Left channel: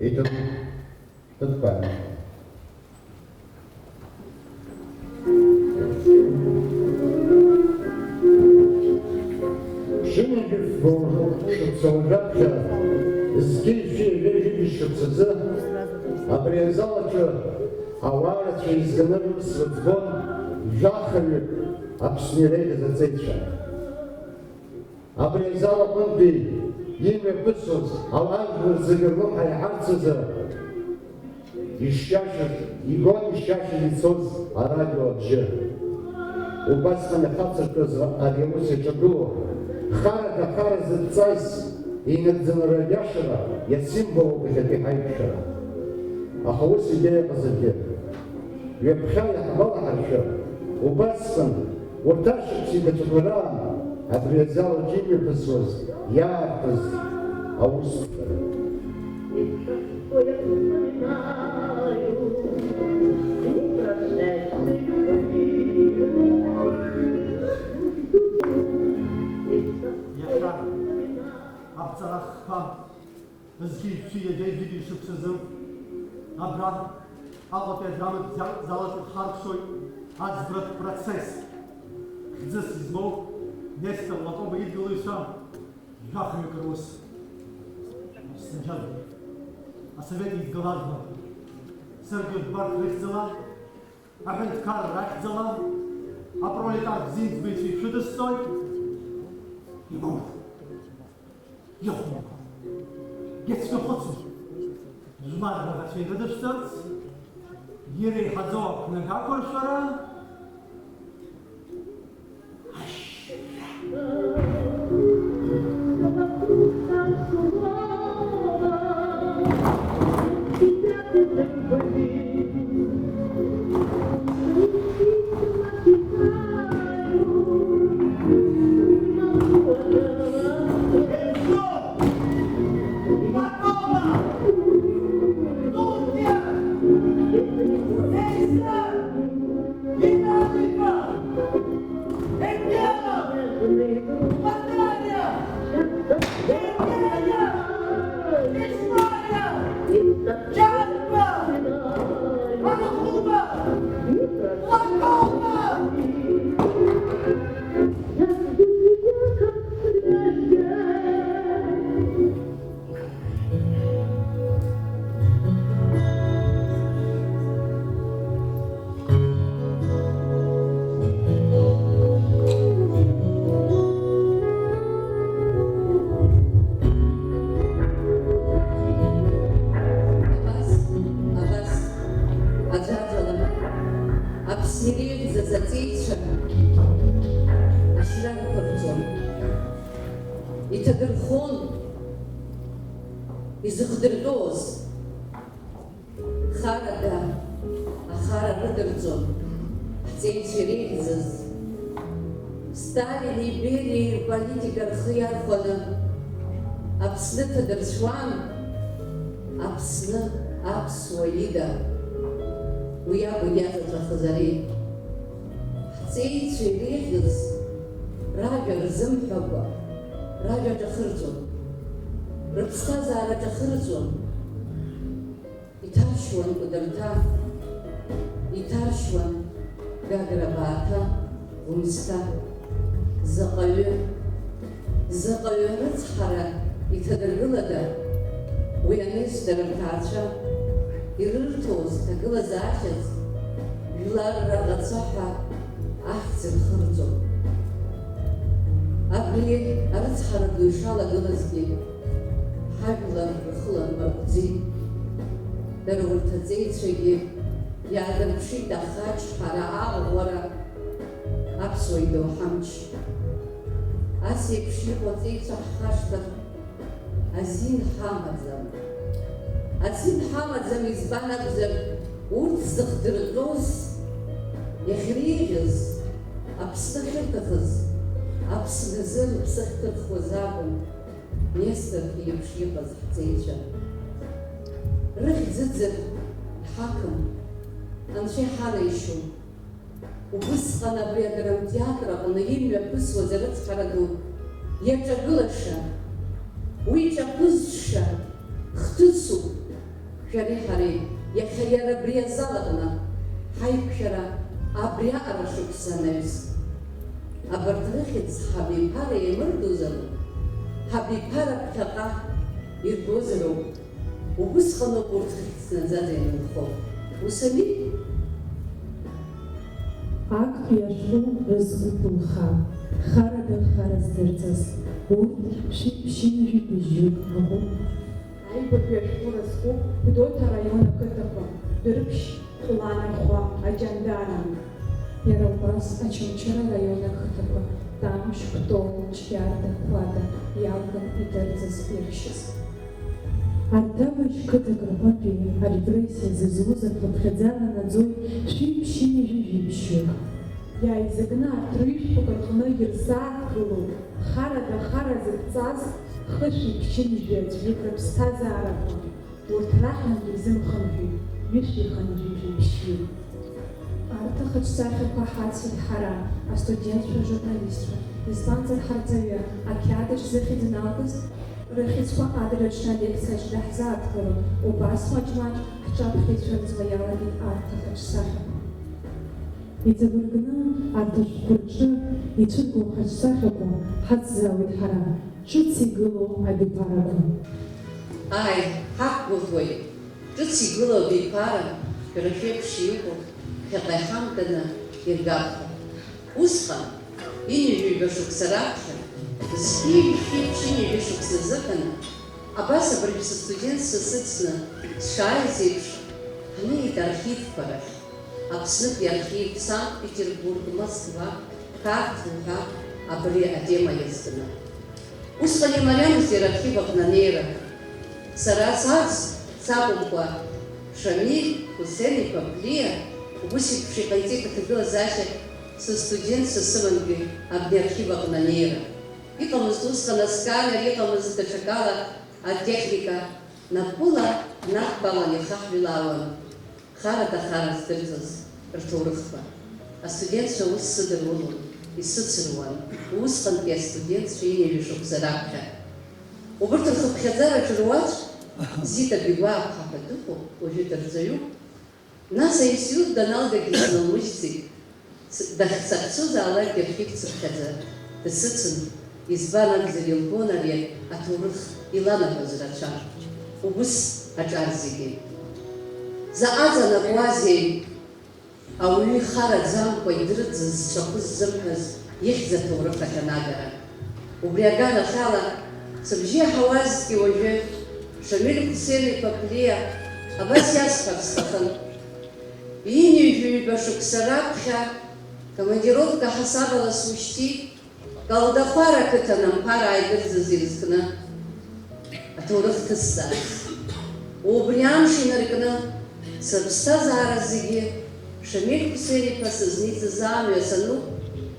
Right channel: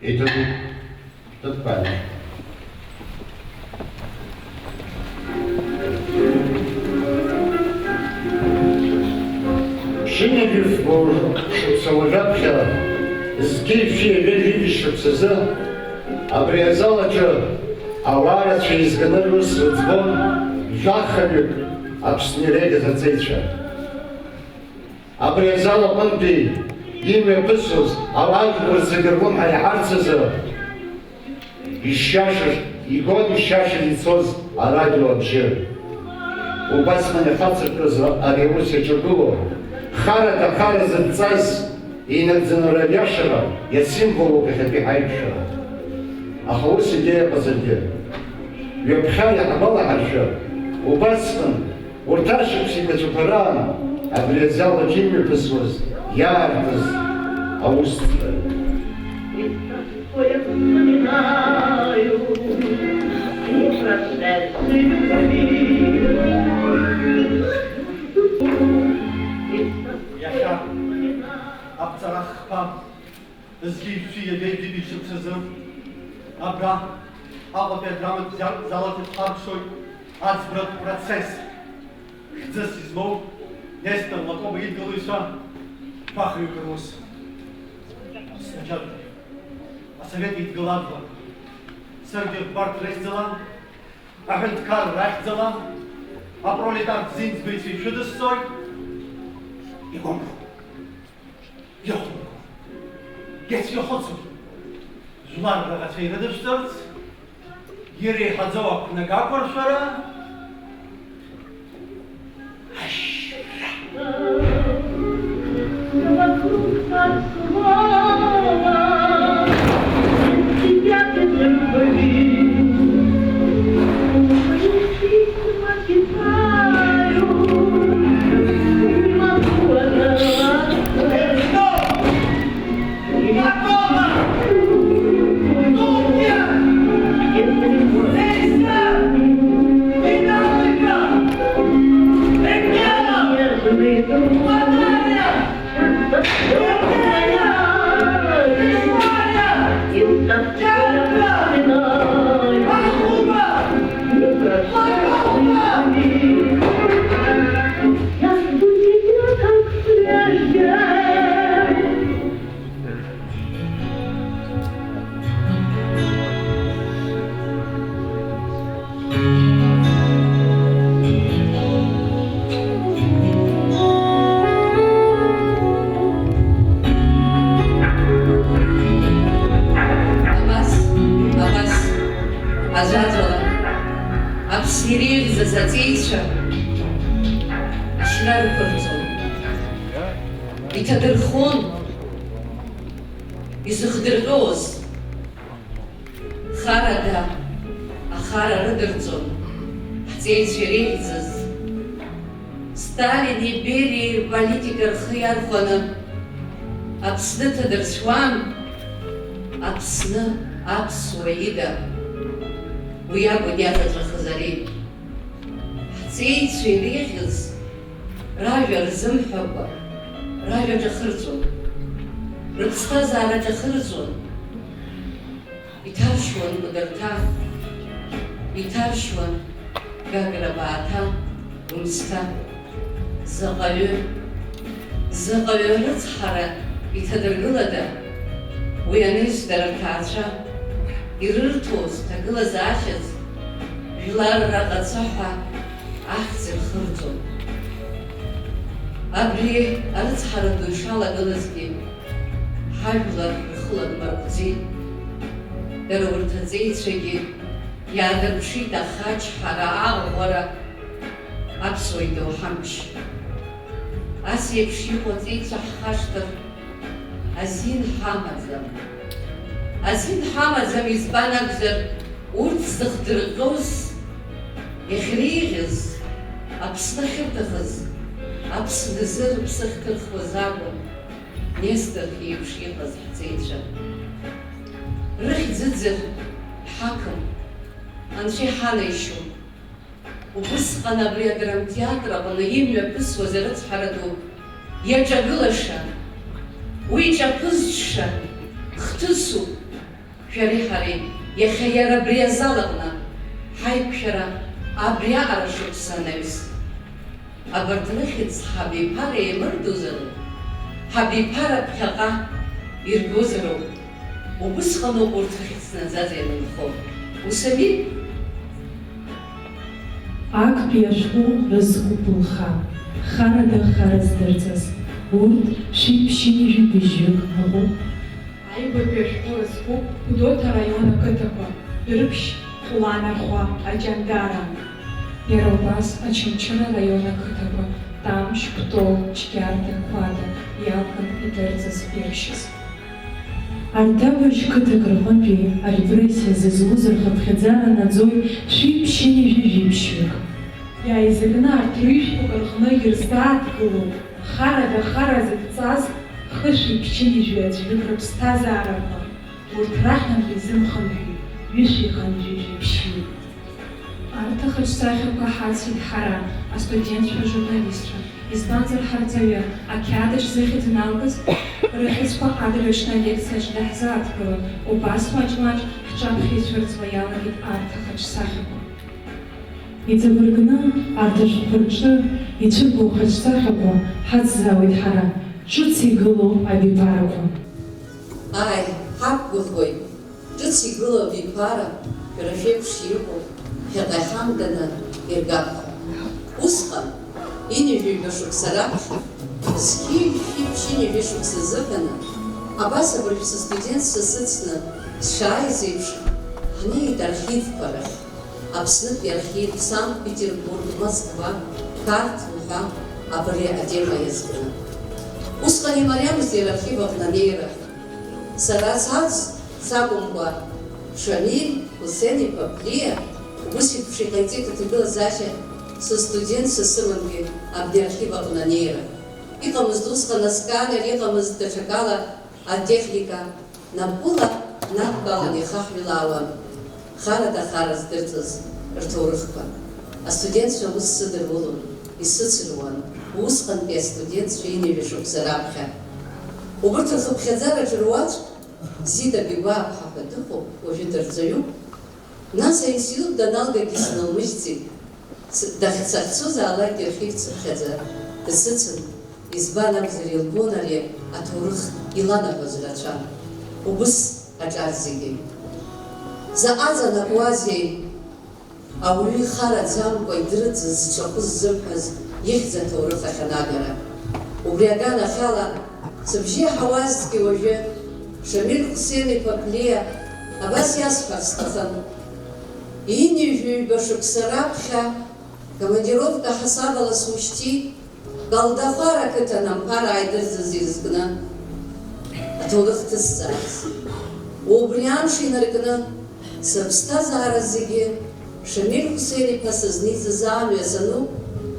идут тут память. Шине бюстбор, чтоб саможапча, сгившие величие псеза, обрезала что, авара через гонору судьбом, жахали, обснерели за цейча. Обрезала банды, имя пысус, авар за гербом хайхарцеза, ищашешь, и гон ищаши лицо а радио вообще. У басмана хацеркоза аревуся чудово, хара да хара за цайс, и надзаноравяшера, я символу кахапихайшера. А хаос идея позади. Вепхая хабала харша, у басман, урташек психотюпаран, облезала чимми пысус, ярдыз, аустра. Zgibsuye belli bir sızım, abra, ava pedramı zalatıp arşoy, azbrat proces. Хцес измол, место лакова идолуйса, бахаю крос. Сначала, а совет идоладва. Сергей Барт рехзала, агенткар рехзала, а пролетар зинцбейси шудестой, и гомб. Йохму. Jetzt gehotzen. Zumar da gatsayda dıştırız. Geri hazava kuna kakor şara. Апсны тадыршуан, апсны апсуаида. Уи акәын иаҭаҵәахыз ари. Ҳҵеицәа иреиӷьыз ражәа рзымҳәакәа, ражәа ҿахырҵәон, рыԥсҭазаара ҿахырҵәон. Иҭаршьуан Кәыдырҭа, иҭаршьуан Гагра Бааҭа, Гәымсҭа, заҟаҩы рыцҳара иҭадыргылада, уи анышьҭара рҭаацәа ирырҭоз ҭагылазаашьаз жәлар раӷацәа ҳәа ахьӡ рхырҵон. Абри арыцҳара ду ишалагылазгьы ҳажәлар рхыла нбаргәӡит. Дара урҭ аҵеицәагьы иаадырԥшит ахаҷ-ҳара, аӷәӷәара, аԥсуа идоуҳамч. Ас еиԥш иҟоу аҵеицәа ҳхашҭыр азин ҳамаӡам. Азин ҳамаӡам избан акәзар, урҭ зыхдырҟьоз, иахьреиӷьыз, Аԥсны ахьырҭахыз, Аԥсназы рыԥсы ахьҭырхуаз акәын Нестор еиԥш иҟаз ҳҵеицәа. Рыхьӡыӡыр ҳақым, анцәа иҳанаишьом. Убысҟан абри адрамтеатр аҟны имҩаԥысуаз арыцҳара ду иаҿагылаша, уи ҿаԥызҽша, хҭысуп, шәареи ҳареи иахьа иара абри азал аҟны ҳаиқәшәара абри аҟара шықәса анаҩс. Абарҭ рыхьӡ ҳабиԥара еимырдозароуп, ҳабиԥара ԥхьаҟа иргозароуп. Убысҟаноуп урҭ ахьыцнаӡаз ианынхо. Усаби? Актәи ашәҟәы рызкуп лха, харада хара здырҵаз, урҭ шәи-ԥшьи-жәибжьык ыҟоуп. Аибатәи ашәҟәы рызкуп Гәдоуҭа араион ақыҭақәа, Дырԥшь, Хәланархәа, Аҷандара. Иара убас Очамчыра араион ақыҭақәа, Тамшь, Кәтол, Ҷгьарда, Қәада иакәын идырҵаз иршьыз. Ардабажь қыҭак рҟынтәи арепрессиа зызуз рхыԥхьаӡара наӡоит шәи-ԥшьи-жәибжьык. Иааизакны арҭ рыжәтәқәа рҟны ирзааҭгылоуп харада хара зыдҵаз хышәи-ԥшьи-жәи аӡәҩык рыԥсҭазаарақәа. Урҭ раҳнатә изымхынҳәит ҩышәихынжәижәи-ԥшьи. Арҭ ахаҿсахьақәа ҳацит ҳара, астудентцәа журналистцәа, избанзар ҳарҵаҩы, ақьаадаҿ зыхьӡ налгаз рыхьӡқәа адырҩаҽны алекциаҿы даҳзааҭгылон, убас маҷ-маҷ ҳҿаԥхьа иалагеит арҭ ахаҿсахьақәа. Иҵабыргны арҭ ашәҟәқәа рҿы ицәыргоу хаҿсахьақәа ҳацзаауеит ҳара, ҿыц игылоу абиԥарақәа. Ааи, ҳақәгәыӷуеит, ҿыц игылоу абиԥара, шәара шәеиԥш иҟоу, ԥхьаҟа иҳамганы иргап ҳәа. Усҟан, инижәыҩба шықәса раԥхьа, зқьи-шәи-ԥшьи-ҩажәи шықәса зыҟаны, абас абыржәы састудентцәа сыцны сшааиз еиԥш, ҳнеит архивқәа рахь. Аԥснытәи архив, Санкт-Петербург, Москва, Қарҭ ҳәа абри атема иазкны. Усҟан имариамызт иара архив аҟны анеира. Сара сарц сакәымкәа, Шамиль, Хусен-иԥа Ԥлиа, убыс еиԥш иҟаиҵеит аҭагылазаашьа сыстудентцәа сымангьы абни архив аҟны анеира. Иҟамызт усҟан асканер, иҟамызт даҽакала атехника, напыла надтәалан ихаҳәилаауан харада хара здырҵаз рҭоурыхқәа. Астудентцәа ус сыдырулон, исыцыруан, усҟантәи астудентцәа инижәи шықәса раԥхьа. Убырҭ рхыԥхьаӡараҿы руаӡә, Зита Бигәааԥҳа ҳәа дыҟоуп, уажәы дырҵаҩуп. Нас аинститут даналгагьы снылмыжьӡеит, дахьцахцозаалак дырхьыгцыԥхьаӡа, дысыцын, избан акәзар илбон ари аҭоурых иланаҳәоз рацәа. Убыс аҿар зегьы. Заҟа ҵанакуазеи ауаҩы ихараӡамкәа идрыҵыз зҿахәы ззымҳәаз ихьӡ аҭоурых ахьанагара. Убри аганахьала сыбжьы иаҳауазҭгьы уажәы Шамиль Хусен-иԥа Ԥлиа абас иасҳәар сҭахын. Инижәыҩба шықәса раԥхьа командировка ҳасабала смышьҭит, Калдахәар ақыҭан Амԥара ааидырӡыз изкны аҭоурых ҭызҵаарц. Убри амш инаркны сыԥсҭазаара зегьы Шамиль Хусен-иԥа сызниҵаз амҩа сануп,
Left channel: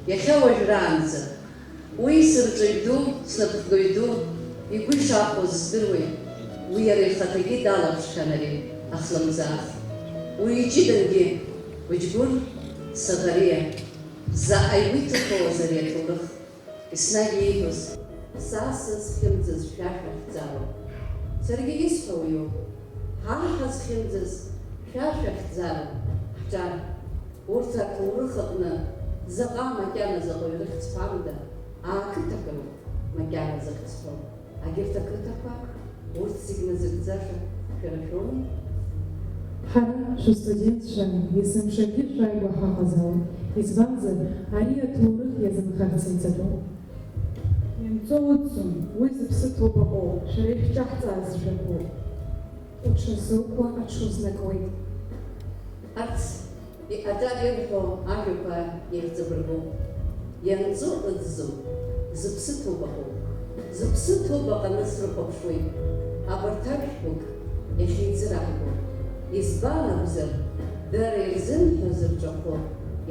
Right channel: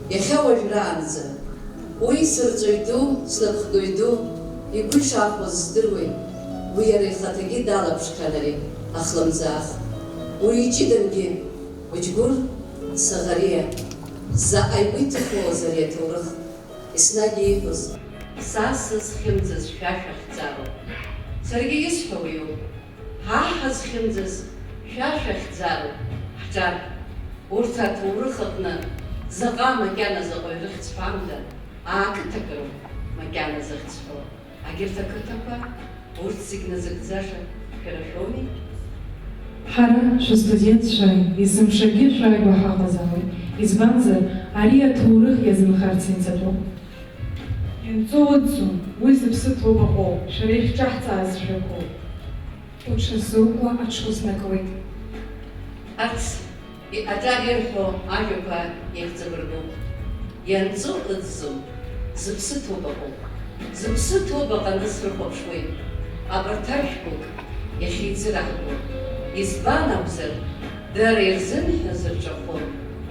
иахьа уажәраанӡа. Уи сырҵаҩ ду, снапхгаҩ ду, игәы ишаахәоз здыруеит. Уи иара ихаҭагьы далаԥшқан ари ахлымӡаах. Уи иҷыдангьы Быџьгәыр Саӷариа заҟа игәы иҭыхоз ари аҭоурых. Еснагь ииҳәоз, са сызхьымӡаз шәа шәахьӡароуп. Саргьы исҳәо уиоуп, ҳа ҳазхьымӡаз шәа шәахьӡароуп. Ҳҿар, урҭ аҭоурых аҟны заҟа макьана заҟаҩ рыхьӡ ҳәамда, ақыҭақәоуп макьана зыхьӡҳәо. Агьырҭ ақыҭақәа, урҭ зегь назыгӡаша шәара шәоуми? Ҳара шәыстудентцәа есымшагьы шәааигәа ҳаҟазаауеит, избанзар ари аҭоурых иазынхарц иҵатәоуп. Ианҵо ыӡӡом, уи зыԥсы ҭоуп аҟоуп, шәара ишәҿаҳҵааз жәакоуп. Уҽазукуа аҽузнакуеит. Арҭ аҿар ирҳәо ажәақәа иахьӡабыргоуп. Ианҵо ыӡӡом, зыԥсы ҭоуп аҟоуп. Зыԥсы ҭоуп аҟаны срыхәаԥшуеит. Абарҭ ажәқәак иахьеиҵыраҳгоуп. Избан акәзар, дара ирзымҳәаз рҿахәы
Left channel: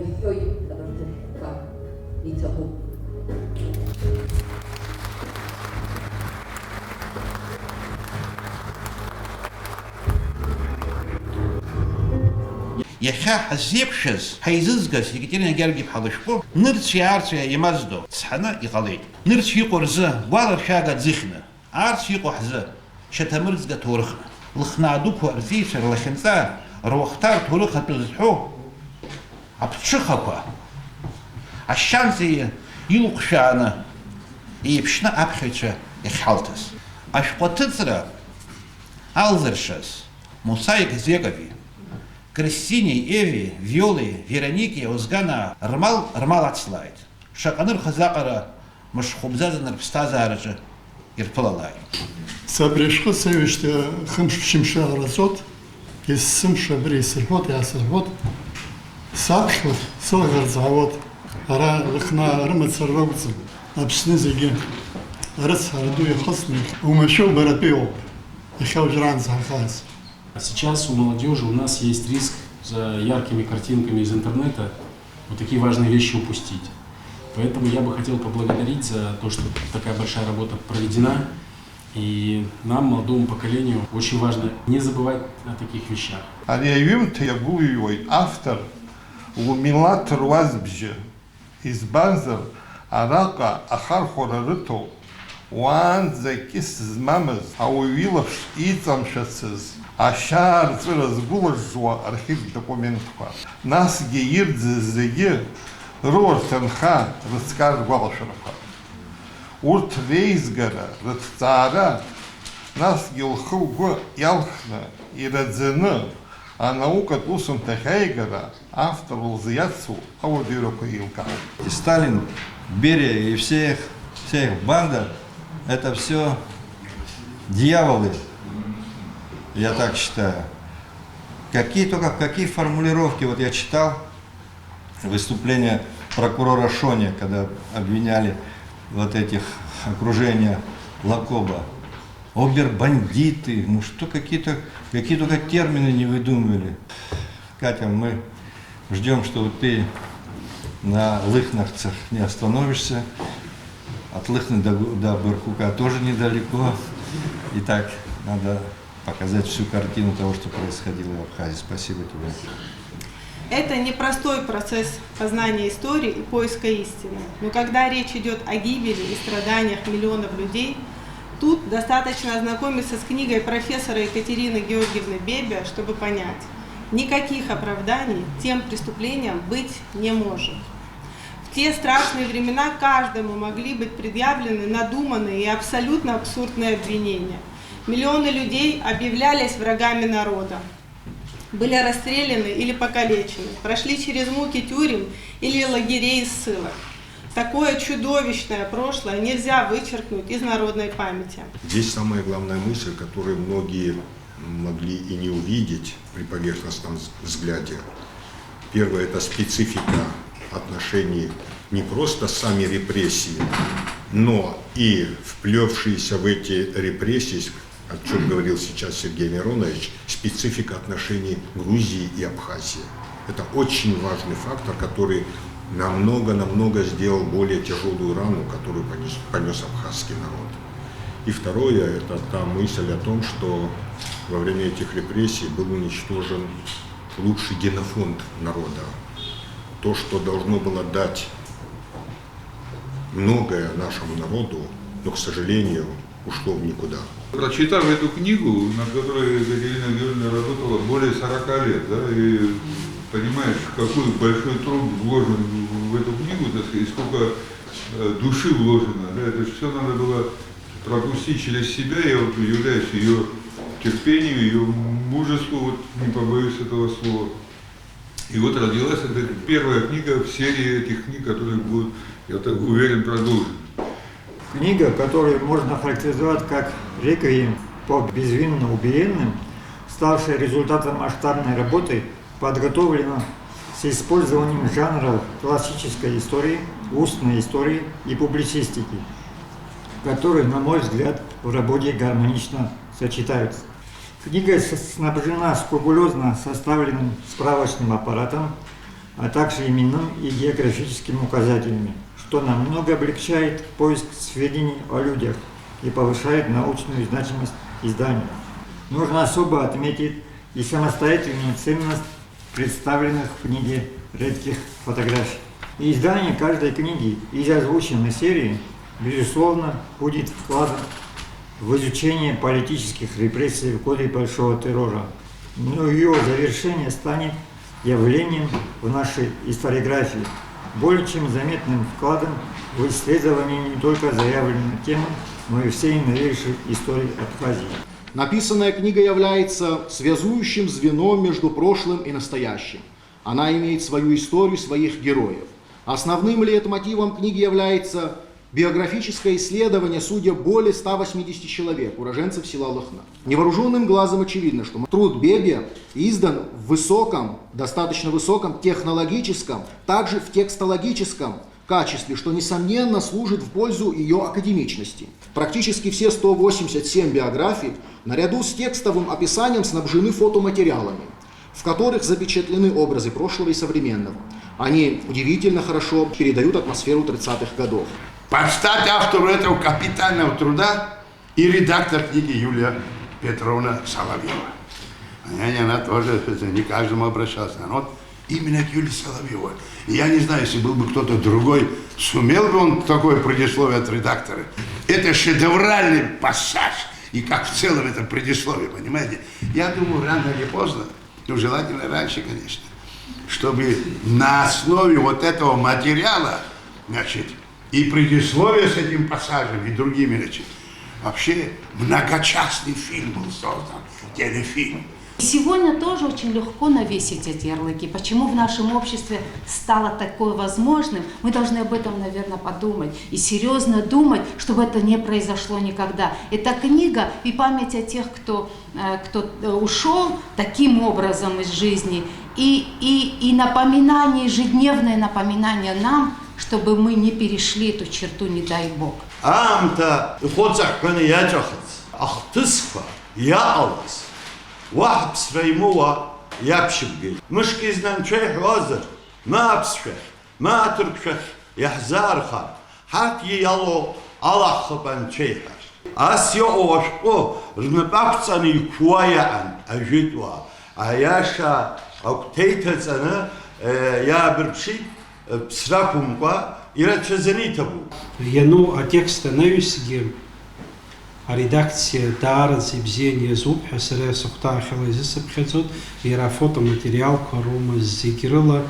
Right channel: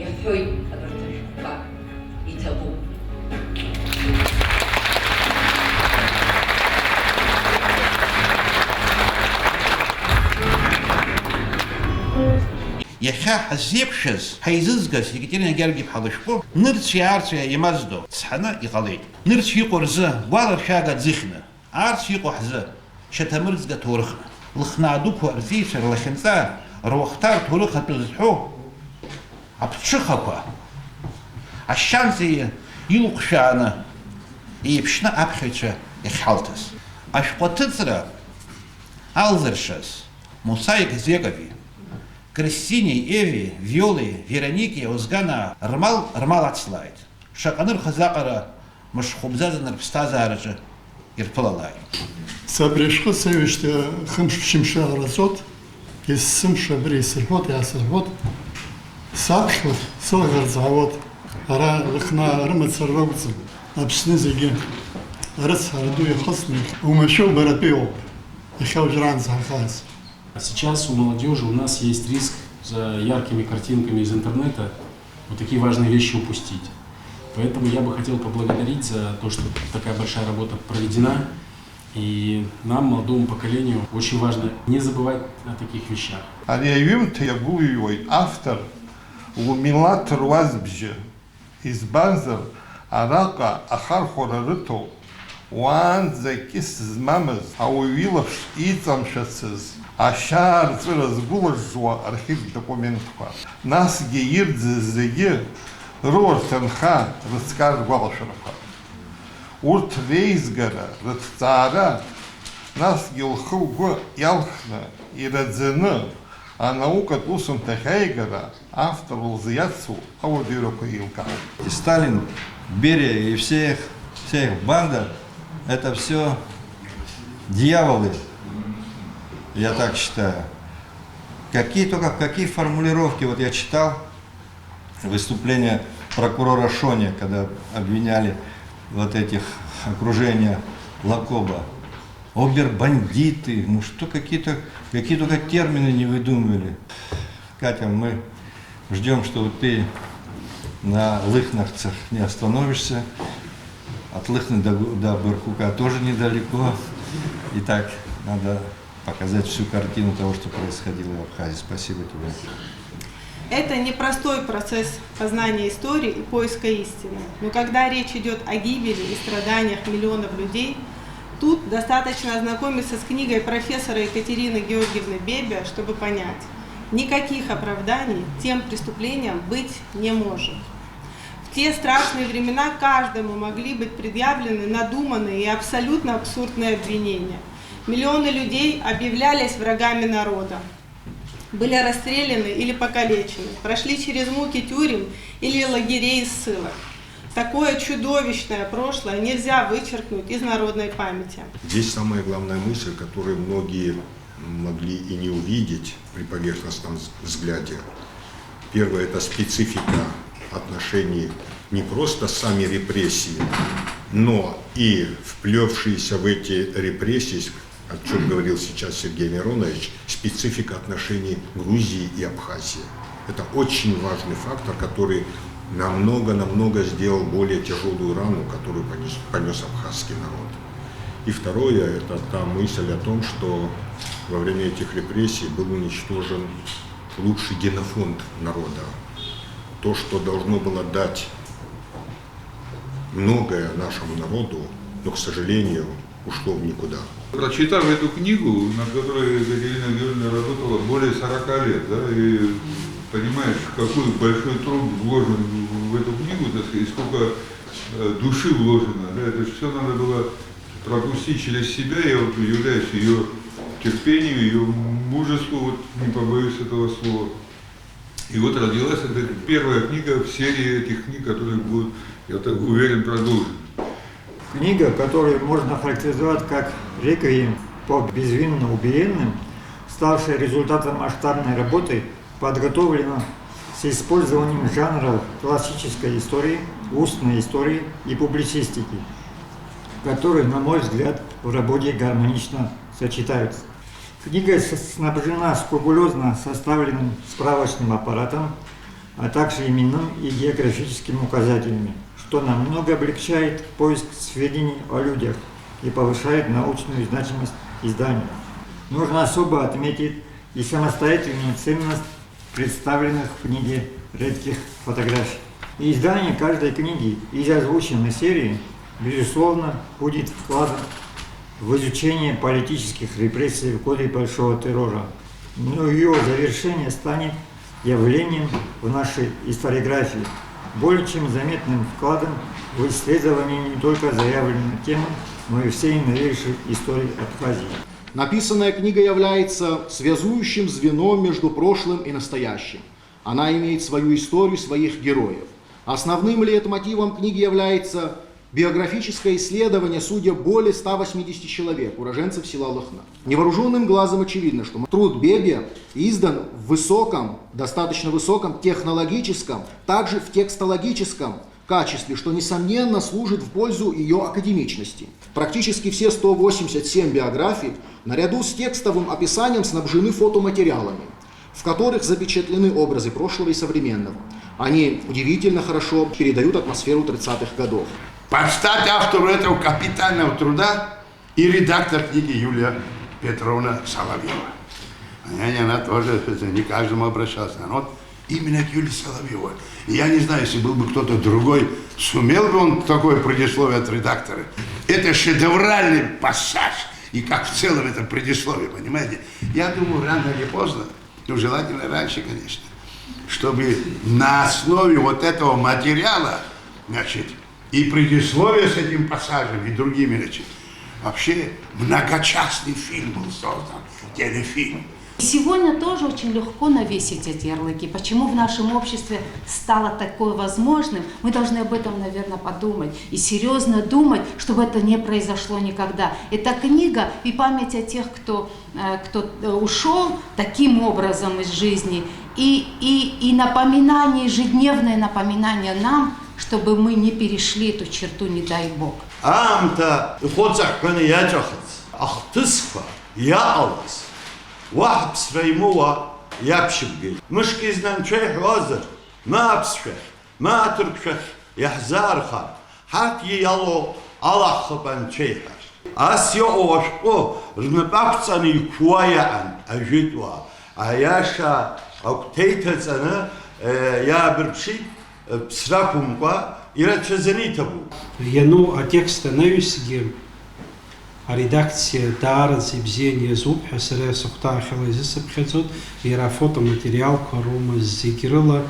иаҳәоит абарҭ ажәқәа. Иҭабуп. Иахьа ҳаззеиԥшыз, ҳаизызгаз Екатерина Георгиевна лышәҟәы нырцәи аарцәи иамаздо цҳаны иҟалеит. Нырцә иҟоу рзы гәаларшәага ӡыхьны, аарцә иҟоу ҳзы шьаҭамырӡга ҭоурыхны. лхнаадуқәа рзеицәа рлахьынҵа, руахҭа рҭоурых зҳәо аԥҽыхақәа ашьанҵа илҟәшәааны еиԥшны аԥхьаҩцәа иахьҳалҭаз. Ашәҟәы аҭыҵра алзыршаз Мусаик Зекови, Кристинеи, Еви, Виолеи, Вероникеи, Озганаа рмал ацлааит. Шаҟаны рхазаҟара мышхәыбзазаны рԥсҭазаараҿы ирԥылалааит. Сабрешхы сеҩышьҭа хымш-ԥшьымша ҟараҵот, есымша абри исырҳәот, иаасырҳәот, саԥхьоит, сылӷарӡаауот, ара рыхнаа рымацара ракәӡам, Аԥсны зегьы арыцҳара ду иахысны умашәоу баратәи ауп, иахьа уажәраанӡа ҳахаз. Сейчас у молодежи у нас есть риск за яркими картинками из интернета вот такие важные вещи упустить. Поэтому я бы хотел поблагодарить за то, что такая большая работа проведена. И нам, молодому поколению, очень важно не забывать о таких вещах. Ариаҩымҭа иагәылҩуеит автор лмилаҭ руазбжьы, избанзар араҟа ахархәара рыҭоуп уаанӡа кьыс змамыз ауаҩ илаԥш иҵамшәацыз ашьаарҵәыра згәылажжуа архивтә документқәа, насгьы ирӡыз зегьы рыуарҭа нха рыҵкар ргәалашәарақәа. Урҭ реизгара, рыҭҵаара, насгьы лхы-лгәы иалхны, ираӡаны анаукатә усумҭахь аигара автор лзы ауадаҩрақәа еилкаауп. И Сталин, Берия и вся их банда – это все дьяволы, я так считаю. Какие формулировки, вот я читал выступление прокурора Шони, когда обвиняли вот этих окружения Лакоба. Обер-бандиты, ну что какие только термины не выдумывали. Катя, мы ждем, что ты на Лыхновцах не остановишься. От Лыхны до Баркука тоже недалеко. И так надо показать всю картину того, что происходило в Абхазии. Спасибо тебе. Это непростой процесс познания истории и поиска истины. Но когда речь идет о гибели и страданиях миллионов людей, тут достаточно ознакомиться с книгой профессора Екатерины Георгиевны Бебе, чтобы понять, никаких оправданий тем преступлениям быть не может. В те страшные времена каждому могли быть предъявлены надуманные и абсолютно абсурдные обвинения. Миллионы людей объявлялись врагами народа, были расстреляны или покалечены, прошли через муки тюрем или лагерей и ссылок. Такое чудовищное прошлое нельзя вычеркнуть из народной памяти. Здесь самая главная мысль, которую многие могли и не увидеть при поверхностном взгляде. Первое – это специфика отношений не просто сами репрессии, но и вплевшиеся в эти репрессии, о чем говорил сейчас Сергей Миронович, специфика отношений Грузии и Абхазии. Это очень важный фактор, который намного сделал более тяжелую рану, которую понес абхазский народ. И второе, это та мысль о том, что во время этих репрессий был уничтожен лучший генофонд народа. То, что должно было дать многое нашему народу, но, к сожалению, ушло в никуда. Прочитав эту книгу, над которой Екатерина Георгиевна работала более 40 лет, да, и понимаешь, какой большой труд вложен в эту книгу, так сказать, сколько души вложено, да, это все надо было пропустить через себя. Я вот удивляюсь ее терпению, ее мужеству, вот, не побоюсь этого слова. И вот родилась эта первая книга в серии этих книг, которые будут, я так уверен, продолжены. Книга, которую можно характеризовать как реквием по безвинно убиенным, ставшая результатом масштабной работы, подготовлена с использованием жанров классической истории, устной истории и публицистики, которые, на мой взгляд, в работе гармонично сочетаются. Книга снабжена скрупулезно составленным справочным аппаратом, а также именным и географическими указателями, что намного облегчает поиск сведений о людях и повышает научную значимость издания. Нужно особо отметить и самостоятельную ценность представленных в книге редких фотографий. И издание каждой книги из озвученной серии, безусловно, будет вкладом в изучении политических репрессий в годы Большого террора. Но ее завершение станет явлением в нашей историографии, более чем заметным вкладом в исследование не только заявленной темы, но и всей новейшей истории Абхазии. Написанная книга является связующим звеном между прошлым и настоящим. Она имеет свою историю, своих героев. Основным лейтмотивом книги является биографическое исследование судеб более 180 человек, уроженцев села Лыхна. Невооруженным глазом очевидно, что труд Бебия издан в высоком, достаточно высоком технологическом, также в текстологическом качестве, что, несомненно, служит в пользу ее академичности. Практически все 187 биографий, наряду с текстовым описанием, снабжены фотоматериалами, в которых запечатлены образы прошлого и современного. Они удивительно хорошо передают атмосферу 30-х годов. Под стать автору этого капитального труда и редактор книги Юлия Петровна Соловьева. Она тоже не каждому обращалась, но вот именно к Юлии Соловьевой. Я не знаю, если был бы кто-то другой, сумел бы он такое предисловие от редактора. Это шедевральный пассаж, и как в целом это предисловие, понимаете? Я думаю, рано или поздно, ну желательно раньше, конечно, чтобы на основе вот этого материала, значит, и предисловие с этим пассажем, и другими, значит, вообще многочастный фильм был создан, телефильм. Сегодня тоже очень легко навесить эти ярлыки. Почему в нашем обществе стало такое возможным? Мы должны об этом, наверное, подумать и серьезно думать, чтобы это не произошло никогда. Эта книга и память о тех, кто ушел таким образом из жизни, и напоминание, ежедневное напоминание нам, чтобы мы не перешли эту черту, не дай Бог. واحد بسريموها يبشبقي مش كيزنا نشيح وزر ما بسفح ما تركشح يحزار خار حتى يلو الله خبان شيحر أسيو وشقو رنبقصني كوايا عن أجدوا عياشا أو تيتزنا يا بربشي بسراكم قا إلى تشزنيتبو ينو أتكست نيوسجيم редакция Дарази Бзения Зуб, Хасаре Сухтахила Зисапхецот, Ира фотоматериал Карума Зикирила,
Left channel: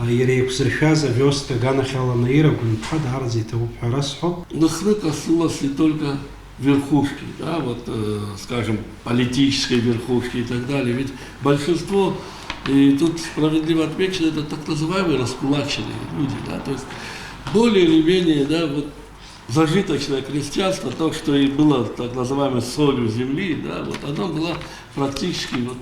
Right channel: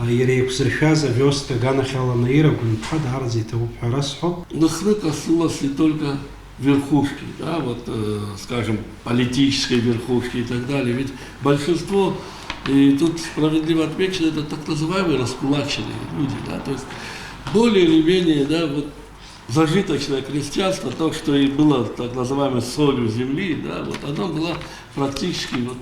Ире Кузрхаза, Веста Ганахала Наира, Гунпа, Дарази Табу Харасхо. Лыхны коснулось не только верхушки, да, вот, скажем, политической верхушки и так далее, ведь большинство, и тут справедливо отмечено, это так называемые раскулаченные люди, да, то есть более или менее, да, вот, зажиточное крестьянство, то, что и было так называемой солью земли, да, вот оно было практически вот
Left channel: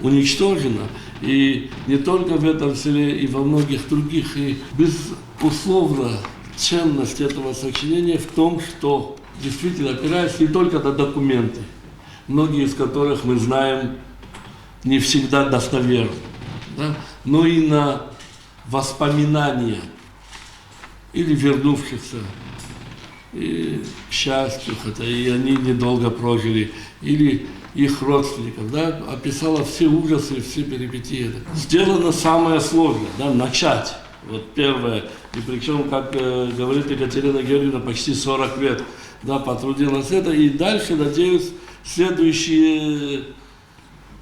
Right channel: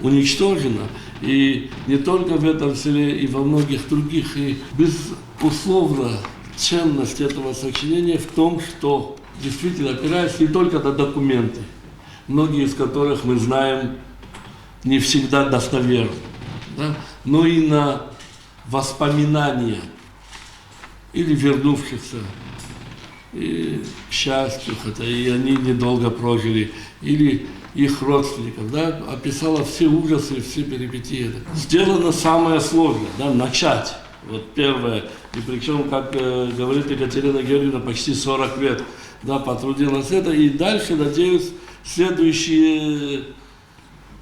уничтожено. И не только в этом селе, и во многих других. И безусловно, ценность этого сочинения в том, что действительно опирается не только на документы, многие из которых мы знаем не всегда достоверно, да, но и на воспоминания или вернувшихся и к счастью, хотя и они недолго прожили, или их родственников, да, описала все ужасы, все перипетии. Сделано самое сложное, да, начать. Вот первое, и причем, как говорит Екатерина Георгиевна, почти 40 лет, да, потрудилась это, и дальше, надеюсь, следующие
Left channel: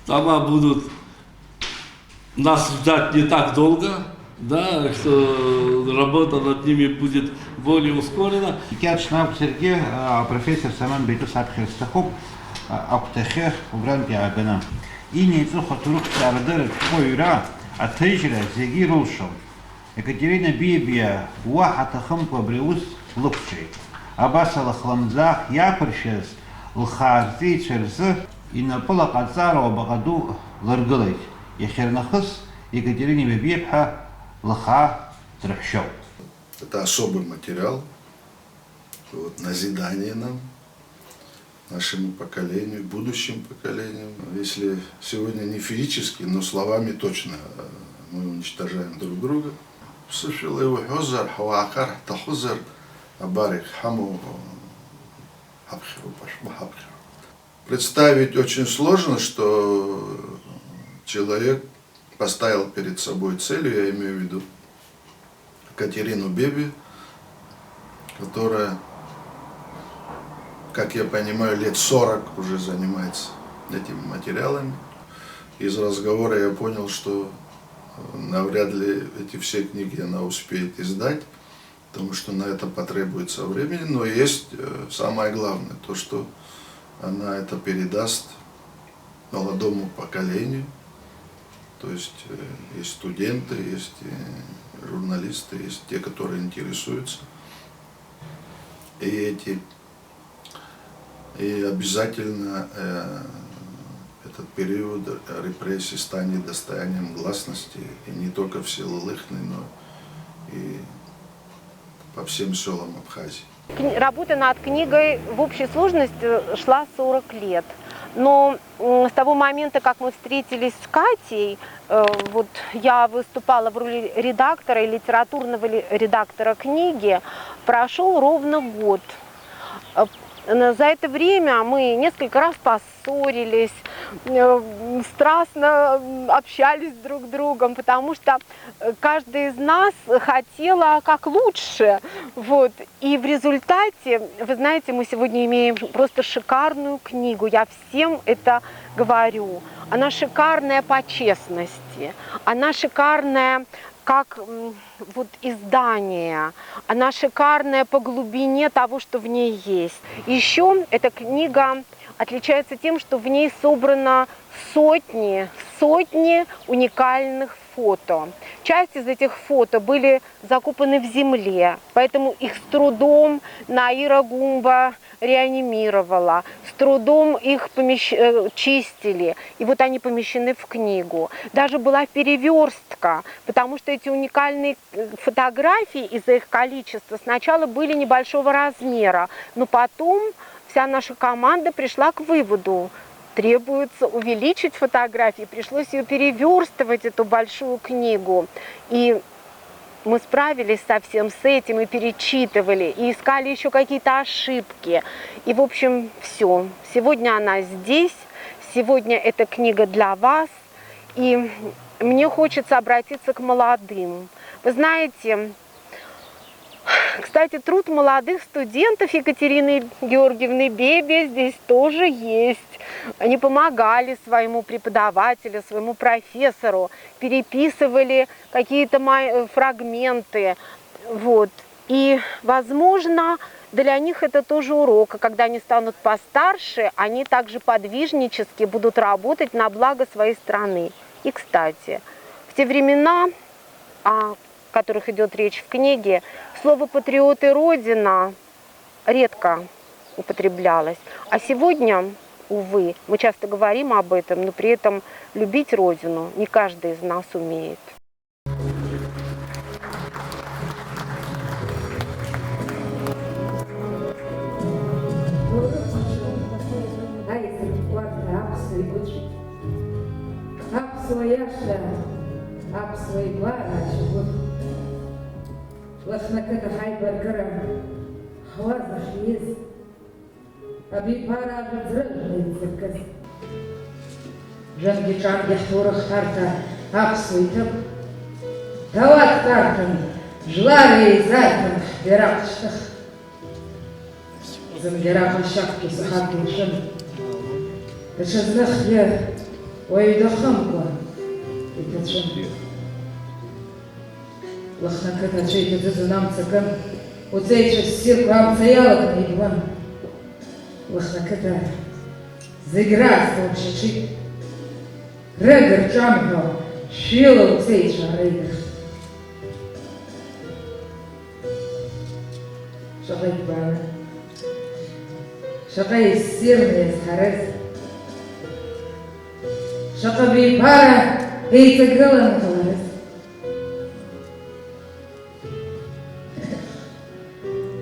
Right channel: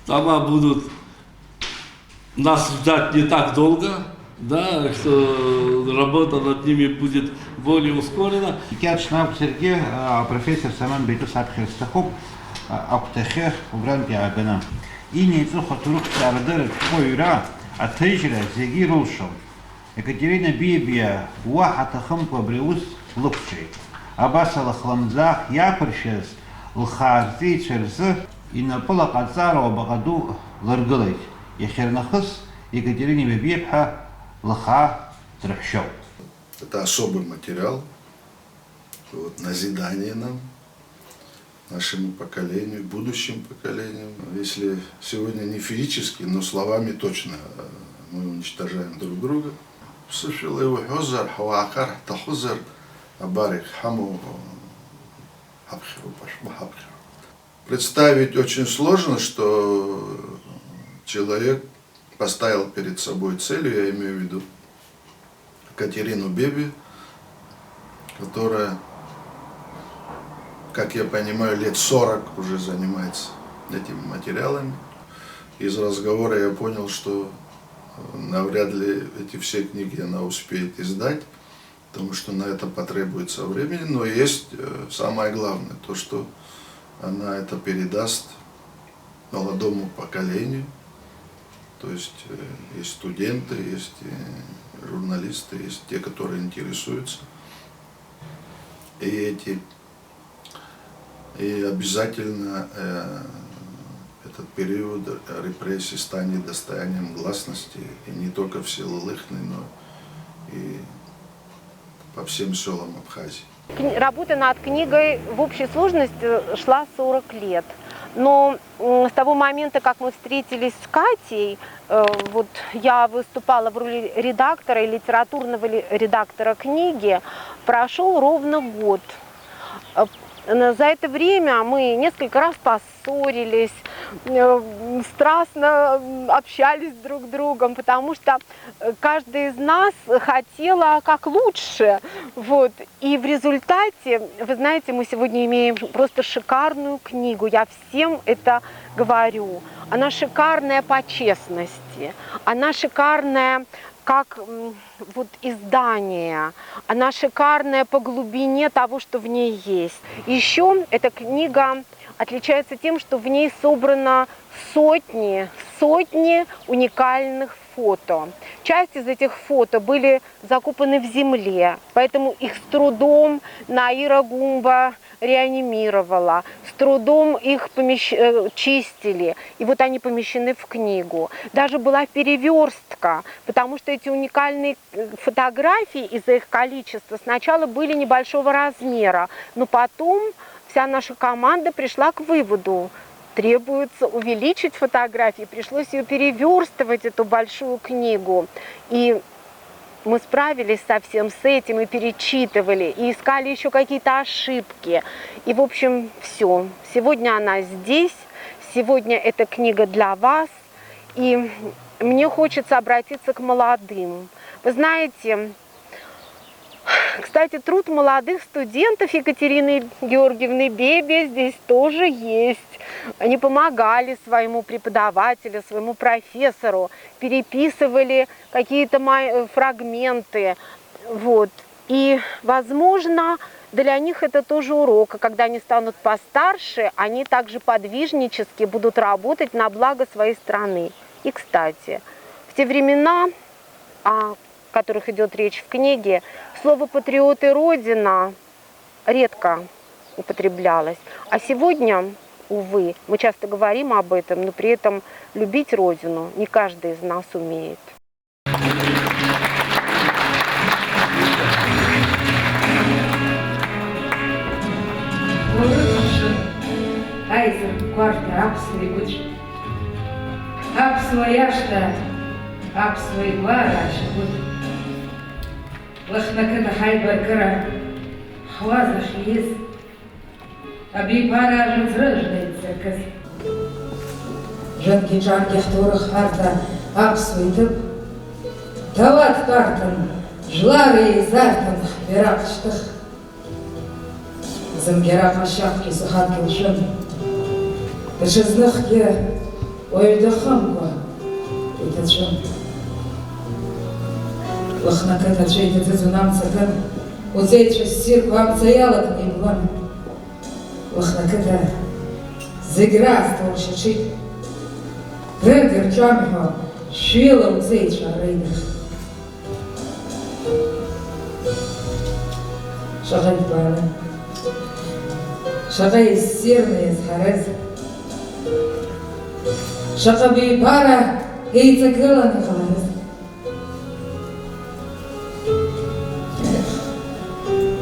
тома будут нас ждать не так долго, да, что работа над ними будет более ускорена. Киачнав Сергей, профессор Саман Бейтус Абхерстахоп, Аптехер, Угран Пиагана. И не цуха турух Сардер, Койра, а Тейжера, Зеги Рулшов. Екатерина Бибия, Уахата Хампа Бреус, Лукчей. Абасала Хламзах, Япршес, Лхарзи, Черз, и на пола Кацарова Багаду Ларгалей. Ехернахас, Екатерине Бибиепха, Лаха Трахшов. Это особый материал, вот, назидание нам, нашему поколению, будущим поколениям. Если сегодня не физически, но словами точно мы уничтожаем друг друга. Представить очень сложно, что человек поставил перед собой целью, я имею в виду Катерину Беби, которая как я понимаю, лет 40 уже занимается этими материалами. Из разговора я понял, что навряд ли эти все книги она успеет издать, потому что на это потребуется времени. Но есть самое главное, то, что она это передаст молодому поколению. То есть есть студенты, есть журналисты, есть те, которые интересуются. И обязательно этот период репрессий станет достоянием гласности, и не только в селе Лыхны, но и по всем селам Абхазии. Работа над книгой в общей сложности шла 40 лет. Но с того момента, как мы встретились с Катей, вот я выступала в роли редактора и литературного редактора книги, прошел ровно год. За это время мы несколько раз поссорились, страстно общались друг с другом, потому что каждый из нас хотела как лучше. Вот. И в результате, вы знаете, мы сегодня имеем просто шикарную книгу. Я всем это говорю. Она шикарная по честности, она шикарная как вот издание, она шикарная по глубине того, что в ней есть. Еще эта книга отличается тем, что в ней собрано сотни уникальных фото. Часть из этих фото были закопаны в земле, поэтому их с трудом Наира Гумба реанимировала, с трудом их чистили, и вот они помещены в книгу. Даже была переверстка, потому что эти уникальные фотографии из-за их количества сначала были небольшого размера, но потом вся наша команда пришла к выводу, требуется увеличить фотографии, пришлось ее переверстывать, эту большую книгу. И мы справились со всем с этим, и перечитывали, и искали еще какие-то ошибки. И, в общем, все. Сегодня она здесь, сегодня эта книга для вас. И мне хочется обратиться к молодым. Вы знаете, кстати, труд молодых студентов Екатерины Георгиевны Бебе здесь тоже есть. Они помогали своему преподавателю, своему профессору, переписывали какие-то фрагменты. Вот. И, возможно, для них это тоже урок. А когда они станут постарше, они также подвижнически будут работать на благо своей страны. И, кстати, в те времена, о которых идет речь в книге, слово «патриот» и «родина» редко употреблялось. А сегодня, увы, мы часто говорим об этом, но при этом любить Родину не каждый из нас умеет. Лахнаката хайбаркара хвазаш ез, таби пара разрождается каз. Жанги чарги хторах хатка апсуйтып, дават тартын, жлари зартын берақштық. Замберақ ашақ езіхат келшім, дышызных е ойдықым ба, етачым. Лахнаката чейді зазунам цакан, узейчі сир вам цаялок не иван. Лахнаката зигра столчичи, Грегор Джампо швила узейчі аринах. Шагай пара, шагай сирные схарез. Шагай пара, и цикрила на фарез.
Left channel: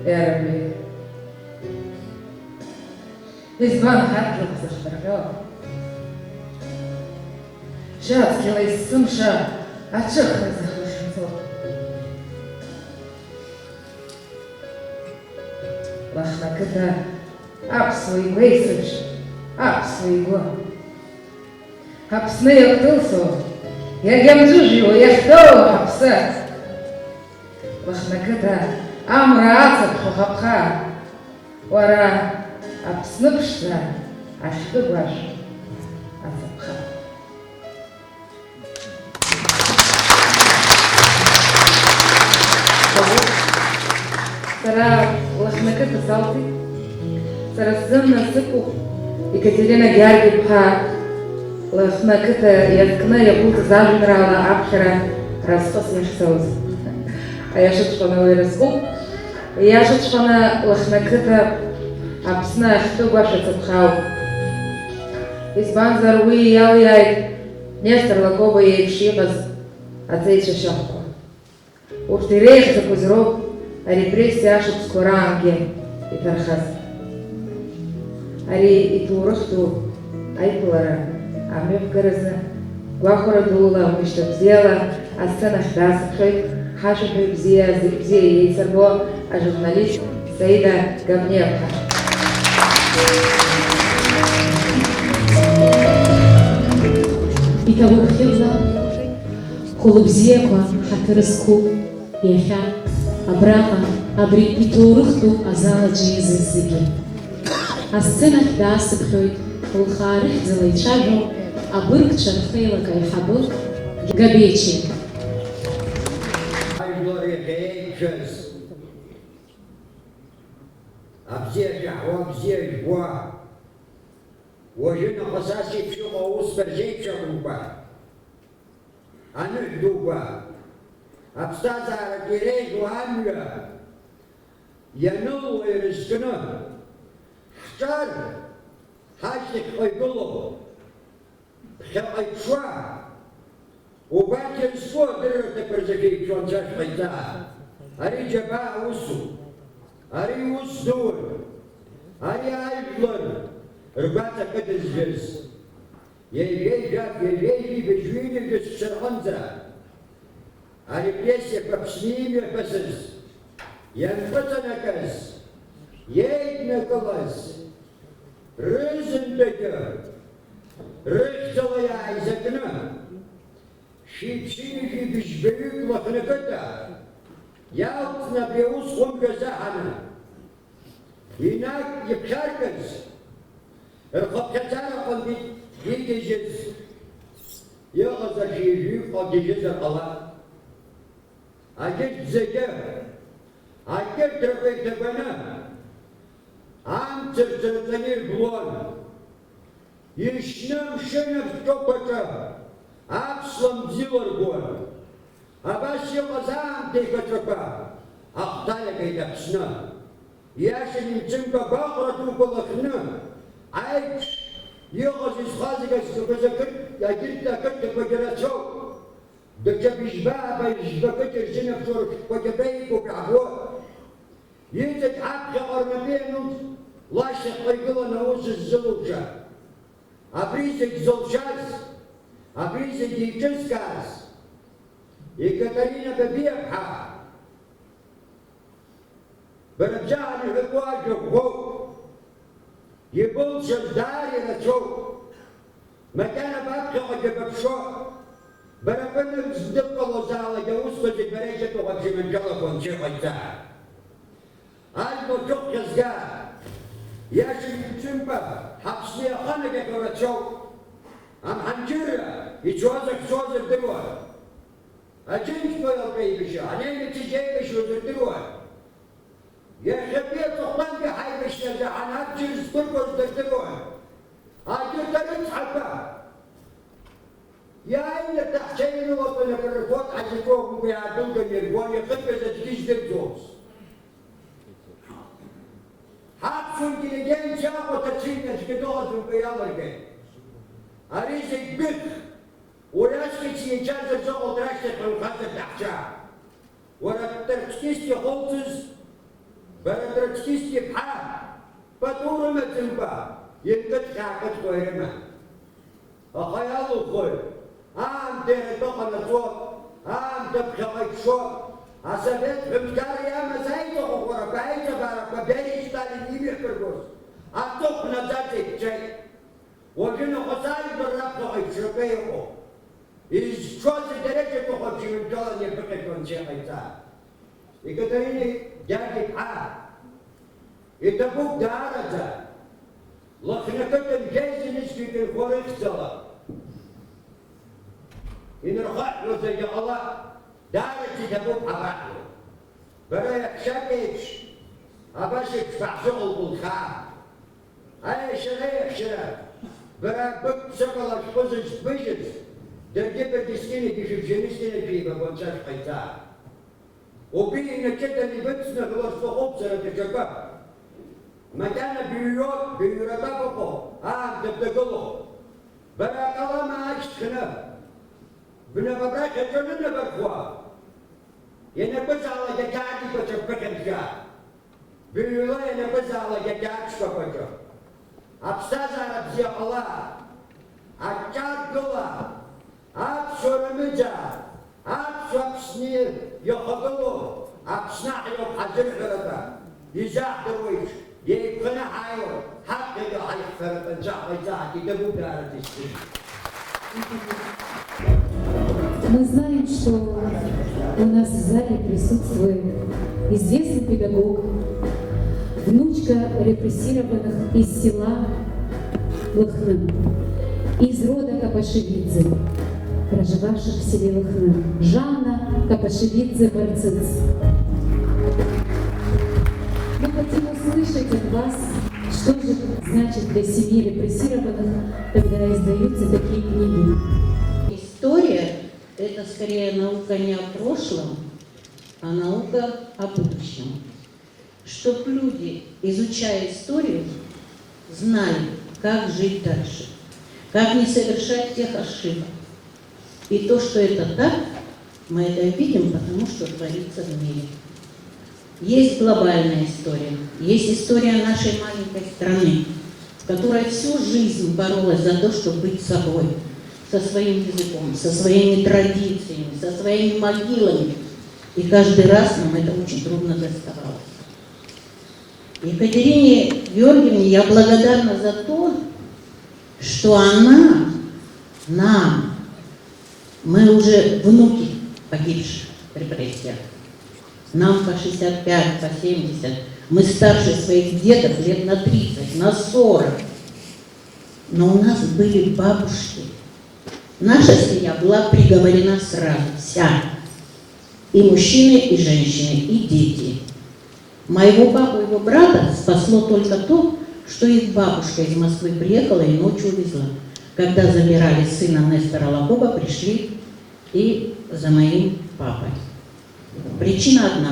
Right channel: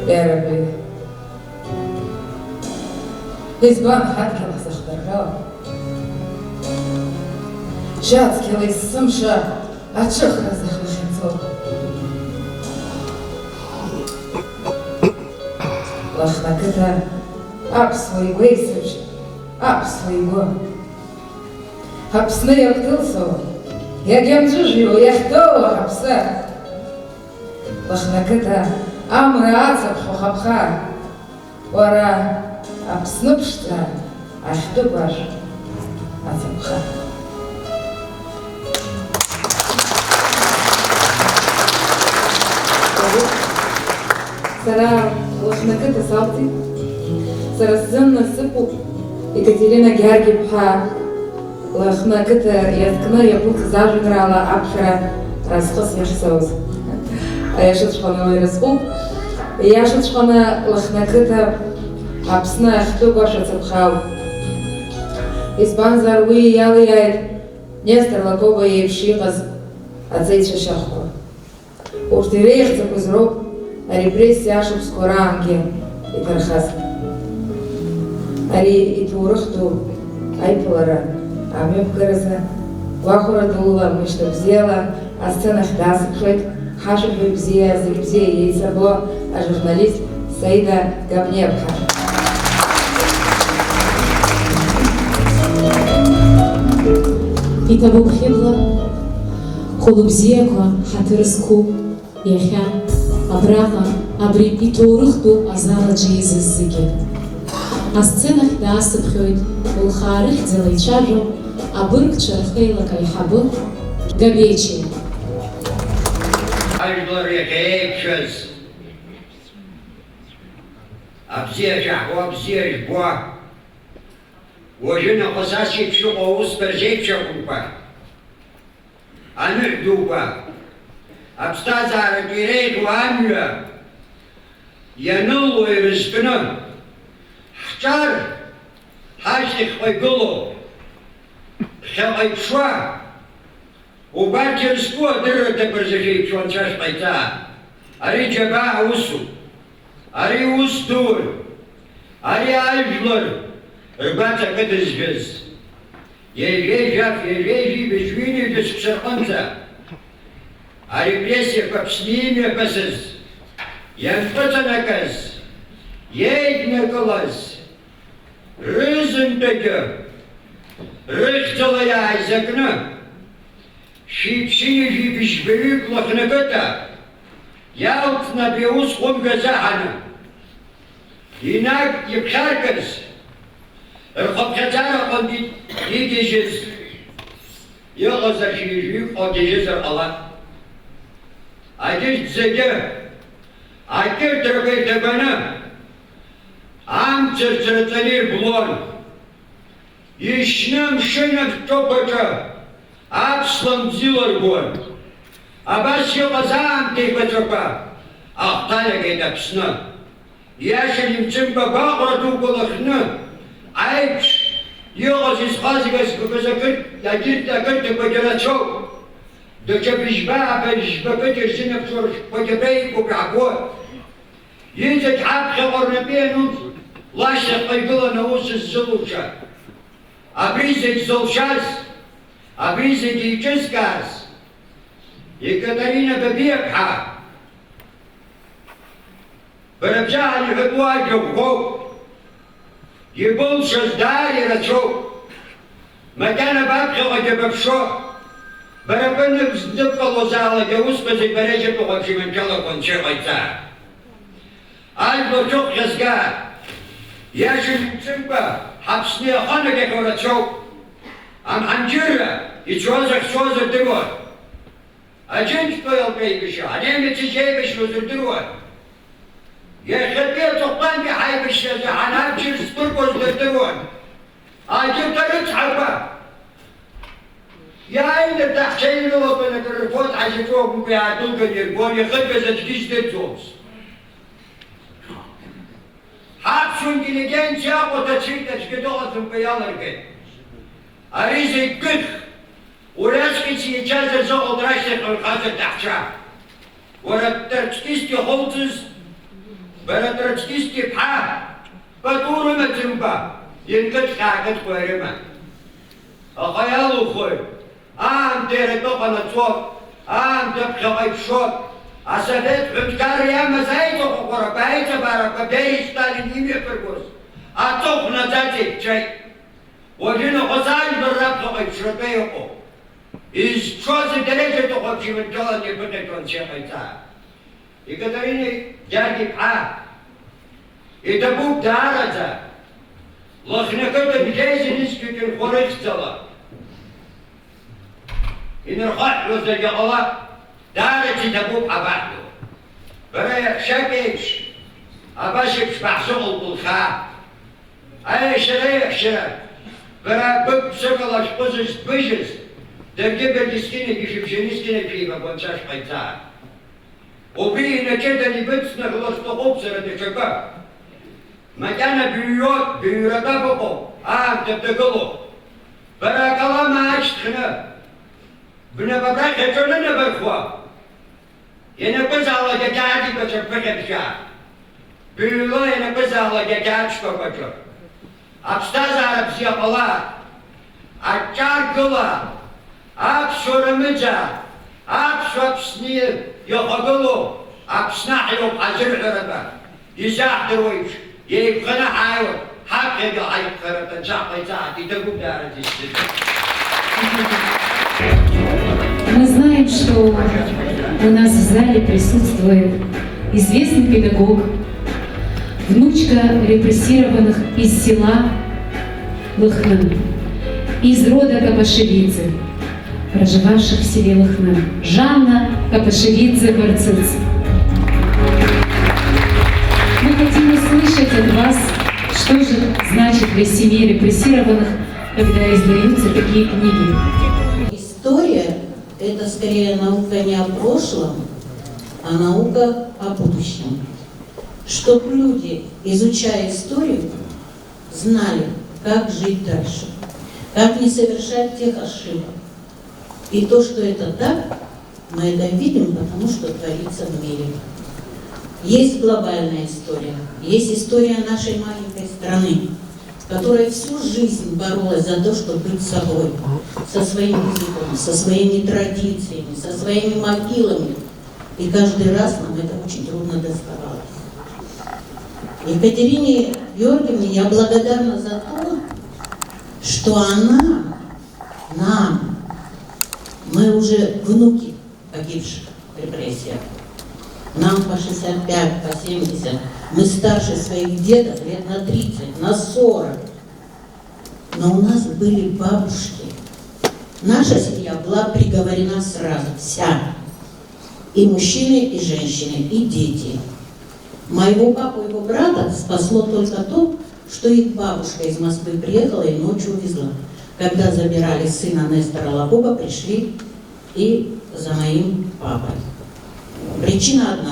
Дорогой, избан хаткин заштаргал. Шацкила из сумша, ачахна захушенцов. Лахнаката, апсвой вейсыч, апсвой го. Апсны яктылсо, я гамджужио, я хто апса. Лахнаката, Амраца хохапха, ора Аԥсныԥшӡа ахьтәы-бааш ацаԥха. Сара лыхнакыта салти, сара сзымна сыҟоуп Екатерина Георгиевна лыхнакыта иазкны иагәыӷыз ажәеинраала аԥхьара разҟыс иахьцоз. Аиашаҵәҟьаны уи рызҟуп. Ииашаҵәҟьаны лыхнакыта Аԥсны ахьтәы-бааш ацаԥхауп. Избанзар уи иалиааит Нестор Лагоба иеиԥш иҟаз аҵеицәа шьахәқәа. Урҭ иреиӷьӡақәаз роуп арепрессиа ашықәсқәа раангьы иҭархаз. Ари иҭоурых ду аиԥылара амҩаԥгаразы гәахәара дула мышьҭа бзиала асценахь даасыԥхьеит ҳашәаҳәаҩ бзиа, зегьы бзиа еицырбо ажурналист Саида Габниаԥҳа. Иҭабуԥхьыӡа хәыла бзиақәа ҳаҭыр зқәу иахьа абраҟа абри иҭоурых ду азал аҿы еизыз зегьы. Асценахь даасыԥхьоит лхаа рыхьӡала ицәажәо абыргцәа рхеилак аиҳабы Габечи. Ажәлар иахьеиқәшәаз абзиа шәаҳуа, абзиа жәбуа, уажәы нахыс ас еиԥш иҟоу аусқәа рзеиԥшымкәа, аныҳә дуқәа, аԥсҭазааратә иреиӷьу амҩа ианыло ирызкны, ҳҿар ҳашьҭахьҟа игылоу, ԥхьаҟа иԥшуа, убарҭ ирызку адырраҭақәа рзы анцәа шҟаиҵаа. Ари џьабаа аусуп, ари ус дур, ари ажәлар ргәаҵа кыдызжәыз. Ежәежәак, ежәежәи быжьҩыни дысԥшырҟынӡа арепрессиақәа Аԥсны имҩаԥысыз, ианхыҵанакыз, иеиднакылаз, рызындагьы рыхьӡала иааизакны шәиԥшьыни шәибжьбаҩык лыхнакыта иалҵны абри аус хәымга азаҳаны инаг иԥхьаркыз, рхыԥхьаӡараҟынтә игьежьыз, иҟаз ахьижәҩык гьежьызар ҟалап. Агьежь зегьы акьырҭрақәа ирҭабаны амцырц рыҵаны ирблон. Ишьны мшынак ҭоԥаҿы аԥслан бзиларгон. Абас иҟаз аамҭа еиқәаҵәақәа ахҭалагеит Аԥсны. Иашан имцымкәа агәаҟра дуқәа лыхны аиԥш иҟаз изхазгаз акырҭақәагьы рацәоуп. Даҽа быжьбакык ирзынаԥшуа ршәҟәқәагьы реиқәуп рааго. Иҵегь ҳаԥхьаҟа рнапы иануп лашьҭахьҟа игыланы аус ззылуша. Абри зегь зылшаз, абри зегь иҿызкааз Екатерина Габниаԥҳа бара бжьаҳа иҳәатәу ажәақәоуп. Ибылшаз даара ирацәоуп. Макьана баԥхьаҟагьы баԥшо, бара быныбзныҟалозаалакь аусқәа зегь бара џьыбаҟа бжьымаҭәалақәа анцәа иҟаиҵаа. Ажәлар ҿыхәхьазга, иашан имцымкәа ҳаԥсны иаханагьахьоу рацәоуп. Амҳанџьырра ицоз ахьцоз рдыруан. Аџьынџьтәы еилкаибашьа, анемец ишеибашьуаз рдыруан. Иахьатәи аҵыхәтәантәи ҳаибашьразы ҳанабџьыр зҭыргоз рдыруан. Аџьынҭ арыцҳақәа иааины таҳҽеинрылатәаны акрырфоз ҳазиҵоумкәа иаадәылганы ирбон, ихыргаз аӡәгьы издырӡомызт. Ҳаԥсуа интеллигенциа аҟәаҭацәеит, аӡәгьы дыҟаӡамкәа иалыргеит. Ари зегь гәыӷ, уразҟьыц иаҿаз азыҟалт рашьҭахь рхаз аҭаҳҽа. Уара троцкист ихылҵыз, бара троцкист иԥҳа пату рымаӡамкәа инкыдҟьаакыдҟьо ирыман. Аха иалухоит, аамҭа иаратәы ҟанаҵо, аамҭа ԥхьаҟа иԥшо, асовет ҳәынҭқар иамаз аиҵаҟәаҟәарақәа, аиҵабарақәа Бериа Сталин имҩаԥыргоз аҵыхә наӡаӡа иԥҽеит. Уажәы нахыс ажәлар раԥхьаҟа иԥшратәы иҟоуп. Изҿоз идырежьатәыҟа бжьымаҭәаланы иԥыҭақәа анцәа иҟаиҵаа. Екатерина Георгиевна иҭабуп даараӡа Лохнакота бдейственностью хорыхтала. И нархат разогала, даже тидабу абахну. Говоря, шакич, абашик шпахсумул булха. А шерехша, говоря, бык соколаш позыш быжис, да где бедискины бишевчинистины пиво бончаш пайца. Убили на чеда не быть на голосло обсера течака. Матяна бьет, бьюрата попо, дебдеголо. Баракала мачтана. Гуна бабрак хечона на бархуа. Я написала дядяди кочак пехепча. Бьюло я написала дядячко кочак. Абстаза абсия пала. Ачаргула. Абсурамеджа. Абсуапсни йохаголо. Абснах йох азир хараба. Язах деройш. يبقى حاول حقق حيفرق الجاقة يدبر Мы знаем, что у нас в зале присутствует известный педагог, внучка репрессированных из села Лыхны, из рода Капашевидзе, проживавших в селе Лыхны, Жанна Капашевидзе-Барцыц. Мы хотим услышать от вас, что же значит для семьи репрессированных, когда издаются такие книги. История – это скорее наука не о прошлом, а наука о будущем. Чтоб люди, изучая историю, знали, как жить дальше, как не совершать тех ошибок. И то, что это так, мы это видим, потому что творится в мире. Есть глобальная история, есть история нашей маленькой страны, которая всю жизнь боролась за то, чтобы быть собой, со своим языком, со своими традициями, со своими могилами. И каждый раз нам это очень трудно доставалось. Екатерине Георгиевне я благодарна за то, что она нам, мы уже внуки погибших в репрессиях, нам по 65, по 70, мы старше своих дедов лет на 30, на 40. Но у нас были бабушки. Наша семья была приговорена сразу, вся. И мужчины, и женщины, и дети. Моего папу и его брата спасло только то, что их бабушка из Москвы приехала и ночью увезла. Когда забирали сына Нестора Лакоба, пришли и за моим папой. Причина одна.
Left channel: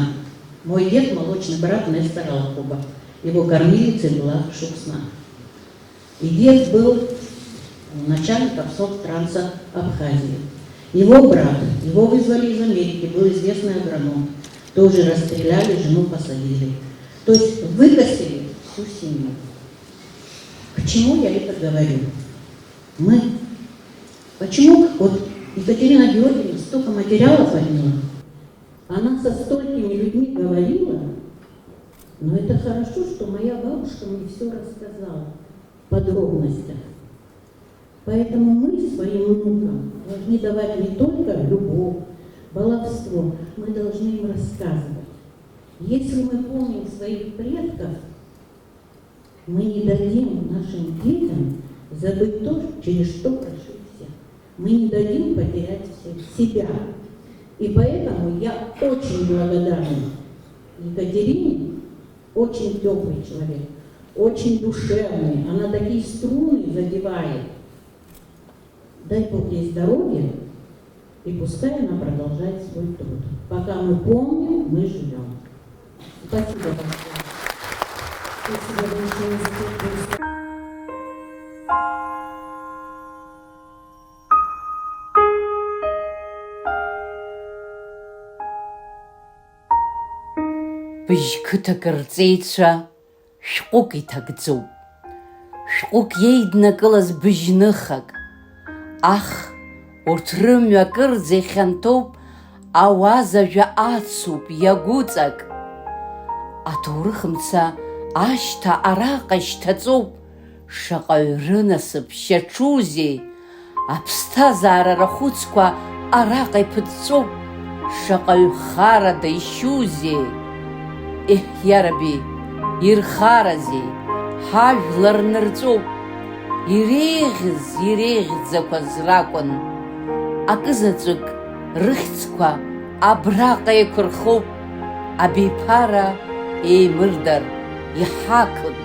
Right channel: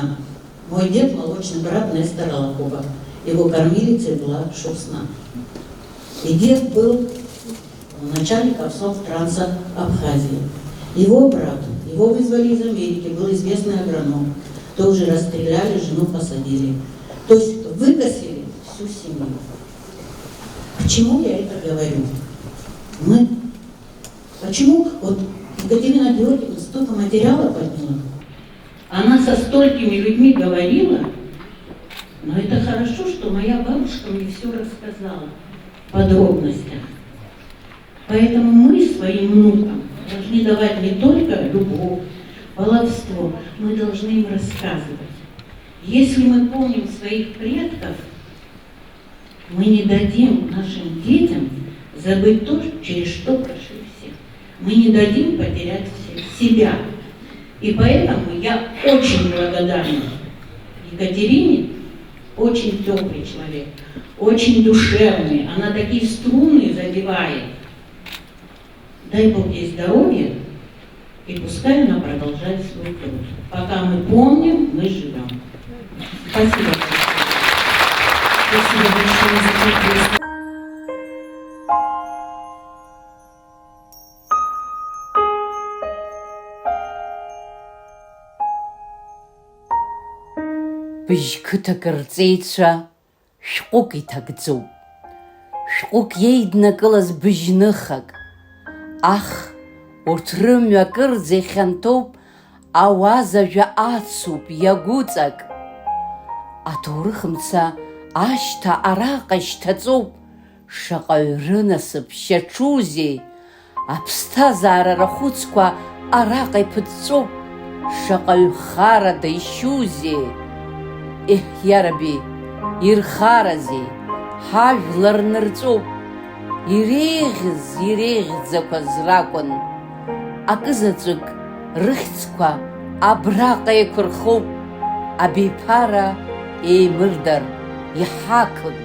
Мой дед – молочный брат Нестора Лакоба. Его кормилицей была Шурсна. И дед был начальником Совтранса Абхазии. Его брат, его вызвали из Америки, был известный агроном. Тоже расстреляли, жену посадили. То есть выкосили всю семью. Почему я это говорю? Почему вот Екатерина Георгиевна столько материала подняла? Она со столькими людьми говорила, но это хорошо, что моя бабушка мне все рассказала в подробностях. Поэтому мы своим внукам должны давать не только любовь, баловство, мы должны им рассказывать. Если мы помним своих предков, мы не дадим нашим детям забыть то, через что прошли все. Мы не дадим потерять себя. И поэтому я очень благодарна Екатерине, очень теплый человек, очень душевный, она такие струны задевает. Дай Бог ей здоровья, и пускай она продолжает свой труд. Пока мы помним, мы живем. Спасибо. Спасибо большое. Быжьқыҭак рҵеицәа шәҟәык иҭагӡоуп. Шәҟәык иеиднакылаз быжьныхак. Ах, урҭ рымҩа кырӡа ихьанҭоуп, ауазажәа ацуп, иагәыҵак. Аҭоурых мца ашьҭа араҟа ишьҭаҵоуп. Шаҟаҩ рынасыԥ шьаҿузеи. Аԥсҭазаара рахәыцқәа араҟа иԥыҵәҵәоуп. Шаҟаҩ харада ишьузеи. Иараби, ирхаразеи, ҳажәлар нырҵәоуп, иреиӷьыз-иреиӷьӡақәаз ракәын, акызаҵәык рыхьӡқәа абраҟа еиқәырхоуп, абиԥара еимырдар иҳақын.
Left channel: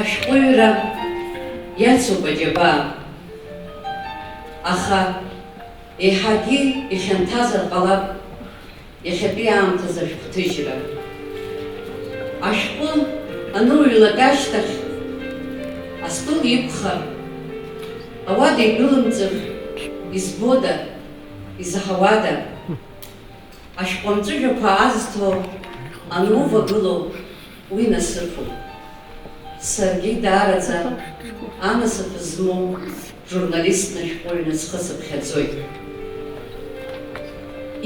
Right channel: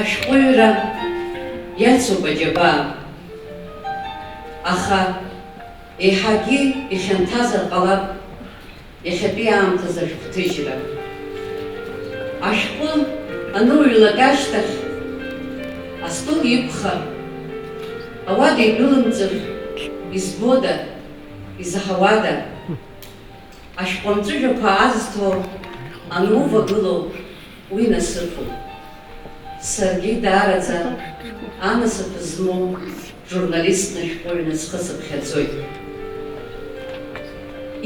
Ашәҟәыҩҩра иацуп аџьабаа, аха еиҳагьы ихьанҭазар ҟалап иахьатәи аамҭаз ашәҟәҭыжьра. Ашәҟәы аныҩлак ашьҭахь, астол иқәхар, ауада игәылымҵыр, избода, изаҳауада, ашәҟәы амҵәыжәҩақәа аазҭо анувагылоу уи насыԥуп. Саргьы даараӡа анасыԥ змоу журналистны шәҟәыҩҩы схы сыԥхьаӡоит.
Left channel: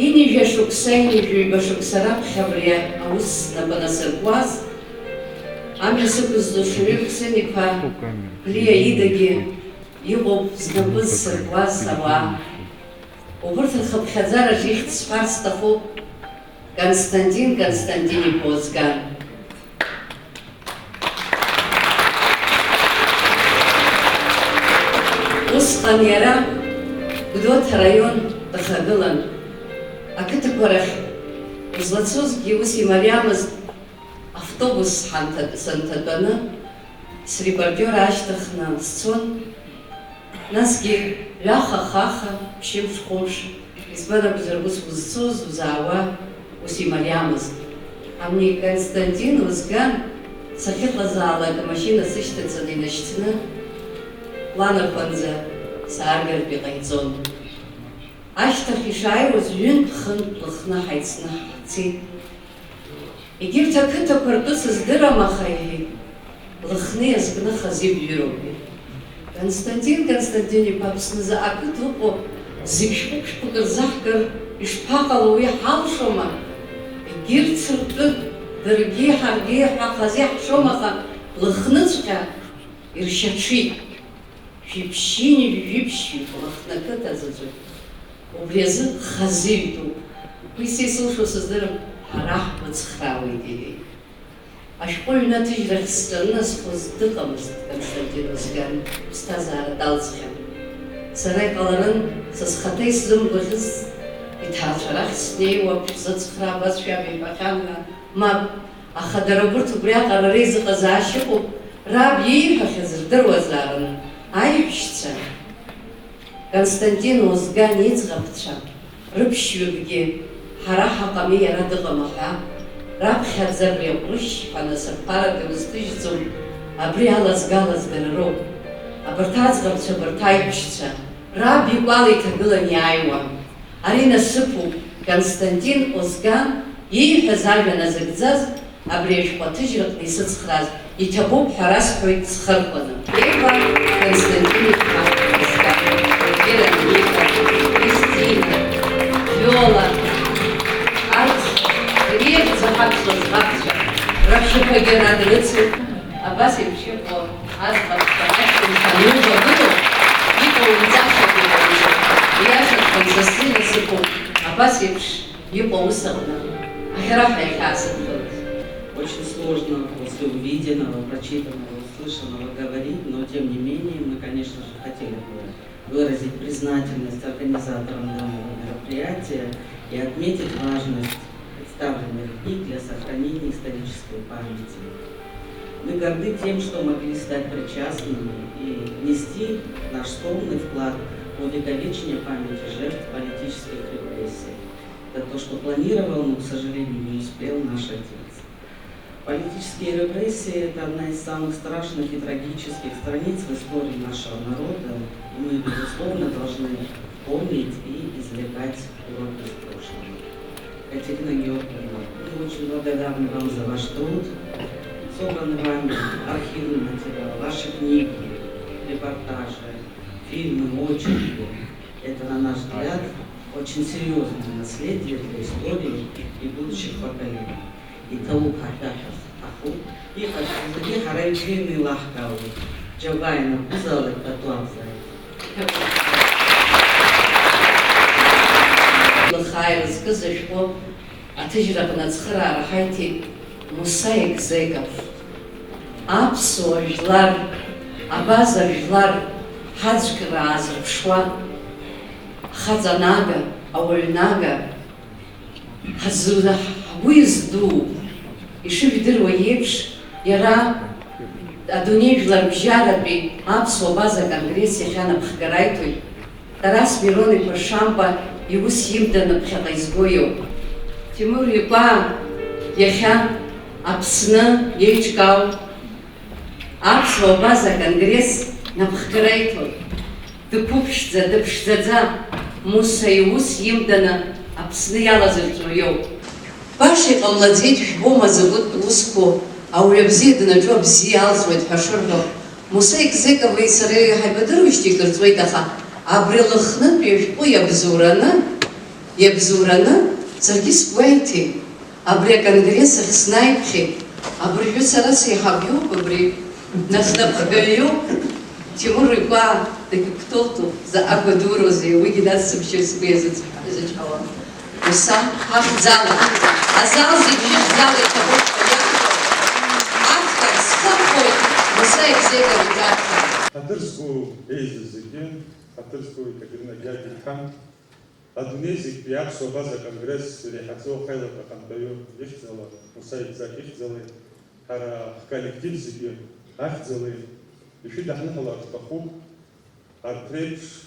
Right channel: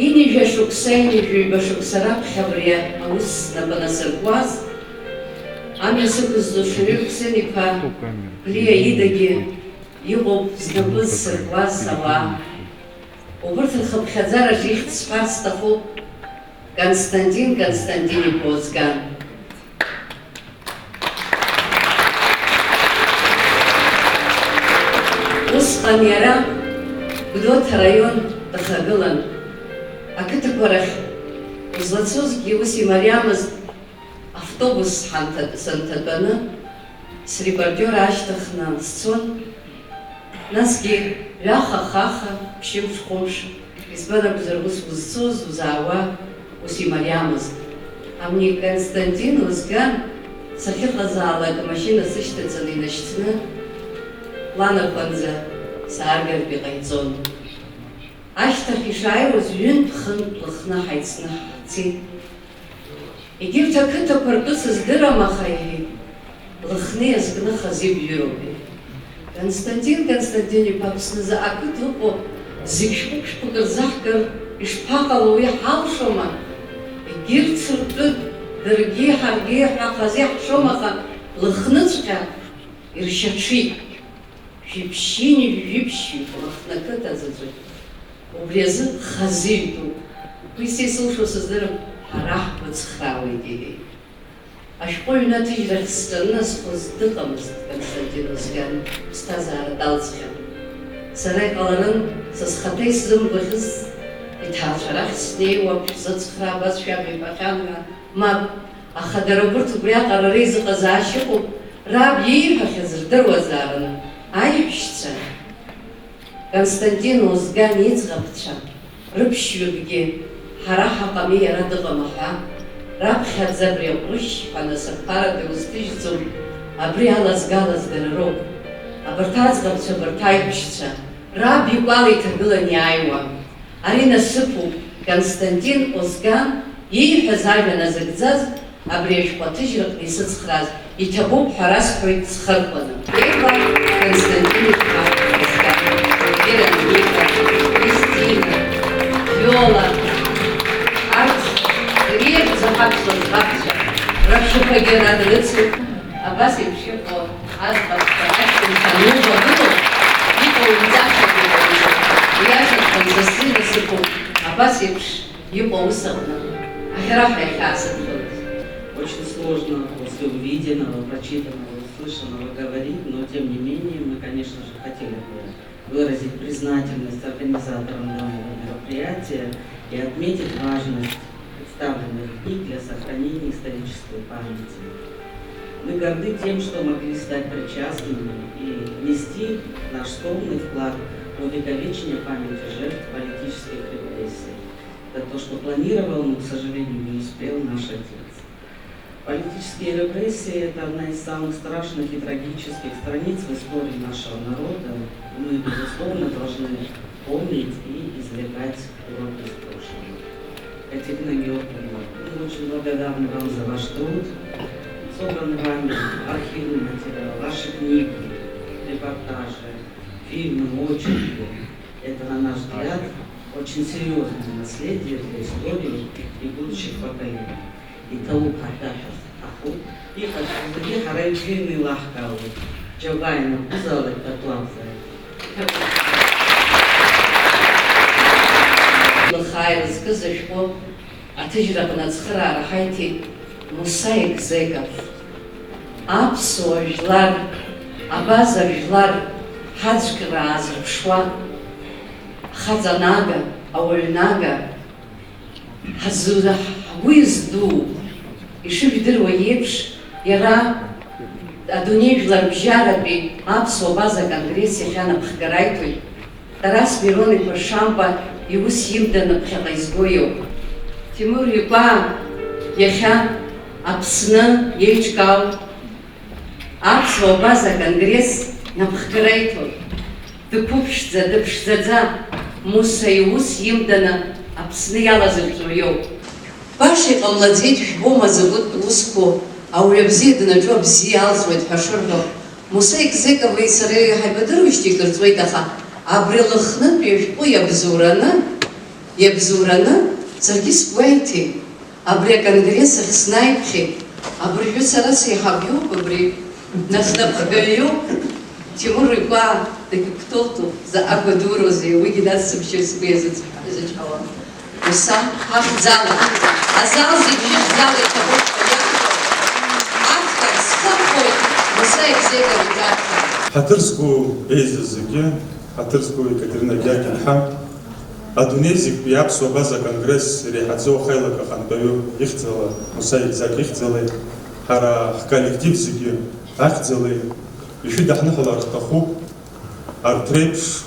Инижә шықәса, инижә ҩба шықәса раԥхьа абри аус снапы насыркуаз, амҩа сықәызҵо Шьурик Хәсен-иԥа Гәлиа идагьы иҟоуп знапы зсыркуаз ауаа. Убырҭ рхыԥхьаӡараҿ ихьӡ сҳәарц сҭахуп Константин Константин-иԥа Озган. Усҟан иара Гәдоуҭа араион дахагылан, ақыҭақәа рахь излацозгьы ус имариамызт, автобус санҭатәаны срепортер ашьҭыхны сцон, насгьы ҩаха-хаха, ԥшьымш-хәымш, избан акәзар ус узцоз, узаауа ус имариамызт. Амни Константин Озган сахьыҟазаалак амашьына сышьҭаҵаны инашьҭны ланапанӡа сааргартә иҟаиҵон. Ашьҭахь ишааиуаз ҩынтә-хынтә лыхны ҳаицны ҳцеит. Егьырҭ ақыҭақәа ртәы сыздырам, аха иҳәеит, лыхны иазкны хазибҩыроуп. Константин Константин-иԥа Аԥснызы ақыҭа ыҟоу зегь шәҟәык-шәҟәык рзаҳкыр ишԥаҟало уи ҳалшома? Егьырҭ ртәы даргьы ҳаргьы ҳазиаҳшом, аха лыхныҵәҟьа иршьаҽит. Шәиԥшьини жәиԥшьи лыхны ақыҭа заҵәык. Убри азы хазыҩтәуп. Уи са исылшо сыздырам, ҳара ҳбыцхраауеит иҳәеит. Ашәҟәыҩҩы аҭыжьрахь сҿаны схәыз дыҟамызт Константин Озган, ԥсҭазаара далҵхьан. Сара иҟаларын са схаҭа исзымгәаӷьыз, иҭаацәа рахь снеиуа шәзыцхраа абас шәабиҳәахьан ҳәа, мап, аха дара убырҭ убриаҟара реизыҟазаашьа ыҟоуп, раб ииҳәахьаз рдыруазаарын. Аиҳәшьцәа Константин Озган иӡӷабцәа рыԥшьҩыкгьы ҳара ҳаҟами иара дыҟам аҳәа, раԥхьаӡа абри аҟәрышь анасыԥҟара дузҭыжьӡом, абри алазгалаз дара роуп. Абарҭ аӡӷабцәа, абарҭ аиҳәшьцәа раб икәала иҭагылан иааиуа. Ари насыԥуп Константин Озган ииҳәаз ажәа назыгӡаз, абри ашәҟәы аҭыжьраҟны исыцхрааз. Иҭабуп ҳәа расҳәоит схырхәаны. Ева Константин-иԥа Озган, Вера Ника, Кристина, Виола, арҭ иреиӷьӡоу ҳаԥсуа ӡӷабцәа, рашәақәагьы радрыцуп. Абас еиԥш иҟоу аӡӷабцәа ашьҭахь анубагылоу, иҟоу мҵашьак иҟоуҵо, иашаҵәҟьан са сзы насыԥуп. Абас еиԥш иҟоу ус аҟны аӷьара ҳәа иахьаасырхәыз. Очень сложно после увиденного, прочитанного, услышанного говорить, но тем не менее мы, конечно же, хотели бы выразить признательность организаторам данного мероприятия и отметить важность представленных книг для сохранения исторической памяти. Мы горды тем, что могли стать причастными и внести наш скромный вклад в увековечение памяти жертв политических репрессий. Это то, что планировал, но, к сожалению, не успел наш отец. Политические репрессии – это одна из самых страшных и трагических страниц в истории нашего народа. И мы, безусловно, должны помнить и извлекать уроки из прошлого. Катерина Георгиевна, мы очень благодарны вам за ваш труд, собранный вами архивный материал, ваши книги, репортажи, фильмы, очерки. Это, на наш взгляд, очень серьезное наследие для истории и будущих поколений. И того, когда аху, и как харайчины лахкавы, джабайна бузалы катуамзай. Лхай рассказывал, а ты же нацхрара хайти мусаик зеков. Апсо жлар, абаза жлар, хаджкра азрпшва, хазанага, аульнага, хазуда уизду. И что видерва епш, яра адуней жлар бжараби, апсо база конгресс яхана пхгарайтуй. Тарас Мироны Пашампа его съемдана пхагайзгою. Тимур Юпа яха апсна ечкау. Апсо база конгресс на пхгарайтуй. Дыпшзадza Муса его съемдана апсна яла завтрою. Паши помладеть гома зовут Луско, а у лебзи на джоб зиалзвает пашурно. Муса экзековые сырые хайбадырующие курцвой таха. Абрилхны пешку ябзурана, царгис вайти, абре конгрессах снайпхи, абрю сарас яхабю, абре наснапхагаю, Тимур Юпа, так кто-то за Аквадуру, за его гидаться вообще себе зачала. Уса хахзала, а зал зачем зал это вот автор скакой, Муса экзековый дата. Хатырскую языке. Хатырскую Екатерина Гякинхам, Адунезик Япсо база конгресс Рехадзо Хайлака Хантою Ихцела, Мусаик Зак Ихцела, Хара коллектив Зиги Ахцела, еще Дахнахала Ртаху, Артрепш,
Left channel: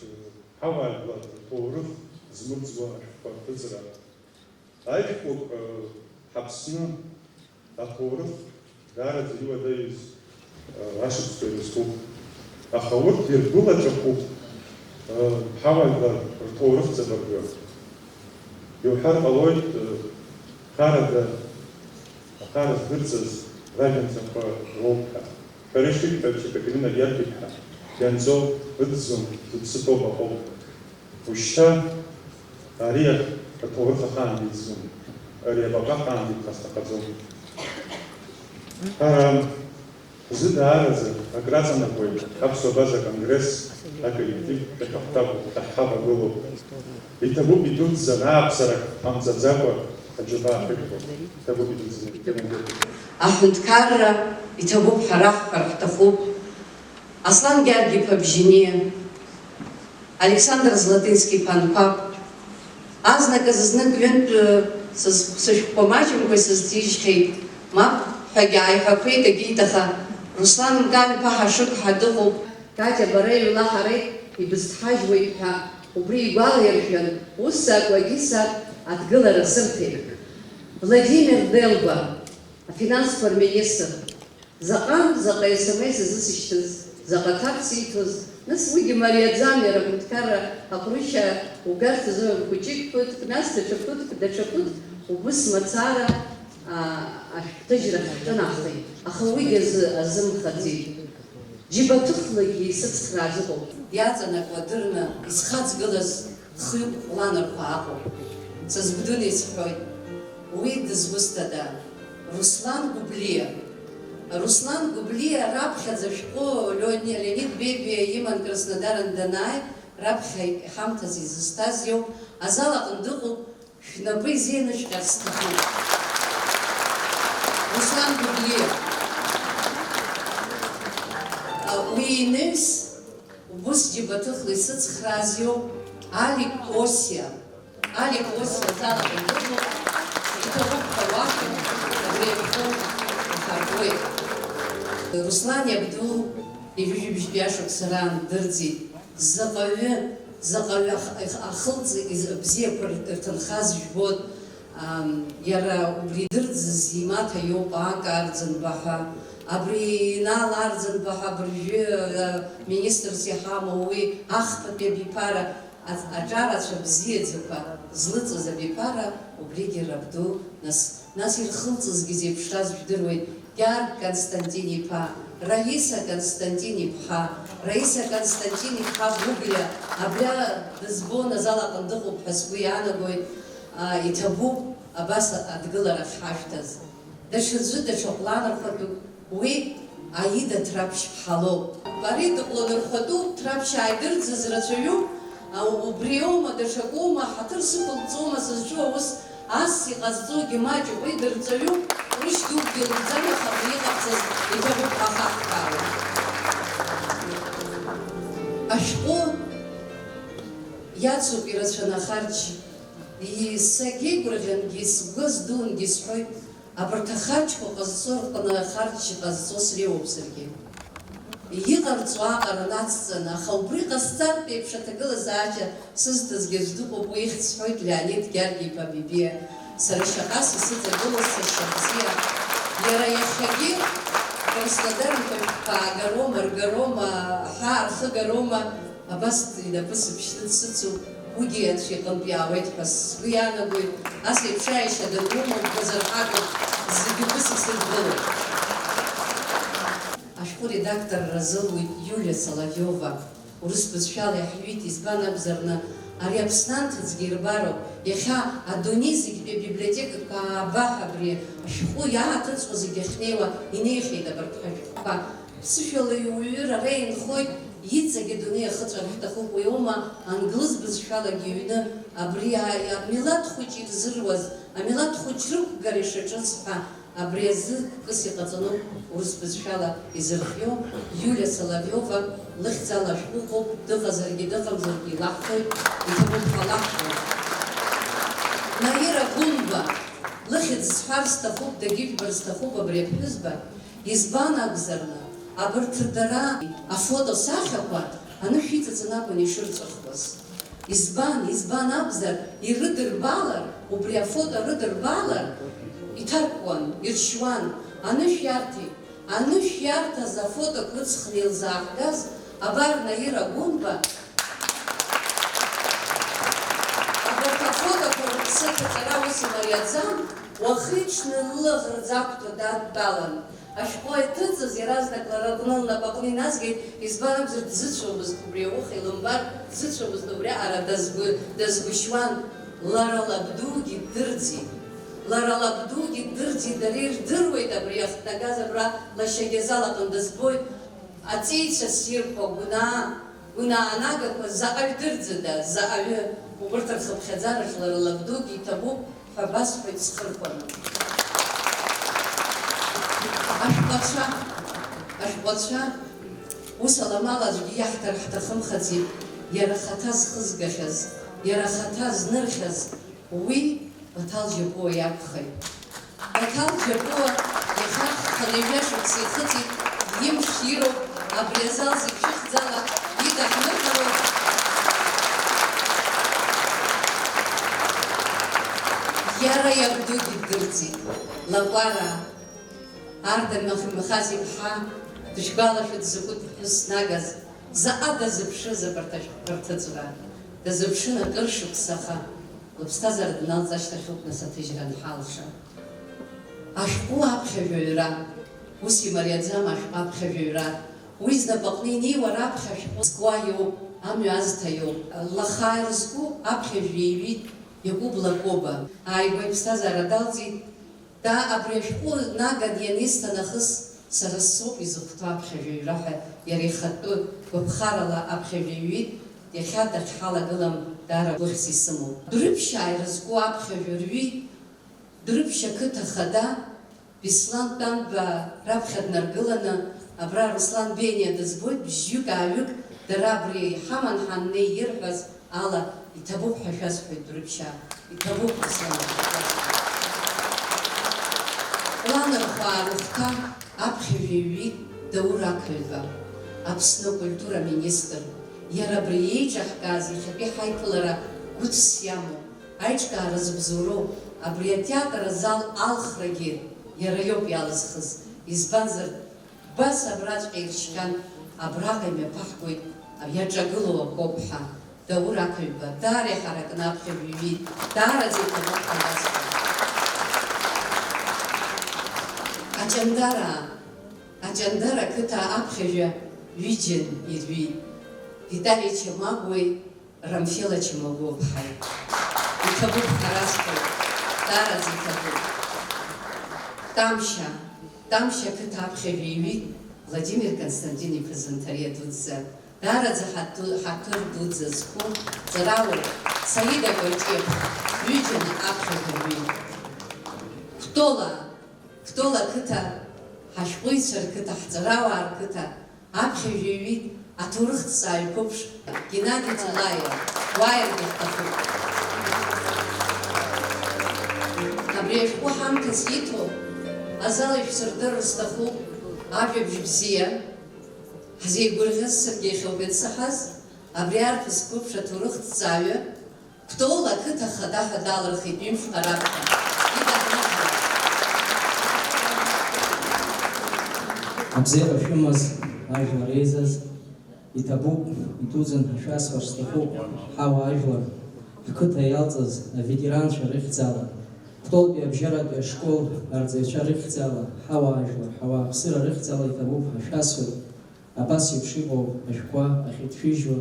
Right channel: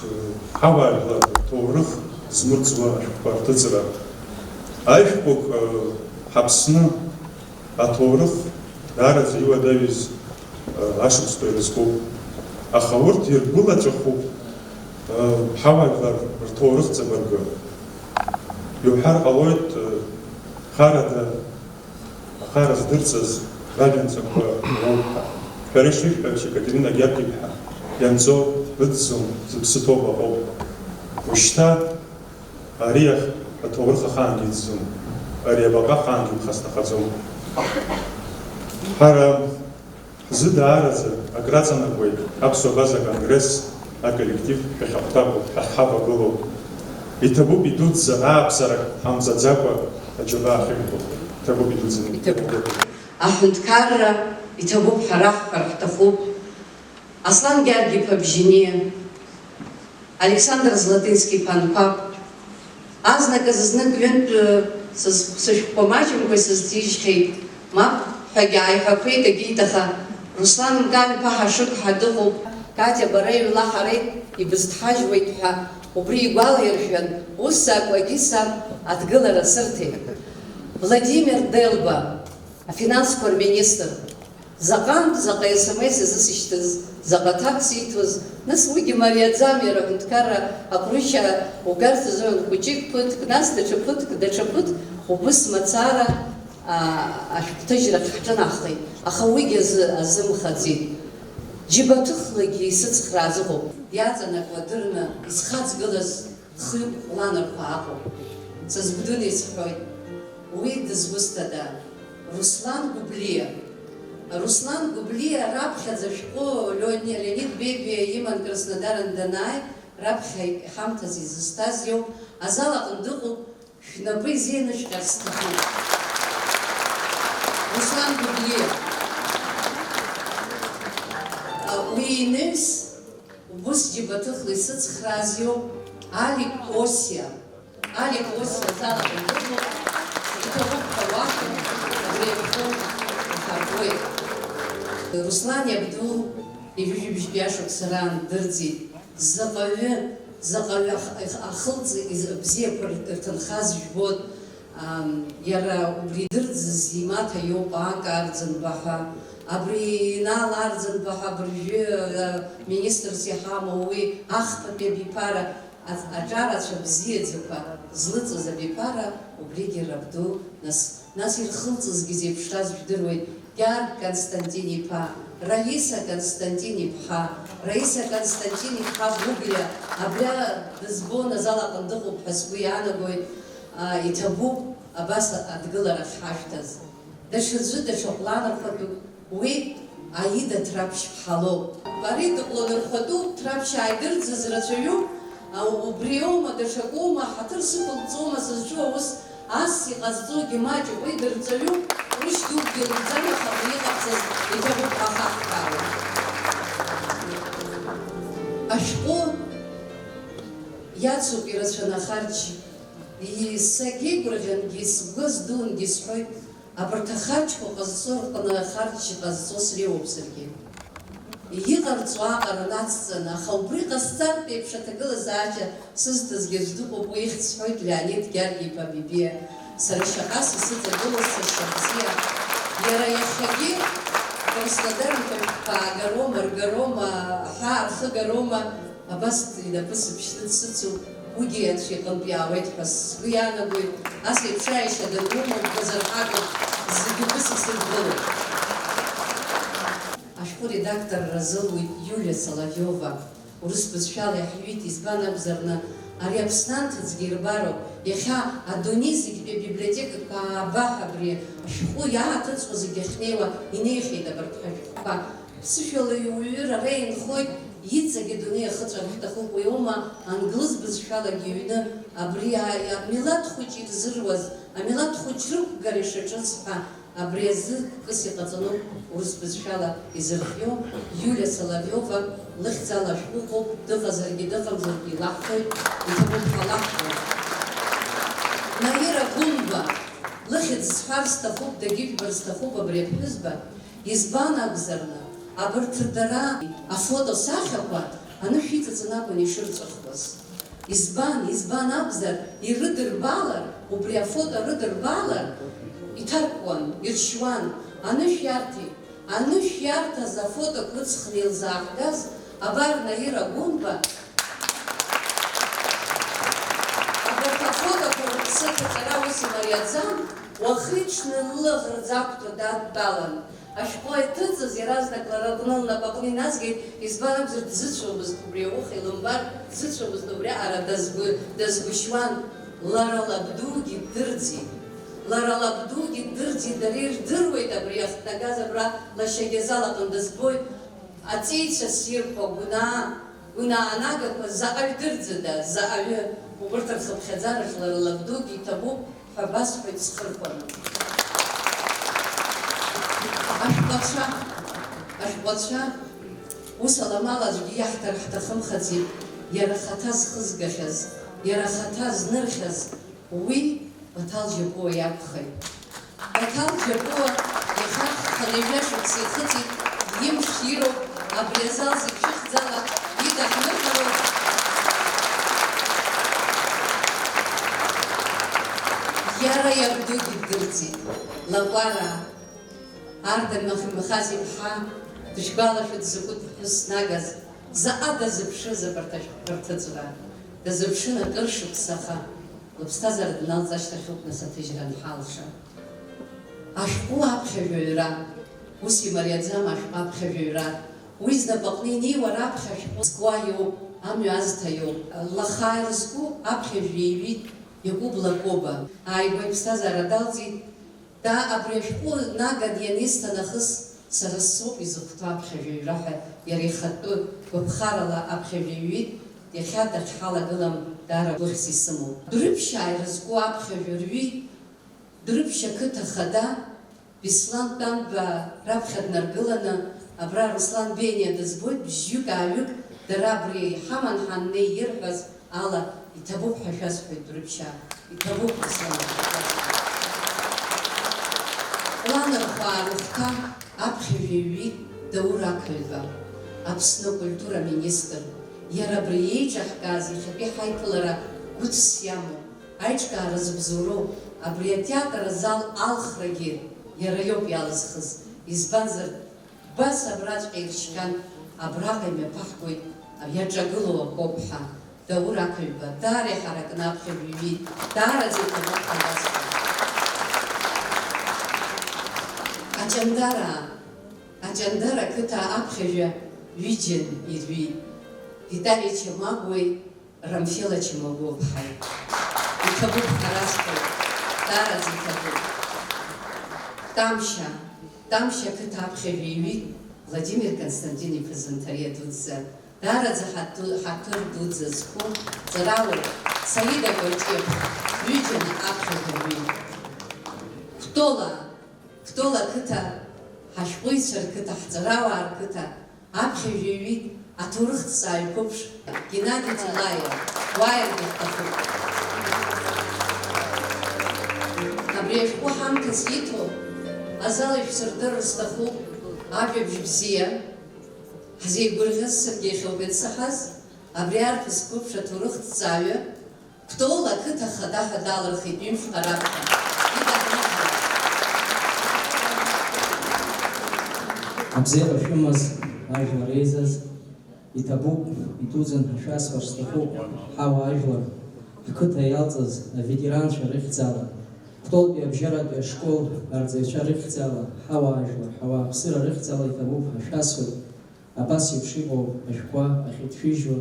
Хаварла, Таурых, Змурцва, Партыцера. Айшпук Хапсна, Атаурых, Дара Зива Давиз, Ашипской Республики. Ахаурти была Чаху. حوالي رتورخ زبرجو يوحر ألويت خارج درسز راجن سبوا روحها فريشك بمشي كتيرنا جابي بها ينزو ردسم زبسطوبة أو وشتا أريخ رتورخ خان جيتزم أريخ بقى خان جيت خاصنا خزوم حرام زد عارز أقرأنا كوي أبسو بازا كونغرس а коллектив Ахаба было. И того бедут за напсарак, Хамзадзапа, Аджуба Ахибу. Того бедут за Ахунткарра, и того Харах Харахтафу, Аслан Гярги Пабжине, Александр Златынский Панпап, Азнака Зазнак Вент с помачем кой со стишкой, Мап Хагай Хаквейта Гитаха, Руслан Ган Пахашук Хадуху, Катя Барею Лахарей и Безтхажвайтха, Убри Балаерхен, Уссак Лагисак, Отгыла Рассерти. Владимир Делба, финансовый министр, Закан, за СМС, за такситвоз, на свой Мария Замера, Муткара, Апруща, Угарта Зоя Кучик Пут, Кнаста Чапут, Дачапут, Убыс Мацара, Тажира Хтанахлей, Ахауигез Азымхадзи. Джибатухлаги сыцхразугу, язана квадырна, исхацгылаз хыб ланархагу. Сазбдунис хой, уид звустада, Руслан Гублия. Руслан Гублия рабхя зашко Леонид Беби Иман Краснодаран Данай, рабхя хамтази застазью, азала кандугу, шнабы зеночка стиху. Руслан Гублия. Уинес, убус джибатухлы сыцхразью, Али Косия зала кандугу, и того хаваку, Руслан Абдул и Бишбяшок Саран Дырди Закове Ахылцы из Бзепр Танхаз Жбот Яра Убридырдз Зимата Йопа Гардзенбаха Абринал Ардзенбаха Бржи министр Сихамовый Ахпапе Бипара Аджараша Бзедзепа Злыца за Бипара Убриги Рабду нас ирхылцыз гизе пштаз ждырвай Гяр Константин-иԥа, Раиса Константин-иԥҳа, Раиса Константин-иԥҳа Гәыгәлиа, абра дызбон азал аҟны дыҟоуп ҳәа сгәы иаанагоит, иҭабуп абас адгыларахь ҳашәҭаз. Даҽаӡәы даҽа ҟәланырхәатәуп, уи Аида Ҭраԥшь-ԥҳа лоуп. Ари дыҟәланырхәатәуп, Ҭраԥшь ааидырӡыз рацәаҩуп, убри аума даҽакоума, ҳаҭыр сықәылҵома сызҿу аус, ас иҟазҵогьы маҷуп, уи дырҵаҩуп, рышь дукгьы лыгӡам, аха абри иҟабҵаз иҭабуп ахаҳкаауеит. Ашәҟәы иацуп ирацәаны ахарџь, сагьеигәырӷьангьы, сгәы здунгьы сҳәоит, абарҭ ахарџьқәа ҟазҵо рҟны ахарџь ҟазҵо среиуоуп саргьы. Иҟарҵо аҟара нацҵаны, аха убри ҟасҵартә еиԥш аҭагылазаашьа сызҭазгьы аӡә дыҟоуп, уи ихьӡ сҳәоит Леонид Гьаргиԥа Бибиа. Сара шаҟас исыҵагылоз сашьа бзиа. Иара иахьагьы Краснодарнтәи аагарома, ргарома, аҳаа рхыгарома, абас инапы сыԥшьны дсыцуп, уигьы анцәа иҟынтә иаауеит ҳәа сгәы иаанагоит. Ас еиԥш аишьа данрымоуп, дазырҳагоуп, зегьы ус исыргылоуп. Ашәҟәы редакторра зылуит Иулиа Соловиова. Урыс бызшәала иаҳҩит, избан акәзарны, ари Аԥснанҭыҵгьы ирбароуп. Иахьа адунеи зегьтәи абиблиотекақәа аабаҳ абри ашәҟәы иааҭыҵуа зегьы ахьнеиуа инеихьеит абарҭ ҳашәҟәқәа. Ԥсышәала иуҩыр ара инхоит, иҵагьы адунеи ахыҵәар ҳҭахуп, уи аума англыз бызшәалагьы иҩны абри амилаҭ хәыҷ ирзыруаз, амилаҭ хәыҷ рықәгара ишаҿыз ҳәа абри азы кыс иҟаҵаноуп урыс бызшәала изырхио Иулиа Соловиова лыхьӡала ашәҟәыҟоуп, дыҟазаргьы дыҟамзаргьы илаҳҭоит, иҭабуп ҳәа лаҳҭоит. Наира Гәымба, лыхьӡ сҳәар сҭахуп, дагьыжәбар сҭахуп абри аԥҳәызба, избан акәзарны, абарҭ дара афотосахьақәа анышә иҵаҵаны акәын ишырҵәахуаз. Избан акәзар, ирыдырбалар, убри афото рыдырбалар, иҭаркуан, иршьуан, анышә иарҭеит. Анышә иарҭаз афоток рыҵхны илзаахгаз, абар Наира Гәымба, абарҭ афотоқәа рыԥсы ҭаҵара ус имариаӡам, уахиҽны лылаӷырӡ ақәҭа дадтәалан. Ашәҟәы иҭыҵыз иаразнак лара аҟны лнапаҟны иназгеит, избан акәзар дзыцәомызт убри ауха илымбар, дзыцәомызт убри аҟара дазгәышьуан. Лара лабдугьы ддырӡит. Лара лабдугьы ддырӡит, дара ирдыруеит абри иахҭнагаз абра лашьагьы залаҟны дызбоит. Аҵеицәа ссирқәа, гәынаа нагақәа заҟаҩ дырӡыда, заҟаҩы, убарҭ рхыԥхьаӡарахь лара лабдугьы иҭабуп ҳәа басҳәоит схырқәаны. Ашәҟәацәа ус аламала аӡәгьы иаҳҭар ҳҭахымхаӡеит, иара хаҭа зхызгахьаз, иара хаҭа знырхьаз, уи Баҭал Џьапуа иакәхеит. Баҭал Џьапуа ихархханы ижәашықәса ихыҵит, имш ироуп, абри азал зегь шәыхьӡала идаҳныҳәалоуп. Иара иабдугьы ддырӡит, лакәара Арда Михас-иԥҳа дышгәалашәа дзакәытә ԥҳәыс снагаз, заҟа дазыԥшыз абарҭ ашәҟәқәа, дазыԥшын акыр шықәсаха, лыԥсҭазаара дналҵашьҭахьоуп нас аҭыжьра анҳалша. Ашәҟәы аԥхьажәаҩра, ус имариаӡам ашәҟәы аԥхьажәаҩра, уи знапаҟны инеиуа раԥхьа ашәҟәы зкуа иоуп, амҩа азҭа иоуп. Лаха ирызку аԥхьажәа иҩит Иакәып Лакоба. Ааигәа иԥсҭазаара далҵит, да абри ашәҟәы наган ианисҭа нахыс сара соуп изыхәҭоу аԥхьажәаҩра ҳәа иара ихатәы гәаԥхарала аԥхьажәа иҩит, иахьа дахьҳалагылам даара гәыхьс исымоуп. Дәрыԥшь ааирызку аԥхьажәа рҩит, Дәрыԥшь ақыҭа хада Беслан Тәанба раԥхьа днаргыланы, абра Руслан Бениа дызбоит, бжьҩык-ааҩык дара абри ҳаман ҳаннеи ирҳәаз ала иҭабуп ҳәа шәасҳәоит Дәрыԥшьаа, иҭабуп Руслан. Ланархәаа рыхәҭа аԥхьажәа иҩит Даур Ақыҩба, Аԥсны акультура министр. Иара абри еиҿаҳкааз иахьатәи ҳаиԥылара гәыцс иамоу, аиҿкаара зыбзоуроу, абри атеатр азал алхрагьы иара иоуп иалызхыз. Избанзар, бас абраҵәҟьа иршьхьан, абраҟа имҩаԥаҳгоит иаҿагылоу акоуп ҳәа. Даур Ақыҩба даара иҳаракны аԥхьажәа иҩит, даараӡа иҭабуп ҳәа иазҳәоит. Аҷандара ақыҭа аԥхьажәа ҩыџьан ирҩит. Виталий Чамагәеи Рамфела Чамагәоԥҳаи. Иҭабуп ҳаразқәа, даараӡа иҭабуп. Тамшьа ақыҭа аԥхьажәа иҩит Владимир Константин-иԥа Занҭариа дуӡӡа. Даараӡа ҳаҭыр дуӡӡа зқәу ҵарауаҩ Саида Кәаҷиԥ ҩыџьан аԥхьажәа иҩит. Кәтола ақыҭа, ҳашәҟәыҩҩцәа рқыҭа, ҳҵарауаа рқыҭа аԥхьажәа иҩит аҭоурыхҭҵааҩ қәыԥш Геннади Ҭилаиа, уааиргьы ҳҭахуп. Абри ашәҟәы ҳамҭас иҭо азал ишәсырдырыр сҭахуп ажәабжь бзиа, ҳзеигәырӷьаз Сергеи Хьылбеҭ-Саҳаз, абри арԥыс қәыԥш аҭоурыхҭҵааҩы Кәтола ақыҭа хада ҳәа далырхит ҩымшҟа раԥхьа. Абзиара шәымаз ажәлар еизаз, иҭабуп, итәузан ҳашәасҳәар сҭахуп ҳауа ажәлар, ҳқыҭа иалҵыз аветеранцәа рыхьӡала, Кәтолтәи абжьаратәи ашкол арҵаҩцәа рыхьӡала, ҳауа ажәлар, ҳауаа ԥсыра рыхьӡала иҭабуп ҳашәасҳәоит, абас еиԥш иҟоу ашәҟәқәа ахьыҭшәыжьуа,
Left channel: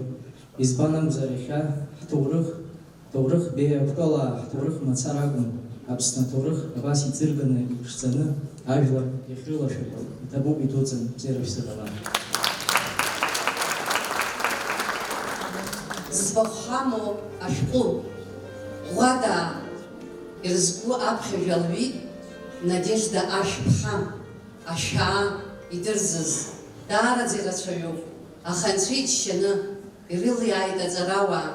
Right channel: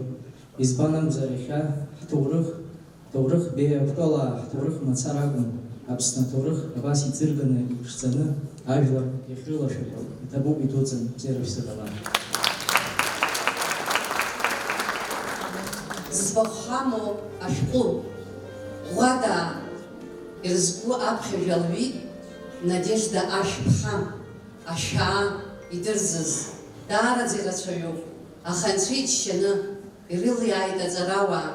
избан акәзар иахьа ҳҭоурых беиа Кәтолаа ҳҭоурых мацара акәын, Аԥсны аҭоурых абас иӡырганы, иԥшӡаны ажәлар иахьрылашәақәоу, иҭабуп идуӡӡан бзиара шәзыҟала. Зыӡбахә ҳамоу ашәҟәы ӷәада ирызку аԥхьажәа лҩит Надежда Ашәԥҳа, ашәаа идырзыз, даараӡа ирацәаҩуп, аха Анцәа иџьшьаны ирылиааит аҵарауаа,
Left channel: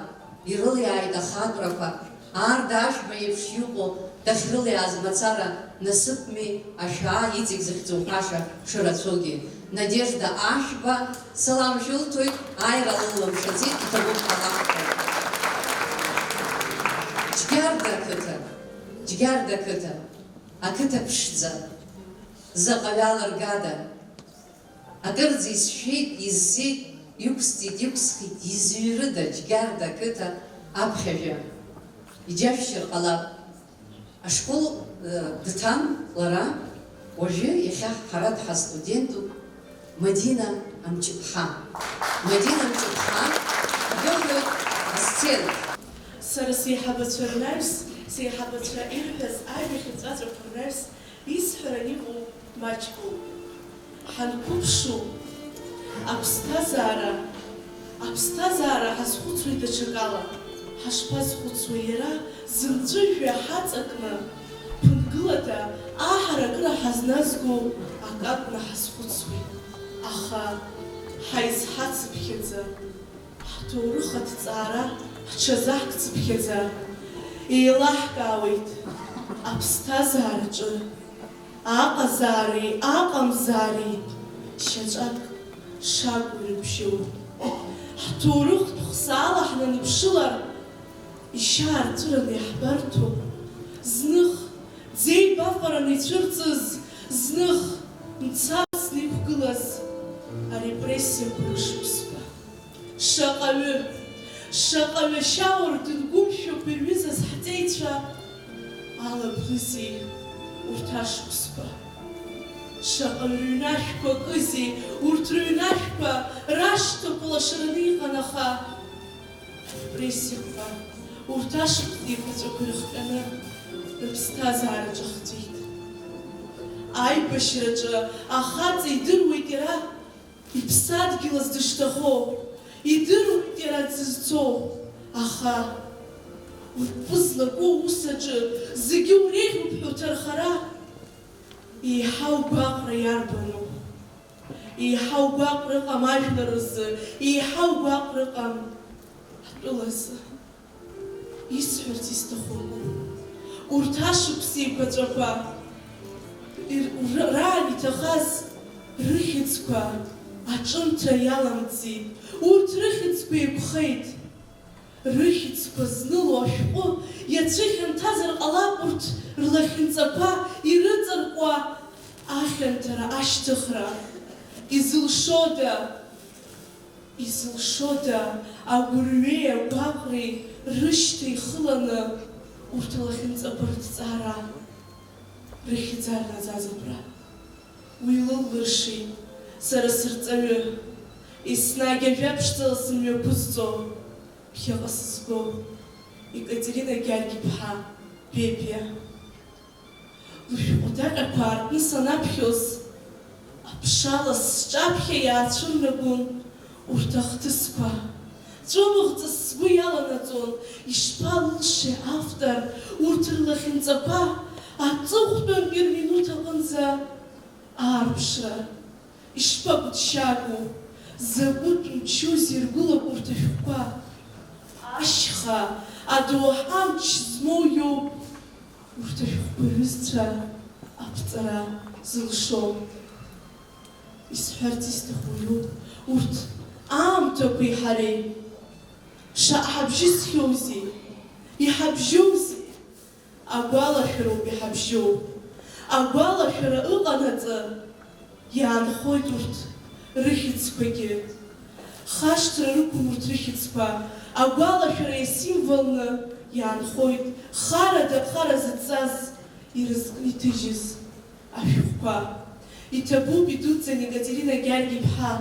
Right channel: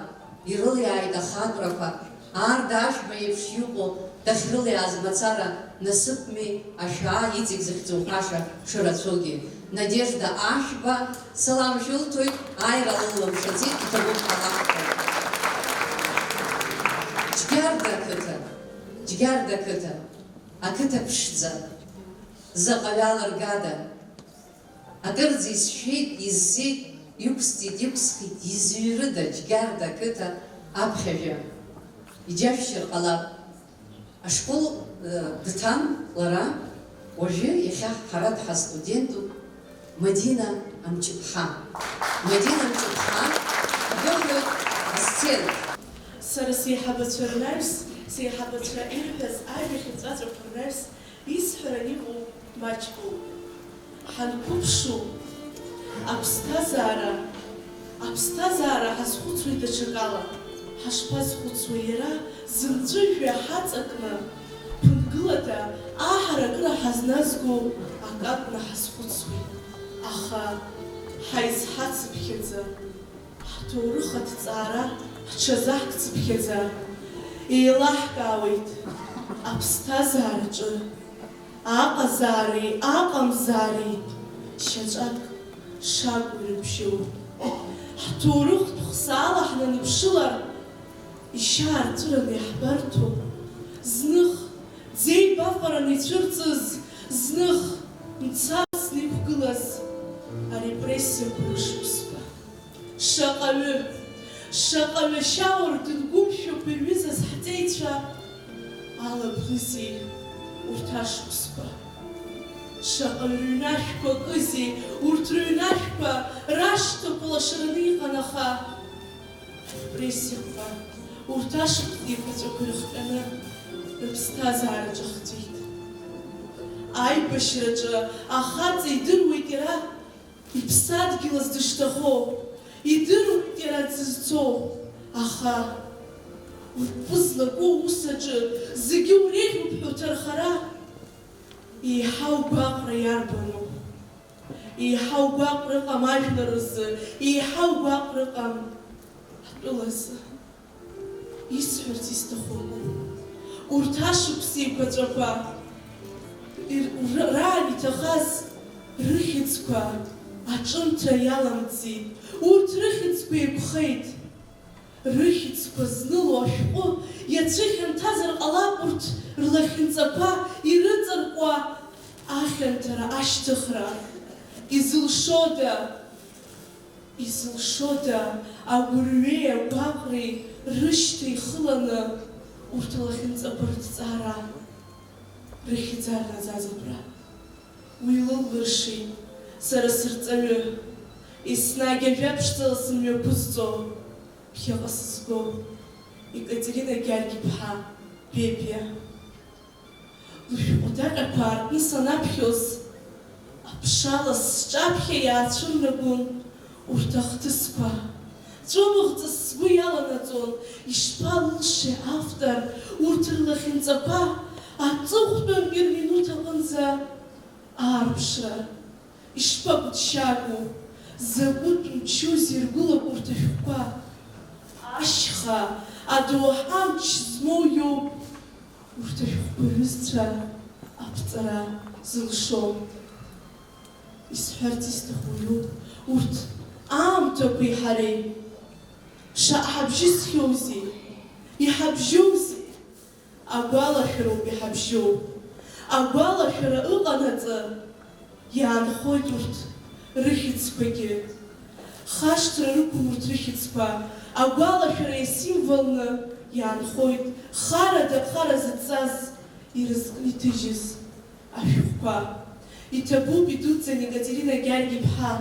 ирылиааит ахаатәрақәа, аарда ашәба еиԥш иҟоу дахьрылиааз мацара насыԥми ашәаа иҵегь захьӡуҳәаша шырацәоугьы. Надежда Ашәба салам шәылҭоит, ааира лыламшаӡеит, иҭабуп ҳалаҳҭоит. Џьгьарда ақыҭа, ақыҭа ԥшӡа, заҟа ҩалыргада, акырӡа исшәеит, иззеит, иқәсҵеит, иқәсхит, изҩрыда Џьгьарда ақыҭа аԥхьажәа. Иџьашәшьыр ҟалап. Ашкол дҭан лара, уажәы иахьа ҳара дҳастудентуп Мадина Амҷыԥҳа. Мадина Амҷыԥҳа дыҳәоит асцена. Сара сеиҳабацәа рнаҩс, сеиҳабацәа ирҳәаз ажәахь ҵәаҵәақәа рнаҩс исҳәаран иҟоу маҷкоуп. Ҳанқәыԥшу аԥсҭазаара ҳазхәыцуеит даҽакала. Ҳашԥазхәыцуа иара зымҵәыжәҩа ҳаҵакны, ԥынгылада аҳаракыра ҳазназго акакәны ҳазхәыцуеит. Аха ҳаизҳацыԥхьаӡа, ҳҭоурых аҭҵаара ҳҽазаҳкцыԥхьаӡа, еилаҳкаауеит аԥсҭазаараҿы аҟазаареи аҟамзаареи шьаҿак шагу ирыбжьоу. Ҳҭоурыхтә хсаала ҳнаныԥшылар, ишьаарҵәыраны иаҳбарҭоу, зных ӡеибафараны ицәырҵыз, зных мцабзны иқәгылаз арепрессиақәа рышықәсқәа. Шаҟаҩы шьаур дынгәымшәоуп ирҩызаз ҳҵеицәа, алаблызеи урҭ ашықәсқәа. Шаҟаҩ рыҩнашәқәа кызеи, урҭ рыҩнашәқәа рашҭақәа лашараны иҟан, аха арепрессиақәа урҭ ашықәс еиқәаҵәақәа ирыхҟьаны рыԥсҭазаара ҿахҵәеит. Аибашьраҿы ахаҵа идыруеит иара иԥсадгьылаз дышҭахо, идыруеит иара дзызцо, аха уртәы злагоу усаҿы зегьы уреиӷьуп ҳәа уҭархара, еиҳау гәаҟра иарбану, еиҳау гәаҟра ыҟам ажәлар рзы, еиҳау гәаҟра ыҟам ҳтәылазы. Исҳәарц исҭаху урҭ ашықәс еиқәаҵәақәа раан иҭахаз рыхьыӡқәа аҿымҭра иаламҵит, урҭ рыхьыӡқәа еиқәхеит. Рыхьыӡқәа зныло ашәҟәы иацәыхьанҭазар ҟалап, урҭ рлахьынҵақәа ирыҵаркуа ахьанҭара ашьҭыхра. Изылшода агәырҩеи агәаҟреи рышьҭа ихыланы урҭ алахьынҵақәа рҭҵаара рыхьӡар наӡаӡабра. уи лылбыршеит, сара сырҵаҩы, еснагь ажәабжьҵала сымҩақәызҵо, ԥхьаҟа сызго, Екатерина Гьаргь-иԥҳа, Пепиа. Лышәҟәы даҟьақәа аартны санаԥхьоз, аԥшалас сҿаԥхьа иаацәырнагон урҭ ахҭысқәа. Ҵәымыӷҵас сгәы иаланаҵон, ишԥалылшеи автор урҭ рлахьынҵақәа аҵыхәтәантәи рминуҭ аҟынӡа аарԥшра. Ишԥагәыҭшьаагоу, закәытә мчузеи иргәылак урҭ ашәҟәқәа. Ашьха, адоуҳа амч змоу иоуп урҭ ашәҟәқәа рҩызцәа аԥҵара зылшо. Исҳәарц исҭаху иоуп урҭ аамҭақәеи ҳареи. Шаҟа ҳабжьызхьоузеи, иҳабжьоузеи, агәалашәароуп иҳабжьоу. Агәалашәара ыҟанаҵы иаанхоит урҭ рыхьӡқәагьы. Хашҭра рықәым урҭ рыхьӡқәа, агәалашәара иасимволны иаанхоит харада хара зыцаз ирызкны иҭыжьыз ашәҟәқәа. Иҭабуп идуӡӡан Екатерина Гьаргь-иԥҳа,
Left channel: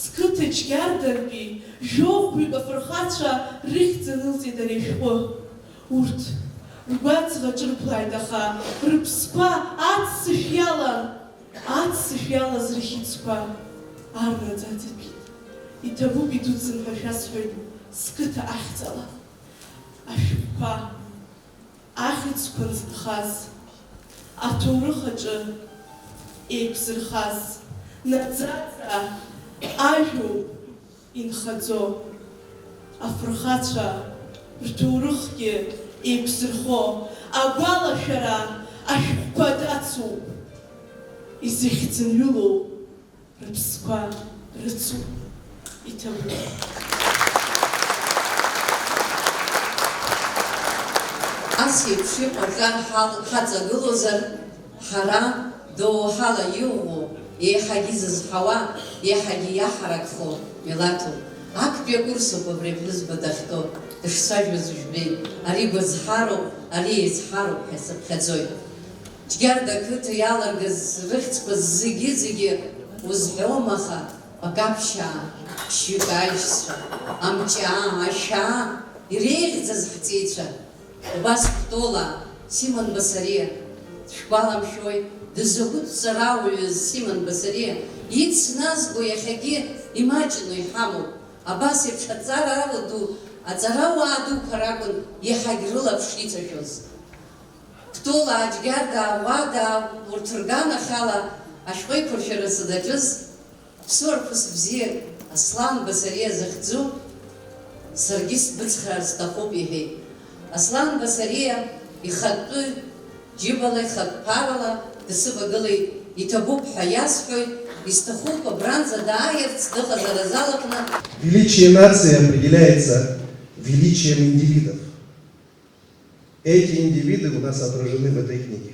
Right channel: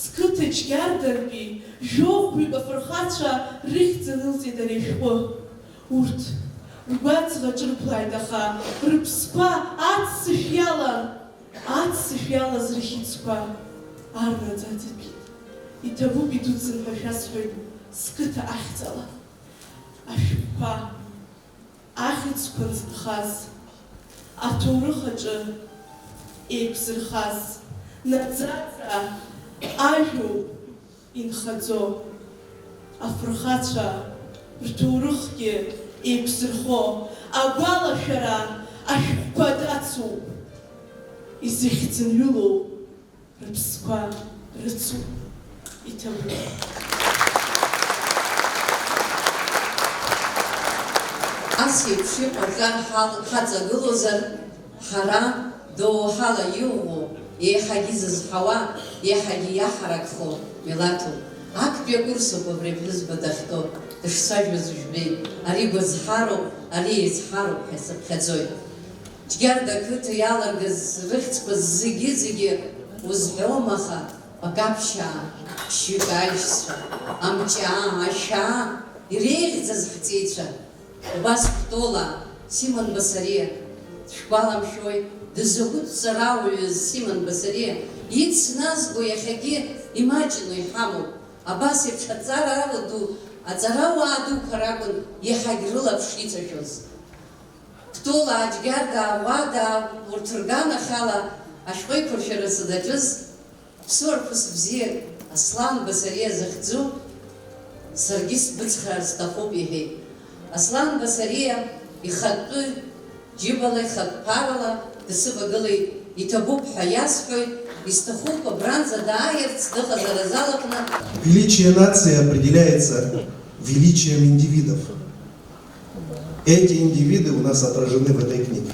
зқыҭа џьгьардантәи жәохәҩык афырхацәа рыхьӡ анылҵеит ари ашәҟәы. Урҭ ргәаҵӷа ҿырԥлааит, аха рыԥсқәа аццышә иалан, аццышә иалаз рыхьӡқәа арнаӡа аӡатәит. Иҭабуп идуӡӡан ҳәа шәасҳәоит зқыҭа ахьӡала. Ашәҟәқәа, ахьӡқәа нзынхаз, аҭоурых аҿы еиқәзырхаз, наӡаӡа ажәоуп инхаӡо. Афырхацәа рҭоурыхгьы еиқәзырхо, агәалашәара ашәҟәқәа дацуп. Изыхьӡынҩылоу рыԥсқәа рыцуп. Иҭабуп. Ас еиԥш иҟаҵар ҳаҵагылозар, ҳара доуҳала иуӷәу, еиҳагьы зызҳауа, еиҳагьы иаҳаракхо милаҭуп. Актәи акурсуп абри аԥҳәызба дахьтәоу, дышсажәыз ужәбеит. Ари гәазҳароуп, ари еизҳароуп ҳәа сыԥхьаӡоит. Џьгьарда ақыҭа иаларгаз рыхьӡқәа зегьы узҳәом, аха акаԥшьаа, ԥшьҩык аишьцәа, амҷаа, ашьаа, иреиӷьӡаз ҳҵеицәа. Убас Кәтола, Симон Басариа, дшәгәаламшәои, дызакәытә ҵарауаҩыз Симон Басариа, ицназго иахьагьы имаҷны иҳамоуп. Абас еиԥш аҵара ду, аҵарауаа дуқәа ракәын иаҳагь рылаԥш иҵашәоз. Кәтола, Џьгьарда, Ауада, урҭ рганахьала ашәҟәеиқәыршәарасы даҿыз ԥсуарԥыс бзиак Аслан Басариа захьӡу, саргьы сбыцхраар сҭахуп иҳәеит. Аслан Басариа ихатәы џьыбала, ихатә ԥарала дысывагылеит. Иҭабуп ҳәа иасҳәоит, исҭахуп абранӡа дааирц дыҟазар азалаҟны. Величие нации определяется величием индивидов. Эти индивиды у нас отражены в этой книге.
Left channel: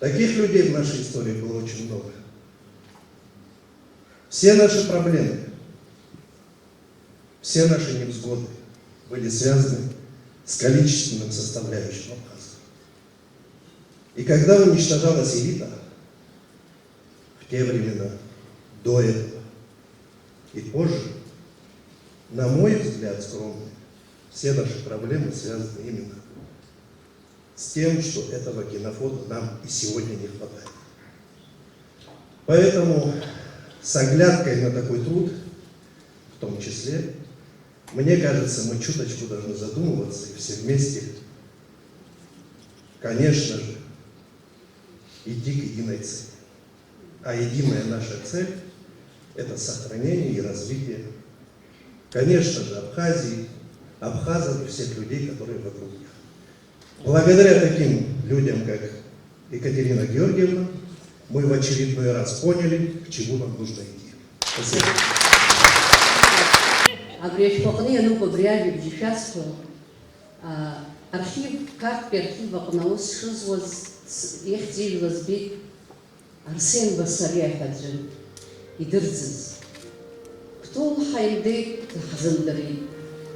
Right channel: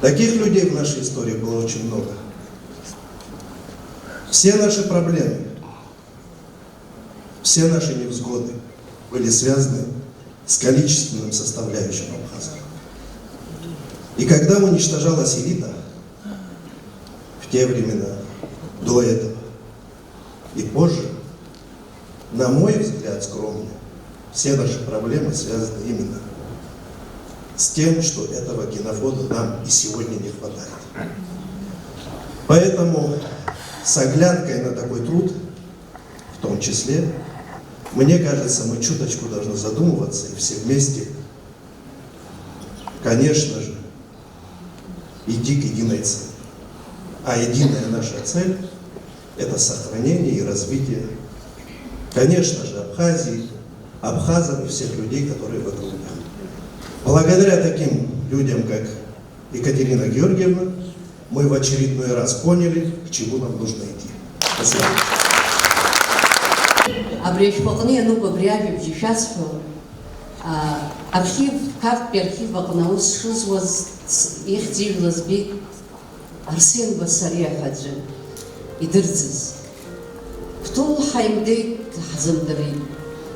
Таких людей в нашей истории было очень много. Все наши проблемы, все наши невзгоды были связаны с количественным составляющим Абхазии. И когда уничтожалась элита, в те времена, до этого и позже, на мой взгляд, скромно, все наши проблемы связаны именно с тем, что этого генофонда нам и сегодня не хватает. Поэтому с оглядкой на такой труд, в том числе, мне кажется, мы чуточку должны задумываться и все вместе, конечно же, идти к единой цели. А единая наша цель – это сохранение и развитие, конечно же, Абхазии, абхазов и всех людей, которые вокруг них. Благодаря таким людям, как Екатерина Георгиевна, мы в очередной раз поняли, к чему нам нужно идти. Спасибо. Абри ашәҟәыҟны иануп абри ажәабжь ишәасҳәо, архив, карттәи архив аҟны аус шызуаз ихьӡ ижәла збеит Арсен Басариа ҳәа аӡәы идырӡыз. Кәтолҳа имдеит, ҳзымдырит.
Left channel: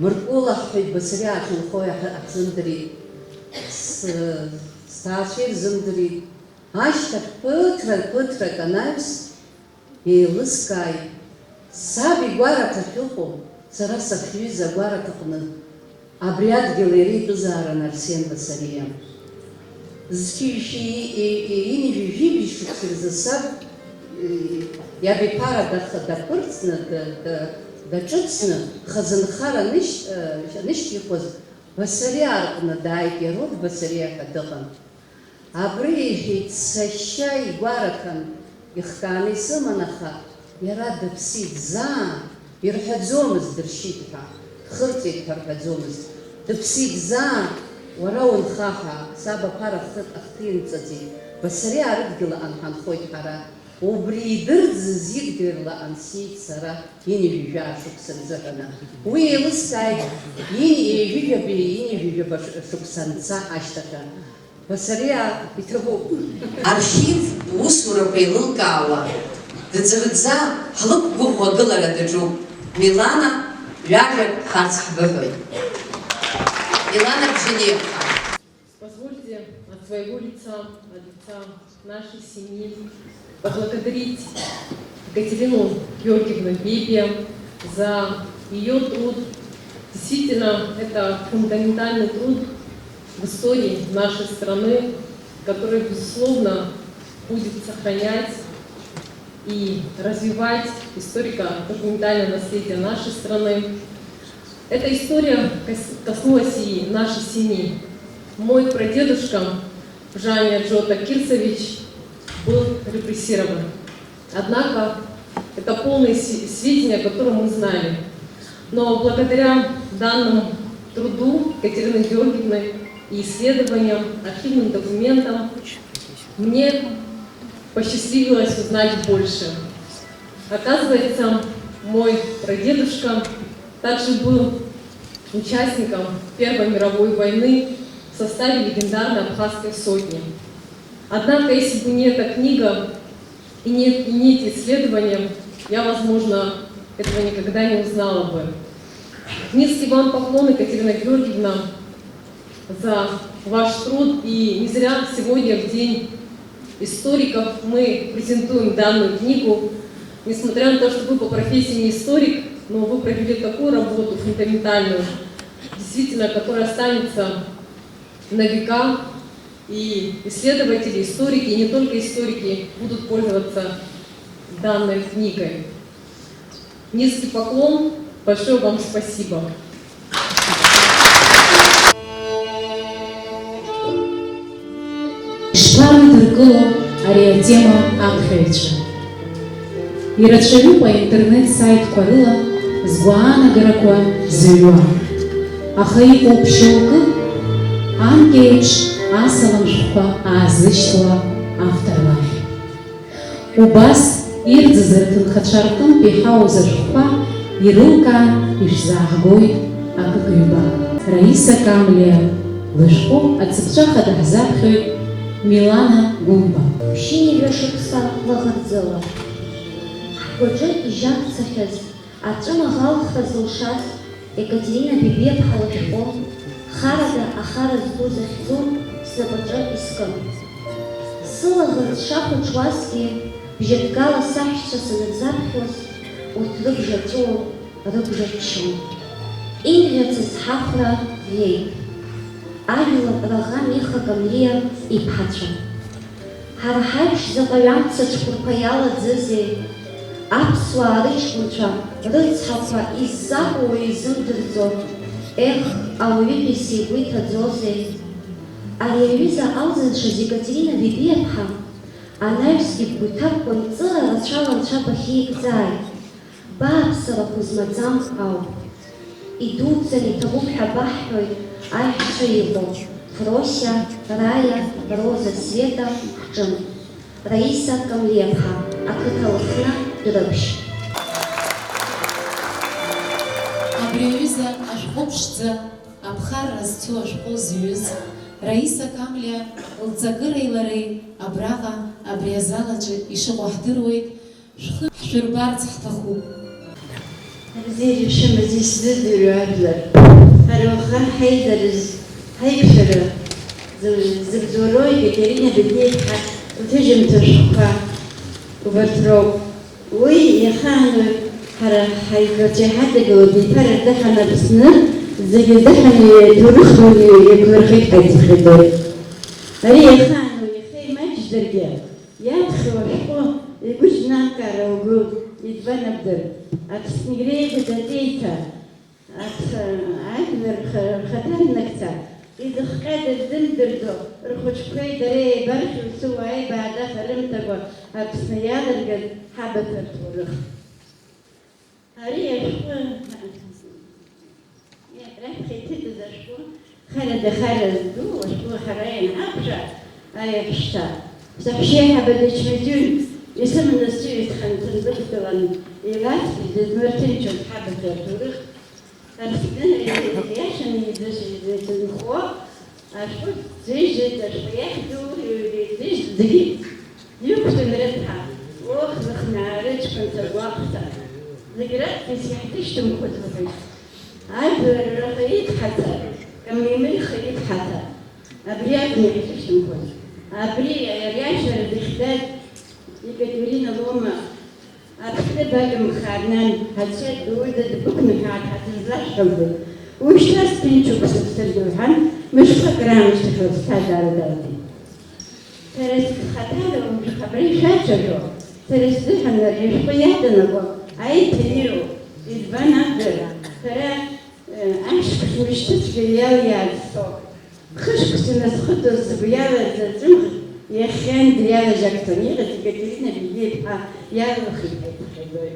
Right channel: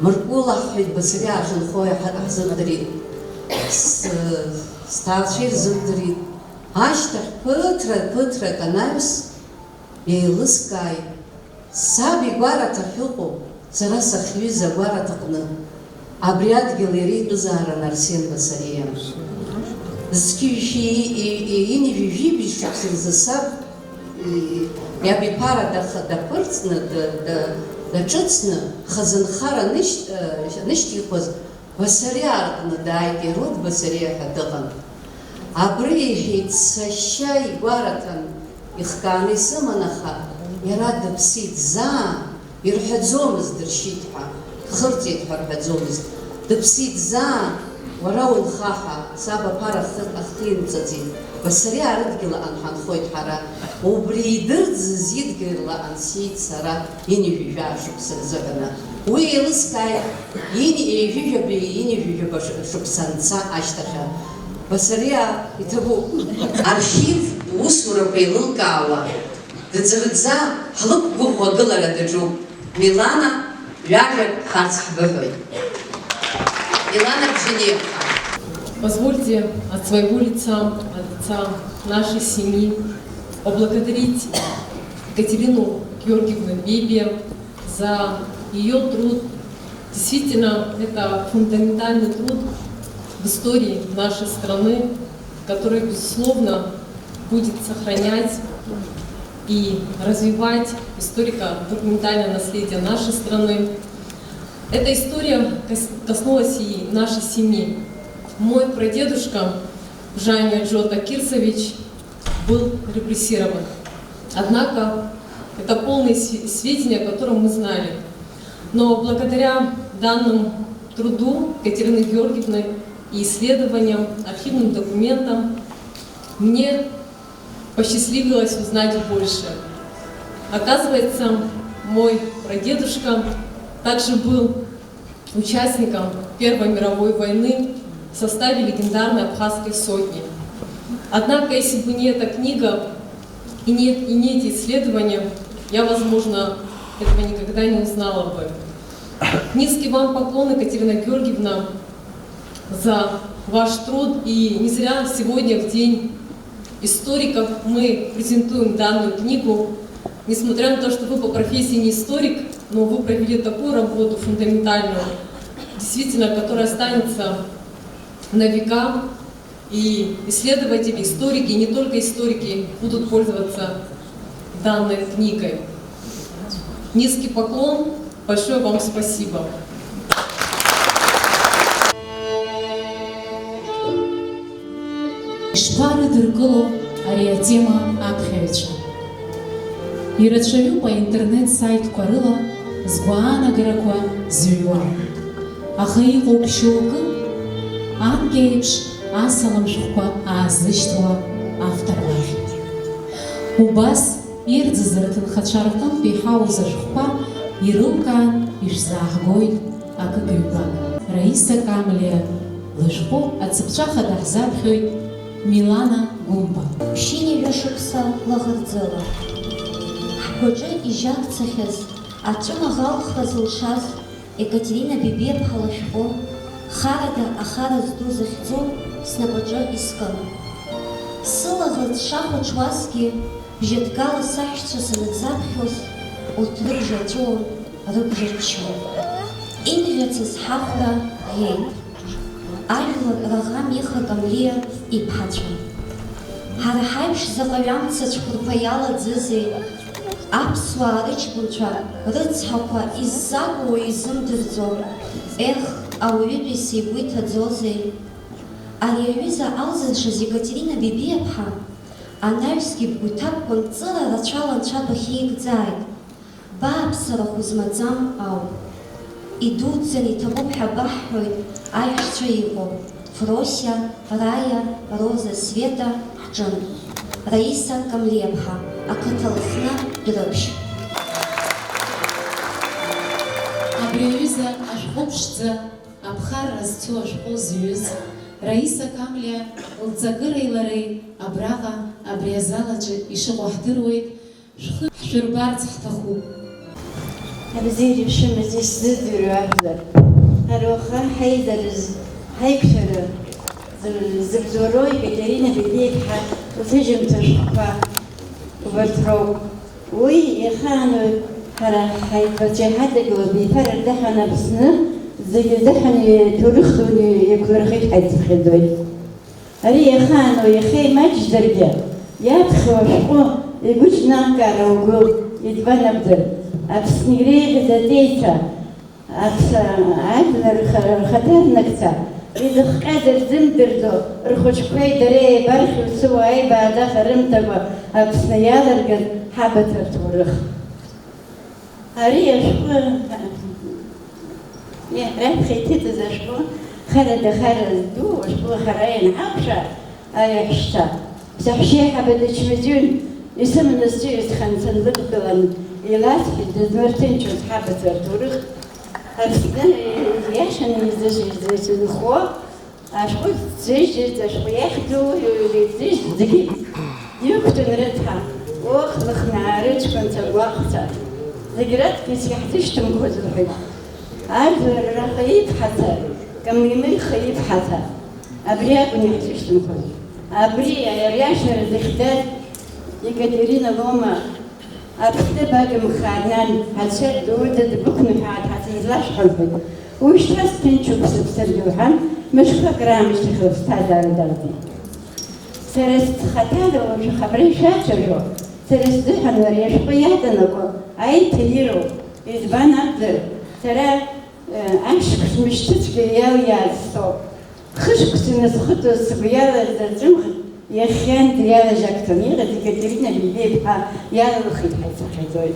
Мыркәыла ҳҳәеит, Басариа ахьынхо ҳзымдырит. Сҭаацәа ирзымдырит. Ашьҭахь ԥыҭрак анаҩс еилыскааит, саб игәараҭахь ыҟоуп, сара сахьҩыз агәараҭаҟны, абри адгьыл иара итәызаарын Арсен Басариа. Зқьышәи инижәижәибишь шықәса рзы саб иаб иԥара даԥырҵны, даҿыцны, хазынхара нышьҭихуаз Басариа аҟны дааит, Ерод Басариа ҳәа дыҟан. Абри иҳәеит, сашьа игәараҭан, ихкааны исыман, аха иара дыԥсит заа, ирҳәаӡомызт дыршьит ҳәа, дхырҵеит ҳәа рҳәаӡомызт, дыԥсит заа, уара унха ҳәа, саб аԥара ахҭимҵаӡеит, Басариа арыдгьыл аҟны ҳанхоит ҳара, убри идырӡыз идгьылла ансиит сара инижәижәаа шықәса рзыҳәаны. Уи еилыскааит, инижәижәаба шықәса анца ашьҭахьы. Басариа иҭабуп. Архив усурақәа еилылкаауа, дыӡӷӡа ҳлықәгәыӷуа агылара даҿуп. Милана ҩажәак харц ҳбыҳәоит. Милана Бженевка. Позвольте от своего лица, от лица нашей семьи, поблагодарить Екатерину Георгиевну Бебе за ее труд. Действительно, это фундаментальный труд в истории нашей страны, который, безусловно, будет сохранять и развивать историко-документальное наследие нашей страны. Эта история коснулась и нашей семьи. Мой прадедушка Жаня Джота Кирсович был репрессирован. Однако это полные сведения, о котором мы знали. Но благодаря данному труду Екатерины Георгиевны и исследованиям, архивным документам мне посчастливилось узнать больше. Оказывается, мой прадедушка также был участником Первой мировой войны в составе легендарной Абхазской сотни. Однако, если бы не эта книга и не эти исследования, я, возможно, этого никогда не узнала бы. Низкий вам поклон, Екатерина Георгиевна, за ваш труд. И не зря сегодня, в День историков, мы презентуем данную книгу. Несмотря на то, что вы по профессии не историк, но вы провели такую работу фундаментальную, действительно, которая останется на века, и исследователи, историки, и не только историки, будут пользоваться данной книгой. Низкий поклон, большое вам спасибо. Шпармидыркыло ари атема аԥхьаҩцәа. Ирацәаҩуп аинтернет-сайтқәа рыла згәаанагарақәа зыҩуа. Аха иҟоуп шьоукы анкьеиԥш асалам шәҟәқәа аазышьҭуа авторлар. Убас ирӡыз рҭынхацәа рҟынтә иҳауз ашәҟәқәа ирылкаан ишәзааҳгоит акык-ҩба. Раиса Камлиа лышәҟәы ацыԥҵәаха даҳзаԥхьоит Милана Гумба. Ԥшьынҩажәа шықәса лаӷырӡыла. Ҳгәаҿы ижьакцахьаз, аҿымаӷалхра зылшаз Екатерина Бебиаԥҳа лышәҟәы харада ахара зду захьӡо снапаҿы искын. Сылаӷырӡ шахәаҽуазгьы бжьадгала саҳәшьцәа санырзаԥхьоз, урҭ рыбжа ҵәуон, рыбжа ччон. Имӷьацыз ҳахәра иеит. Ажәлар раӷа Миха Камлиа иԥҳацәа. Ҳара ҳаиԥш заҟа ҩамца цәқәырԥа иаладзызеи, аԥсуаа рыҷкәынцәа рыцҳақәа иззакәуа изымдырӡо, ех, ауаҩытәыҩса игәы иҭаӡозеи. Ари аҩыза алзыншаз Екатерина Бебиаԥҳа анаҩсгьы бгәы иҭабқәан ҵыра рацәала анцәа бахьикӡааит. Бааԥсарахә змаӡам ауп. Идуӡӡан иҭабуп ҳәа баҳҳәоит аиҳәшьцәа иҟоу Фросиа, Рая, Роза, Света ҳҿын. Раиса Камлиаԥҳа, ақыҭа Лыхны Дәрыԥшь. Абри аҩыза ашәҟәы ԥшӡа, аԥхарра зцу ашәҟәы зҩыз, Раиса Камлиа лҵакыреи лареи абраҟа абри азал аҿы ишыҟоу ҳдыруеит, шәхы ҳшәырбарц ҳҭахуп. Абзиара ишымаз исзыӡырҩуа ажәлар, ҳара уаха ҳаизарыз ҳаиқәшәара зыбзоуроу Екатерина Бебиаԥҳа زجم تشقى وبتروق وي يخانو فرح حيبتي حتى جودي فرح دحنا بسنة زي دحنا تروح يكبرخي حيتخدر هري يخانو يخي ما تجدرجا يا تخوشقو يقولش ناكارا وقول يتبنى بدر أبسنيري بدأتيتا عدل الخطر نكتا إذا قادر زمدردو رخوش كوي دري برخي وسوى أي بعد خرمتبا أبسنيال رجل حابة تورخ هري شكو يا راه خيتي تزشكو خالد دو وشكو خراين عبشة أي حشتا سحشيها بالشمدون يسمى النسيت خمسة ذكرًا إلات في الدمرتين شو حابة تورخ أفكار يعيشن يزيد الخوا أشوف زيج أشوف ياخدو زيج دقيق يكتن ردها وقت بخنا رج كنت الوقت ذكرت كيس يحتشتم كل الحين عارف الرقيق حتى كم يمل خيب حتى أبرياء كم يحتشتم كل أبرياء يرياشر الإخداد يكتبرين دوما أبتدى باقي مخادنان هالشيء ودد بكن قاعد حتنزلاش حلبك ومش راس تنشوف سبسل الحم مش فاكرة مش تخلص دار دارتي سرست خطالو مش خبري شاشلو سرست دحن مريش قيادنا بو أي تليرو إذبان أقدر ترى أمشك مش تتفيا ويا الصوب خشك سنسخطو السبيا والزمخ يا خان ديال جاكتوني غادي كديرينا بيبي بحال يا الخيط حيزوي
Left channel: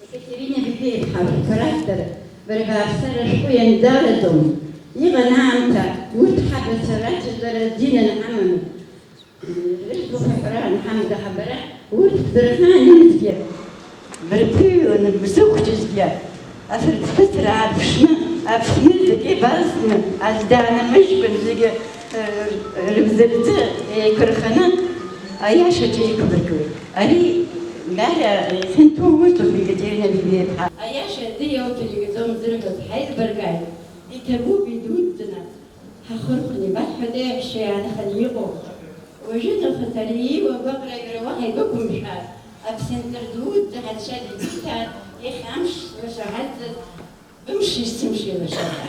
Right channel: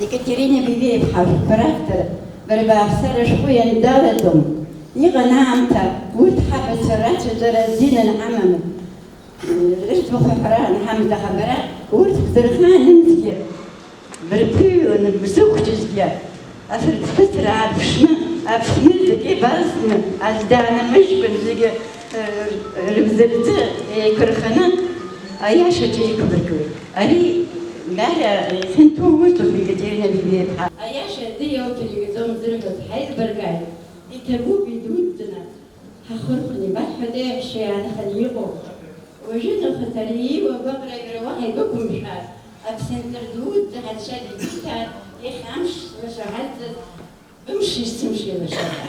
ديكتيرينا بيبي بحال كرافتر بربع سر شويه ندارتهم يغنى عمتا وتحب سرات درزين العمم غير بخيران حمد خبرات وتقدرنا نمتيا بربيو نبسوك جزيا أفرد فترة عبشنا أفني زكي باسنا أزدانا مشبن زكي ربزلت كرخنا أيها شجعي كبركوي أري مالا سنتو وصلوا في كتيرنا بيبي بحال أيها شدي وكلي قدام زرقة بحيث برقاي يتبو بيدودنا هخرقني بعد حدا الشيء أنا خليقو وجدنا خطري وبقرا يروح يقوم بحال أبسنتر دود هالشيء اللي يخامش مش عاد بمشي تمشي للشارع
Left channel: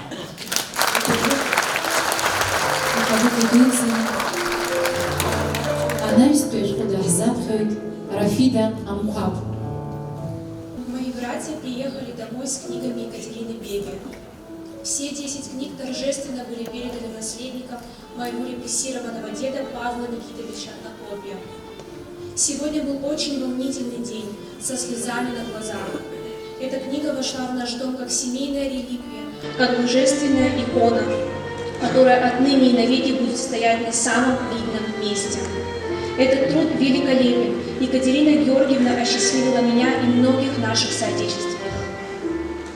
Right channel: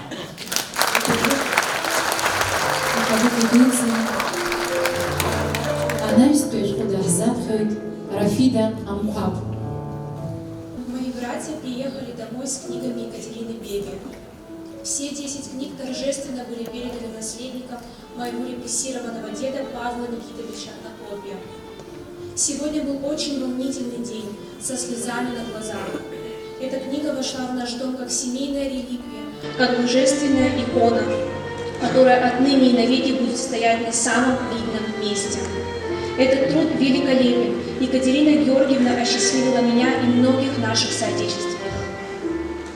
Она источник Захзатхайт Рафида Амхаб. Мои братья приехали домой с книгами Екатерины Беги. Все 10 книг торжественно были переданы наследникам моего репрессированного деда Павла Никитовича Накопия. Сегодня был очень волнительный день, со слезами на глазах. Эта книга вошла в наш дом как семейная реликвия, как божественная икона, которая отныне и навеки будет стоять на самом видном месте. Этот труд великолепен. Екатерина Георгиевна осчастливила меня и многих наших соотечественников.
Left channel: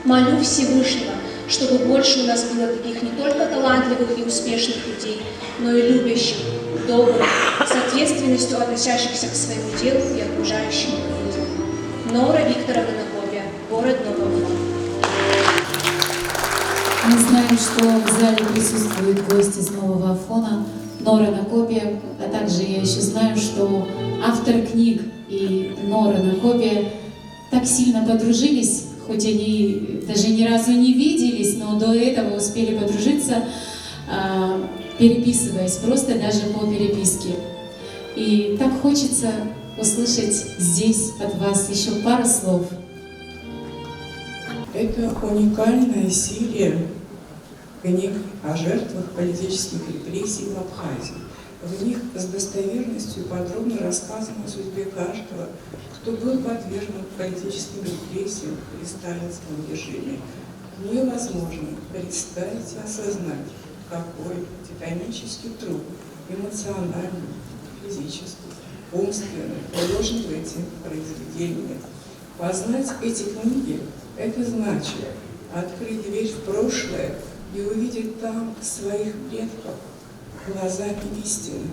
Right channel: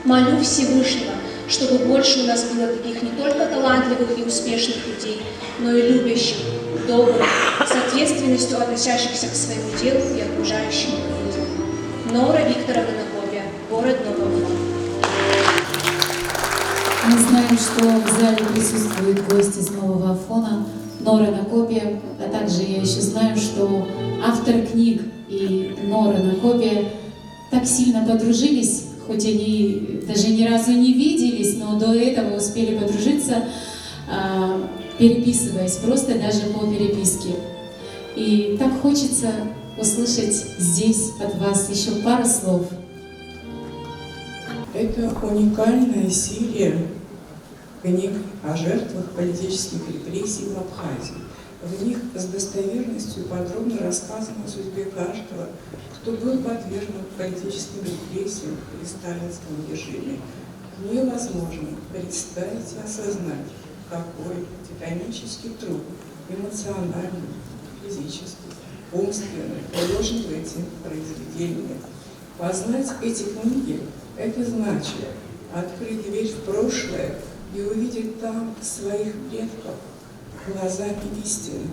Молю Всевышнего, чтобы больше у нас было таких не только талантливых и успешных людей, но и любящих, добрых, с ответственностью относящихся к своему делу и окружающему миру. Нора Викторовна Накопия, город Новый Афон. Мы знаем, что в зале присутствуют гости из Нового Афона, Нора Накопия, а также я еще знаю, что автор книг и Нора Накопия так сильно подружились, хоть они даже ни разу не виделись, но до этого успели подружиться, переписываясь, просто даже по переписке. И так хочется услышать здесь от вас еще пару слов. Это уникальная серия книг о жертвах политических репрессий в Абхазии. В них с достоверностью подробно рассказано о судьбе каждого, кто был подвергнут политическим репрессиям при сталинском режиме. Невозможно представить и осознать, какой титанический труд, эмоциональный, физический, умственный, вложен в эти произведения. Познать эти книги – это значит открыть дверь в прошлое и увидеть там своих предков глазами истины,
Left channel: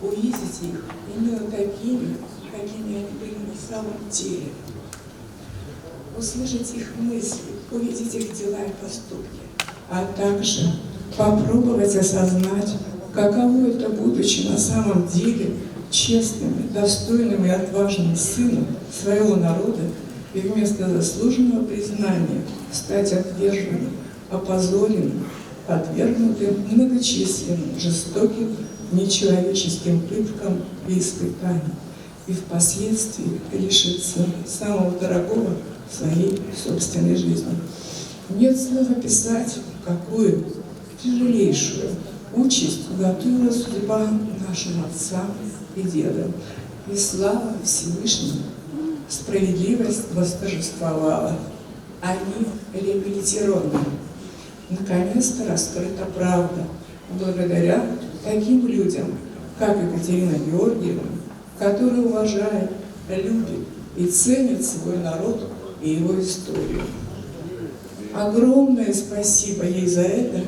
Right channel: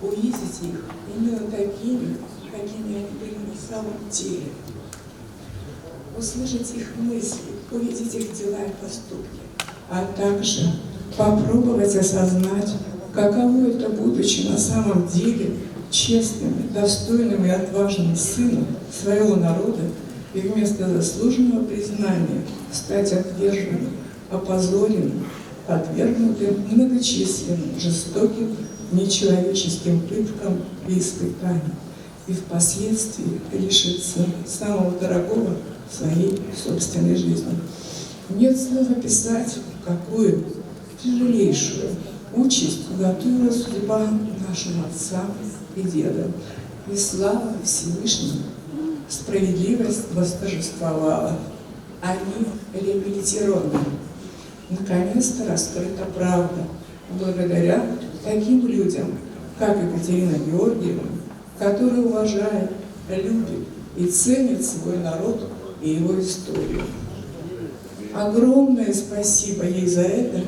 увидеть их именно такими, какими они были на самом деле, услышать их мысли, увидеть их дела и поступки, а также попробовать осознать каково это, будучи на самом деле честным, достойным и отважным сыном своего народа, и вместо заслуженного признания стать отверженным, опозоренным, отвергнутым многочисленным, жестоким, нечеловеческим пыткам и испытаниям, и впоследствии лишиться самого дорогого в своей собственной жизни. Нет слов описать, какую тяжелейшую участь уготовила судьба нашим отцам и дедам. И слава Всевышнему, справедливость восторжествовала. Они реабилитированы. Наконец-то раскрыта правда, благодаря таким людям, как Екатерина Георгиевна, которая уважает, любит и ценит свой народ и его историю. Огромное спасибо ей за это,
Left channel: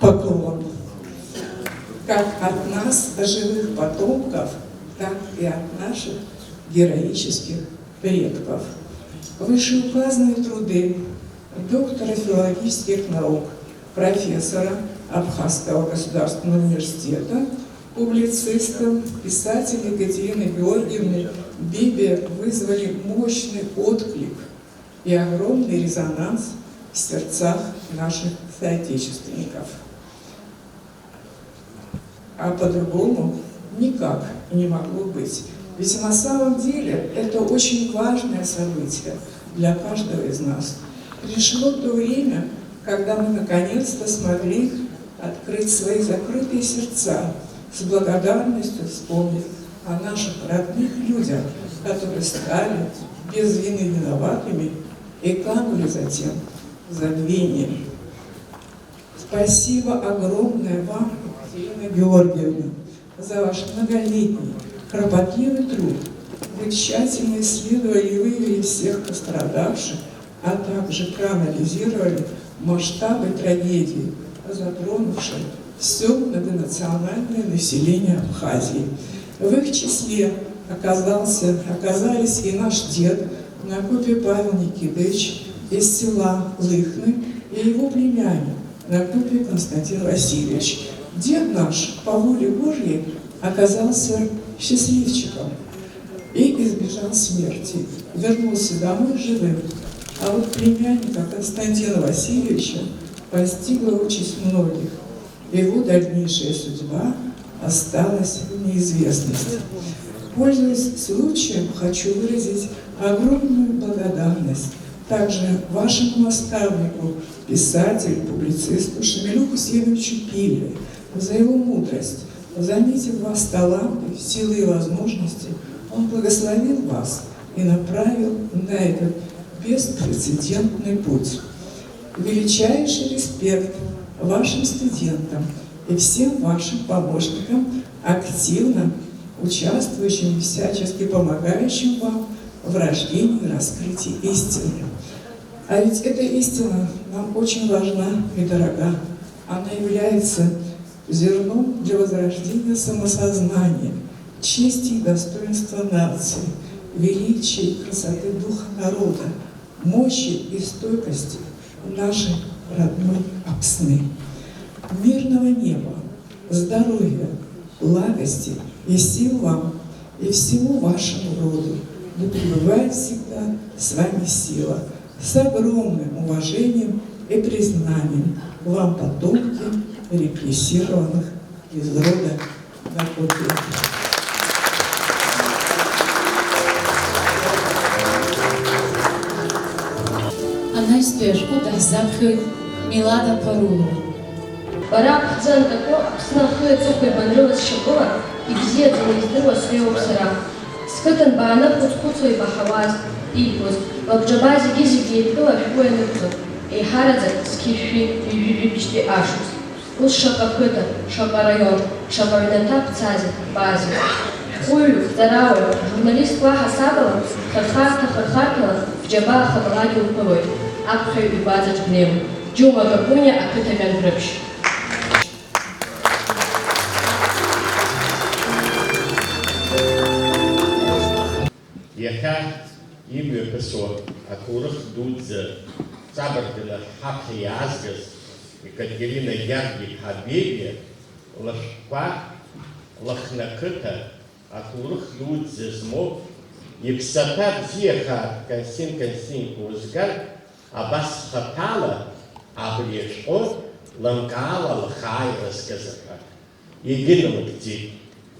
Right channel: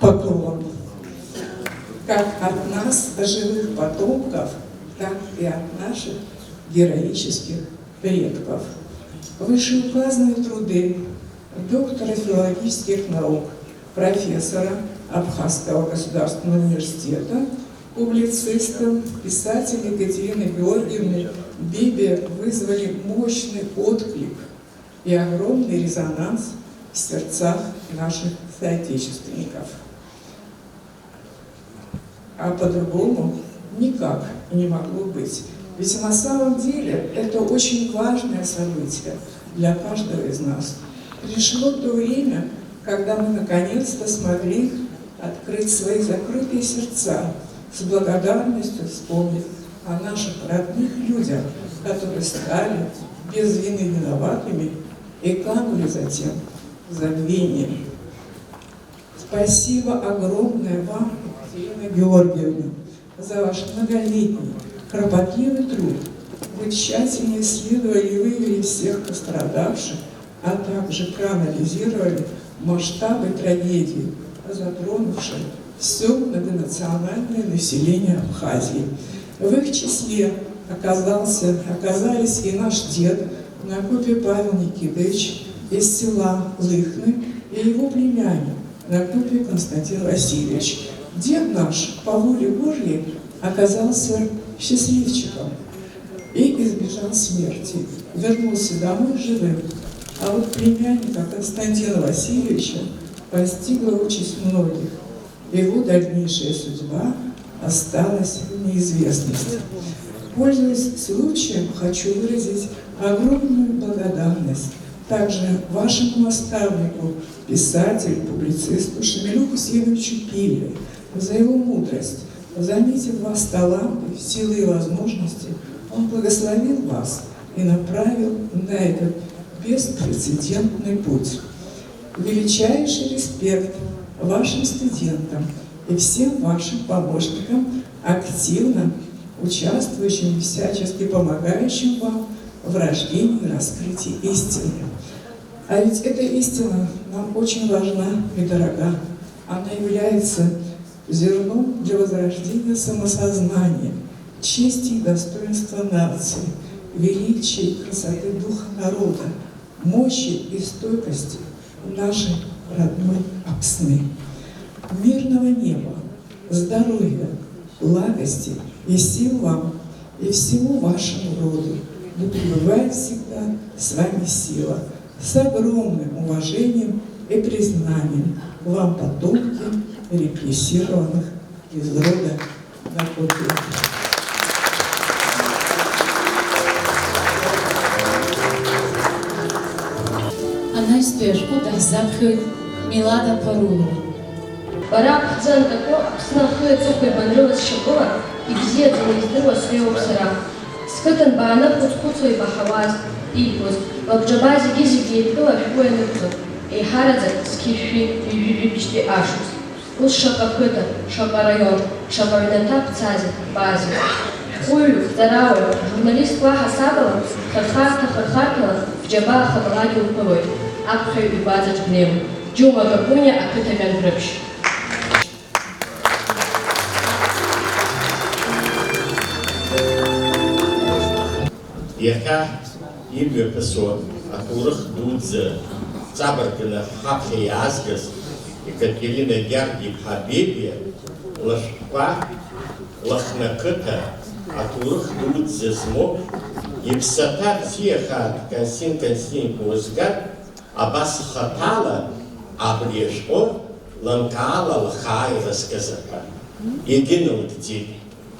поклон, как от нас, живых потомков, так и от наших героических предков. Вышеуказанные труды доктора филологических наук, профессора Абхазского государственного университета, публициста, писателя Екатерины Георгиевны Бебе вызвали мощный отклик и огромный резонанс в сердцах наших соотечественников. А по-другому никак не могло быть. Ведь на самом деле это очень важное событие для каждого из нас. Пришло то время, когда мы наконец-то смогли открыть свои закрытые сердца, с благодарностью вспомнив о наших родных людях, которые стали без вины виноватыми и канули затем в забвение. Спасибо огромное вам, Екатерина Георгиевна, за ваш многолетний кропотливый труд. Вы тщательно исследовали и выявили всех пострадавших, а также проанализировали масштабы трагедии, затронувшей все многонациональное население Абхазии. В их числе оказались и наш дед Накопий Павел Никитович из села Лыхны и его племянник Накопий Константин Васильевич. Дед наш по воле Божьей оказался счастливчиком и избежал смерти, вернулся домой живым. А вот племянника Константина Васильевича постигла участь многих. Его дальнейшая судьба осталась в неизвестности. Пользуясь случаем, хочу выразить огромную благодарность также вашему наставнику, писателю, публицисту Шамилю Хусейновичу Пилеве за его мудрость. Заметив вас таланты, силы и возможности, он благословил вас и направил на этот беспрецедентный путь. Величайший респект вашим студентам и всем вашим помощникам, активно участвующим и всячески помогающим вам в рождении и раскрытии истины. А ведь эта истина нам очень важна и дорога. Она является зерном для возрождения самосознания, чести и достоинства нации, величия и красоты духа народа, мощи и стойкости нашей родной Апсны. Мирного неба, здоровья, благости и сил вам и всему вашему роду. Да пребывает всегда с вами сила, с огромным уважением и признанием вам, потомки репрессированных из рода Накопия. Анаистуешку дахзапхы Милада Парула. Барак Дзандако Апснахы Цукой Банрылас Шабула и Бзет Занездырва Свеу Сара. Скытан Баана Пуцкуцу и Бахаваз Ильбуз, Вабджабази Гизиги и Пила Шуэнукцу, и Харадзак Скифи и Вибибичти Ашус. Уз Шакапыта, Шакарайон, Шакаринатап Цази, Бази. Хуйлю, Зарауэ, журналист Клаха Сабала, Хархарта, в Джаба Хабалаги Упылой, Апхай и Базач Гневу, Джума Гакуня, Апытамян Грыбш. Ехка и Бюрпесо, Акурах Дудзе, Цабартина Хапли Азгас, Екатерина Ярки Хабибия, лашқәа, лахнақыҭа, аҭоурых дуӡӡа змоуп, иԥсаҭа бзиахааит Константин Константин-Озгар, абас хаҭала абри ашәҟәы лымкаала лхааира зкызаҳәа. Егьыналыгӡеит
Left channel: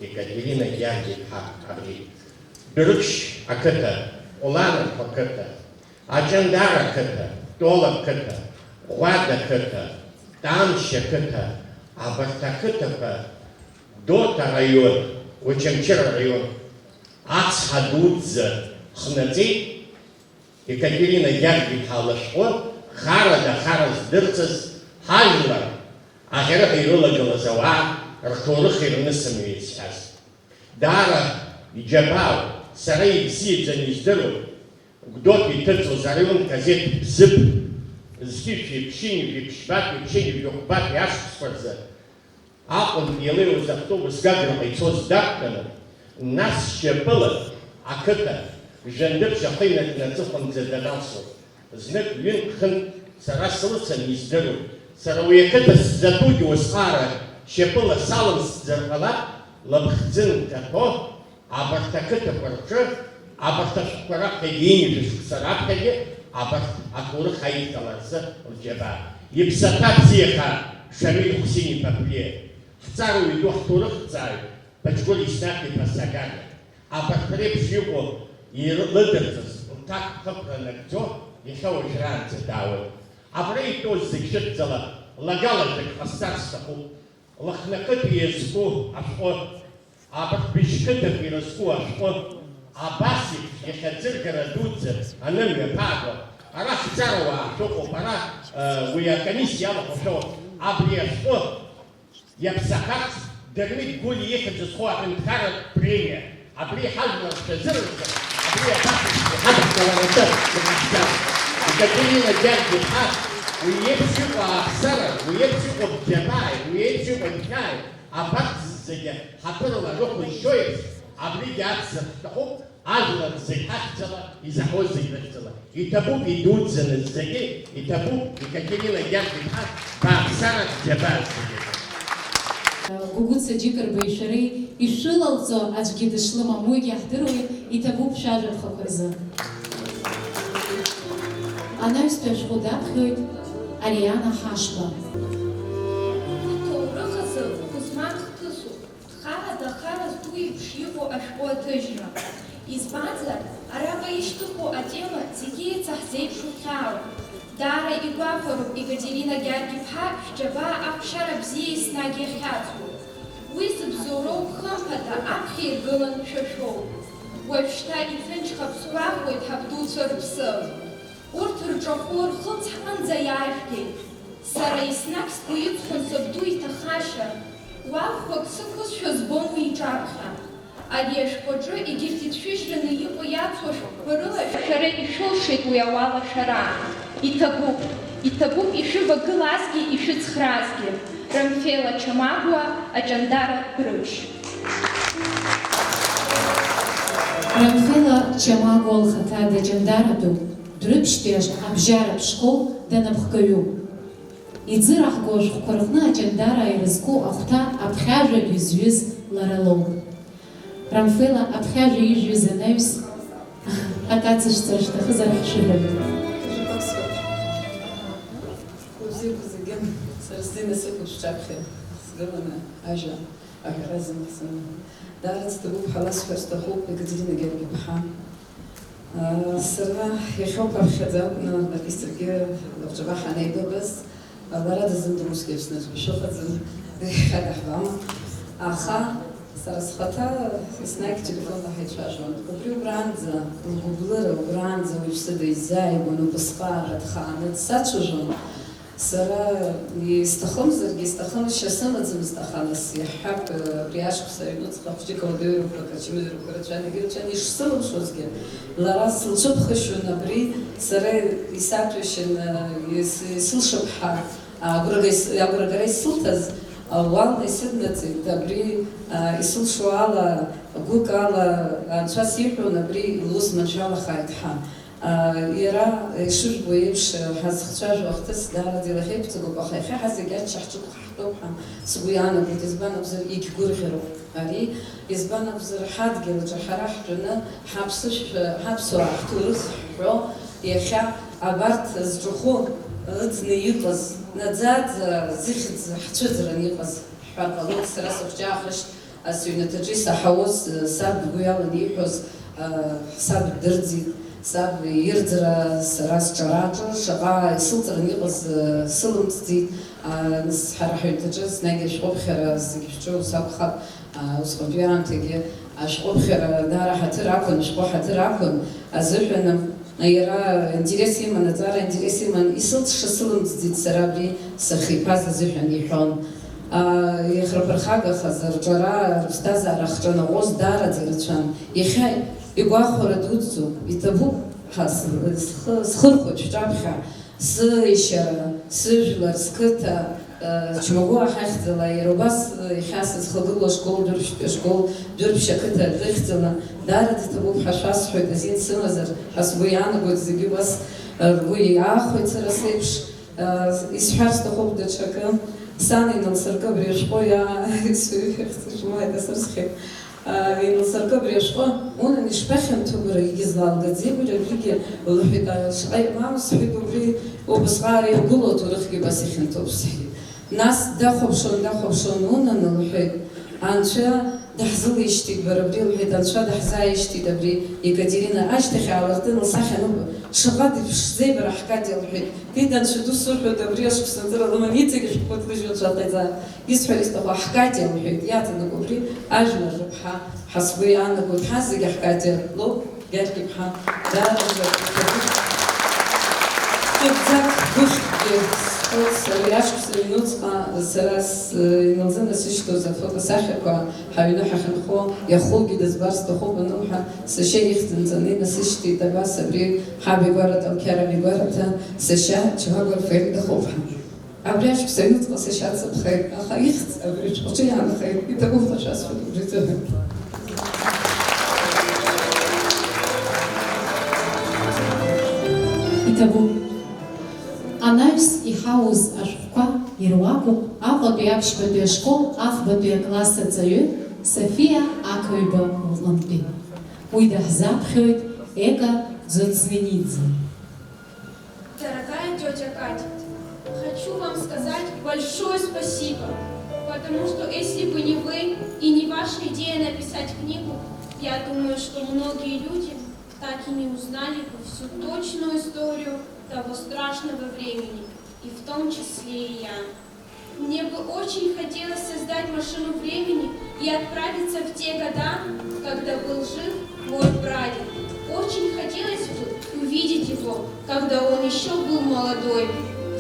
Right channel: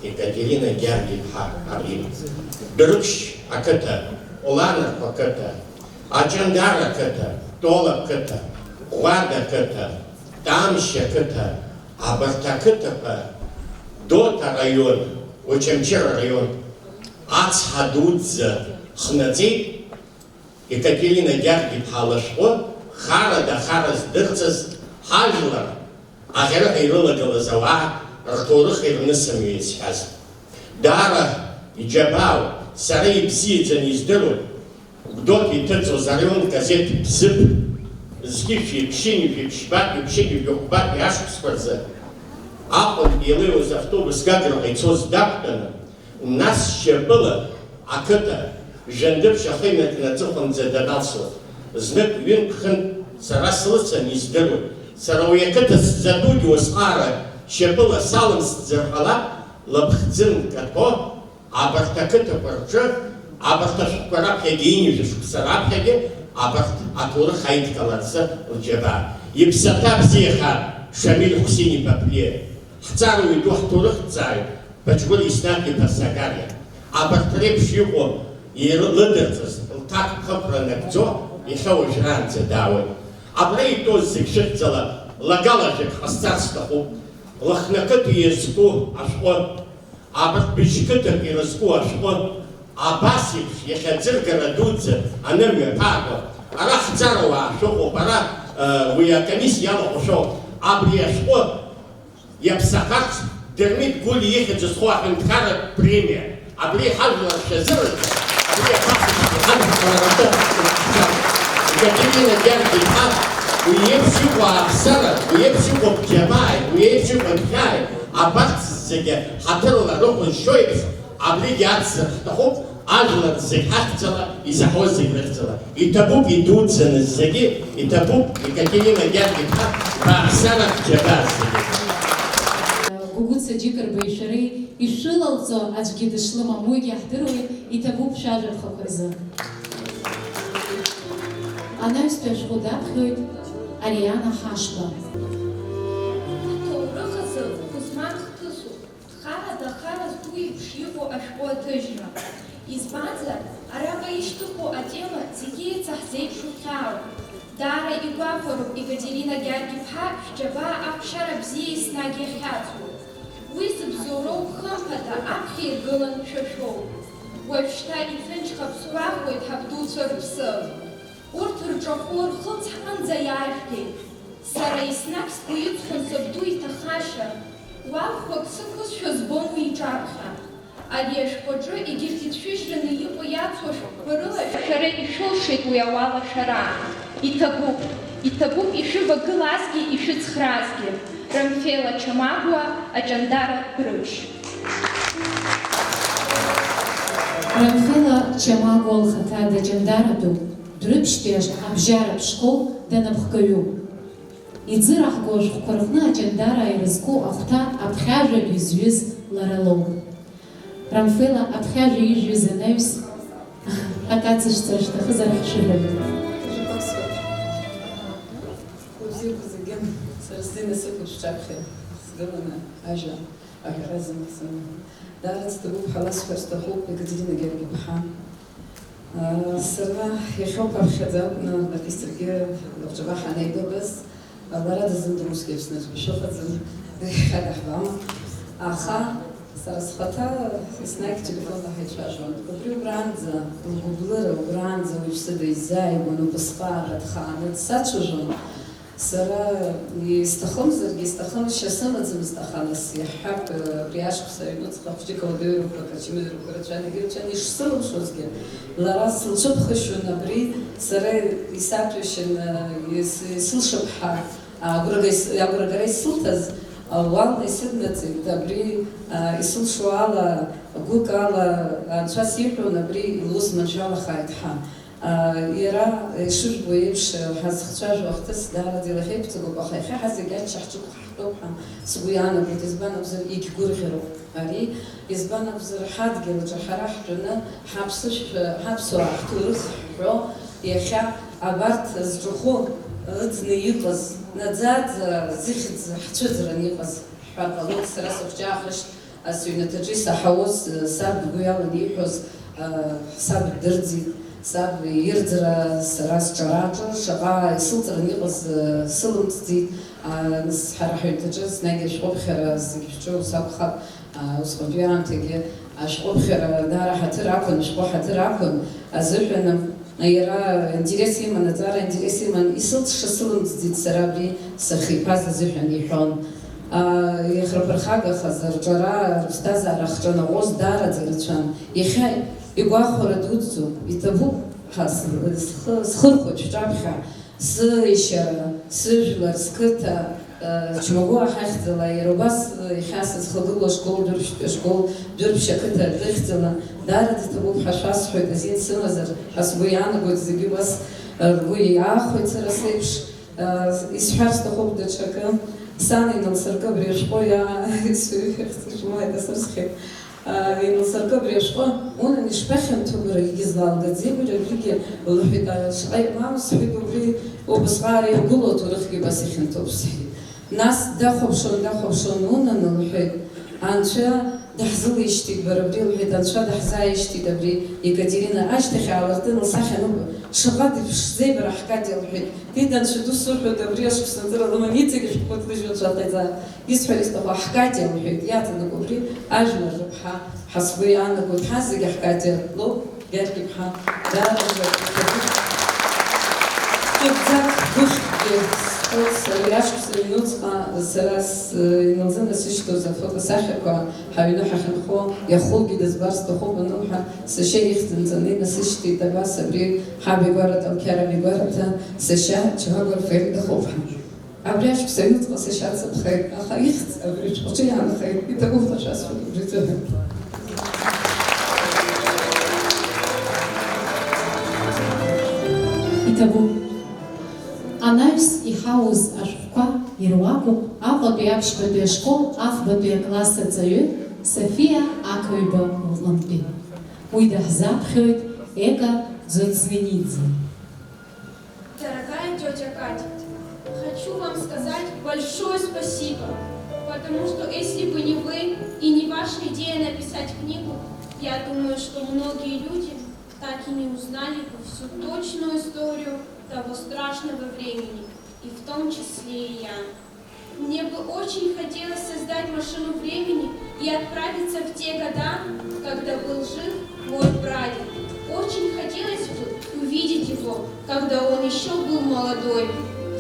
Екатерина Георгиевна абри. Дәрыԥшь ақыҭа, Уланатәа ақыҭа, Аҷандар ақыҭа, Тола ақыҭа, Ӷәада ақыҭа, Тамшь ақыҭа, абарҭ ақыҭақәа Дота араион, Очамчыр араион, ацҳа дуӡӡа хнаҵеит Екатерина Георгиевна лышҟәы хара здырҵаз ҳажәлар аӷьараҟа ирылагылаз ауаа рҭоурых ирнысымҩ изҳәаз. Даара иџьабаау, сара ибзиаӡаны издыруа, Гәдоуҭа иҭыҵуаз араион газеҭ Бзыԥ зқьышәи, ԥшьынҩажәи, ԥшьбатәи, ԥшьынҩажәи, ӷәбатәи ашықәсқәа рзы аҟынтәи илеиуаз автобус Гаграҟа ицоз дақәтәаны, нас шьапыла ақыҭа Жәандыԥшь ахыҩнатәи аҵыхәанӡа даналсуа, знык-ҩынтә хынтә сара слыцын издыруа, сара уи ақыҭа сзатәугьы уасҟара шьапыла салымсӡар ҟалап, лыԥхӡы нкаҭәо, абарҭ ақыҭақәа рҿы, абарҭ ашәҟәқәа раԥхьагьы иинжәы шықәса раԥхьагьы, абарҭ аҭоурых аидкыларцы лџьабаа. Иԥсаҭа бзиахааит Шамил Хәсин-иԥа Ԥлиа, ҳҵаруаҩ ду ҳҭоурыхҭҵааҩ Баџьгәыр Еснақ-иԥа Сакариа, абарҭ реиԥш иҟоу ирылыдырҵаз лҭакԥхықәра нагӡо иахьа уажәраанӡа даауеит. Абра итәоу зегь шыхьӡала лагалажәак ҟасҵар сҭахуп. Лыхнакыҭа иазку ашәҟәы, абарҭ быжьқыҭак ирызку ашәҟәы, абас еиԥш иахьа ӡыргара дуӡӡа анымҩа ҭааго, ара ҳҵарауаа шәыҟоуп, ара уи акомиссиа иалахәашәоуп. Абри ашәҟәы иаԥсахарц Дырмит Гәли ихьӡ зху аҳәынҭқарратә премиа. Абри ҳажәлар шәазырыӡ, абри Екатерина Георгиевна, уи еиԥш иҟоу ааԥсара, уи еиԥш иҟоу бџьабааи, уи еиԥш иҟоу нхааи, абарҭ зегьы ҳаҭырла рықәызшьо еиԥш, абригьы ацзар ҳҭахуп, ажәлар зегь ҳахьӡала, изаҳауа зегь рыхьӡала. Иҭабуп идуӡӡаны зегьы, иҭабуп Екатерина Георгиевна бааԥсара бџьабаа зегьы. Гугуца Џьыкырбеи шәареи ишылалҵо аӡәгьы дышлымам, уигьы иаҳдыруеит, иҭабуп шәажәаԥхақәа рзы. Анаҩстәи ашәҟәы даԥхьоит Ариана Ҳашба. Аҭоурых азы Қәызман хҭысуп, хара зду еиԥш иҟоу ашәҟәы аҭыжьра. Избанзар, араҟа ишьҭыху атема зегьы еицаҳзеиԥшу хьаауп. Даара игәаҟароуп Екатерина Георгиевна шәџьабаа аԥшьара бзиа еснагь иахьаҵуа. Уи зыбзоуроу хымԥада аԥхьа иргылан шәашәоуп. Уажәшьҭа иҭынчха ԥсуахуеит ҳабдуцәа рыԥсы. Урҭ рҿахәы рхылҵҳҟынӡа иаажәгеит. Сара еснагь сгәы иҵхон сабду иҭахашьа. Уалхәак сықәызшәа збон уи иҿаԥхьа. Ари ашәҟәаҿы егьырҭ ицәыжьраны иҟоу иацу ашәҟәқәа рыла шәара ишәылшеит уи ауалашәара. Иҭабуп ишәывагылазгьы ишәыцхраазгьы. Рамфела Чамагәа, Аҷандара Дәрыԥшь. Рамфела Чамагәа лхаҭа даҷандаратәуп, Дәрыԥшьтәи абжьаратә школ данапхгаҩуп. Иӡыраҳго ашәҟәқәа рҟны Аҷандара ирызку ахәҭа аԥхьажәаҩ изҩыз лара лоуп. Рамфела аԥхьажәаҩ ижәыз анаҩс акацыжьцара шәҭахызар ҳшәыҳәап. Насыпуп шҿаԥхьа сгыланы ажәа аҳәара зымцаны. Даара ҵҭабуп ҳаласҳәар сҭахуп Екатерина Георгиевна. Сара иахьоуп аԥхьаӡа акәны написаргьы лабҿаба ҳанеибабыз, лара дазымдыруазгьы Аԥсны шыҟаӡам, иахьадаҳбама. Аха сара схаҭа еснагь телефонла ҳаицәажәон. Убри убранӡа, лгәыблыра убранӡа уаҩԥсыда изааигәан убасҟаара дхааны дсацәажәон. Сара исҭахымзаргьы исҭахымшьа сымаӡамызт, аха нас иаҳҳәап абри ашықәс аҩнуҵҟа хәыҷык ауадаҩрақәак, ачымазарақәа рацәан егьырацәан ишсылымшозгьы, лара сылцәыԥхашьон абри сара исаҭәашьан исылшыԥҳа агәрагара исылҭаз уална исыднаҵеит, абри исылшо ала, гәык ала анцәа сиҳәон, абри лус маншәалахааит ҳәа. Иара ишырбо еиԥш ҳазхцәажәо ахҭыс даараӡа илахьеиқәҵагоуп, аха иахьа ҳазегьы аччаҳ-ҿык ҳтәоуп ҳәа сгәы иаанагоит, избан акәзар егьгәырӷьароуп ари, избан акәзар ҳадгьылаҿы ҳара ҳтәаны ҳаԥсуаа ҳҭоурых ҳҳәо иахьа абарҭ зҿахәы ыӡны иҟаз, наӡаӡа зыхьӡ ҳцәыӡран иҟаз ҳҳәар ҟалоит. Сара сыхәҷаахышт сыҩнаҭаҿы исаҳауаз саб бгәы иалан ииҳәоз, саб дырӡит, саб ирӡра сара сҿараҿы шаҟа исылҵран иҟаз сылымҵӡит. Нас ҳара ҳҩнаҭаҿы снагь ашәҟәыԥхьара зегьы шәҿу сакәхап, усҟантәи аамҭагьы ашәҟәыԥхьара даара ҳаҭыр ақәын, ашәҟәы ҳаҭыр ақәын азыҳәан иара интерес иман, аҵара интерес иман, исылҵша сылымҵӡит сара абри сахиԥаз азыҳәан иҳәон. Иахраԥырхагахаз рҿара, рыԥсҭазаара хҿанаҟәоз даараӡа рацәан. Иахьа игәахәара дуӡӡоуп, иҭабуп схырхәоит шәҿаԥхьа сышьара, сыжәлар, сқыҭа, џьмагәы ахьахьӡала, иара убас иахьа сызхагылоу ашкол Дәырԥшь ақыҭа рыхьӡала, даараӡа иҭабуп ҳәа шәасҳәоит, азин сымазар ҳәа сгәы иаанагоит, зегьы убас ргәы иаахәеит сара сеиԥш. Исҳәар сҭахуп даҽакы, сан иналсыркы абри ашәҟәы исырсхьеит. Иналсыркы абри ашәҟәы, унан ишԥахьанҭоу бара, егьызлалгаӡеи бара, абригьы лҳәеит, шаҟа имам сҳәеит, убри убасҟаара иргылоу аҭоурыхгьы убас ихьанҭоуп сҳәеит. Нас дахәаԥшуан, унан лҳәеит, анцәа даҳзылишьҭит бара, абри лҳәеит, анцәа даҳзааишьҭит абри Екатерина, ашьҭахь аалыртын лсахьа аныҟәа, шаҟа дыԥшӡеи бара ҳкатиа лҳәеит, дит анцәа ду сырҳәоит, абри ашықәсанҵыра лыман иҵегь шәҟәык дыжәлан шаҟаиҵа, исҳәар исҭаху ҳкатиа лҳәеит, иаҵанакуа абри ажәлар рыԥҳа, ҳа сгәы иаанагоит, ҳа зегьы ҳкатиа лоуп, Гьаргь-иԥҳа, даараӡа ҭыӡак гәыхьгьы сара иашықәса ҩнуҵҟа сара иналзынасышьҭоз афотосахьақәа ҳаҩны ҳахьынхо, иахугьы дызбар сҭахуп анылҳәа, сашьа ихьӡынҵаны инасышьҭит, абас абри ҳаб игәараҭа, Алқьарам игәараҭа, сашьа Ҷавагәар Фаилдахоуп. Абри ашықәса ҩнуҵҟа сашьа дсыԥхеит, аха ихьӡ абри ҽҟәҿы иаанхеит, иҭабуп ҳәа шәасҳәоит убри ҵәыҳәан. Иҭабуп. Анаҩс иҳауз ашәҟәқәа ируакуп Аҟәатәи аԥшьбатәи ашкол афбатәи акласс аҵаҩы Софиа Ақаҩба Лҟынтәи. Уи даҳзаԥхьоит Ека Дзоцненидзе. Дорогая тетя Катя, хочу вам сказать большое спасибо, потому что если бы не вы и не ваша идея написать книгу, я думаю, что многие люди так и не узнали бы всю точную историю того страшного времени, и в том числе и я. Мне бы очень хотелось создать машину времени и отправиться в те года, когда был жив мой прадед. Очень хотелось бы увидеть его, когда он еще был молодой.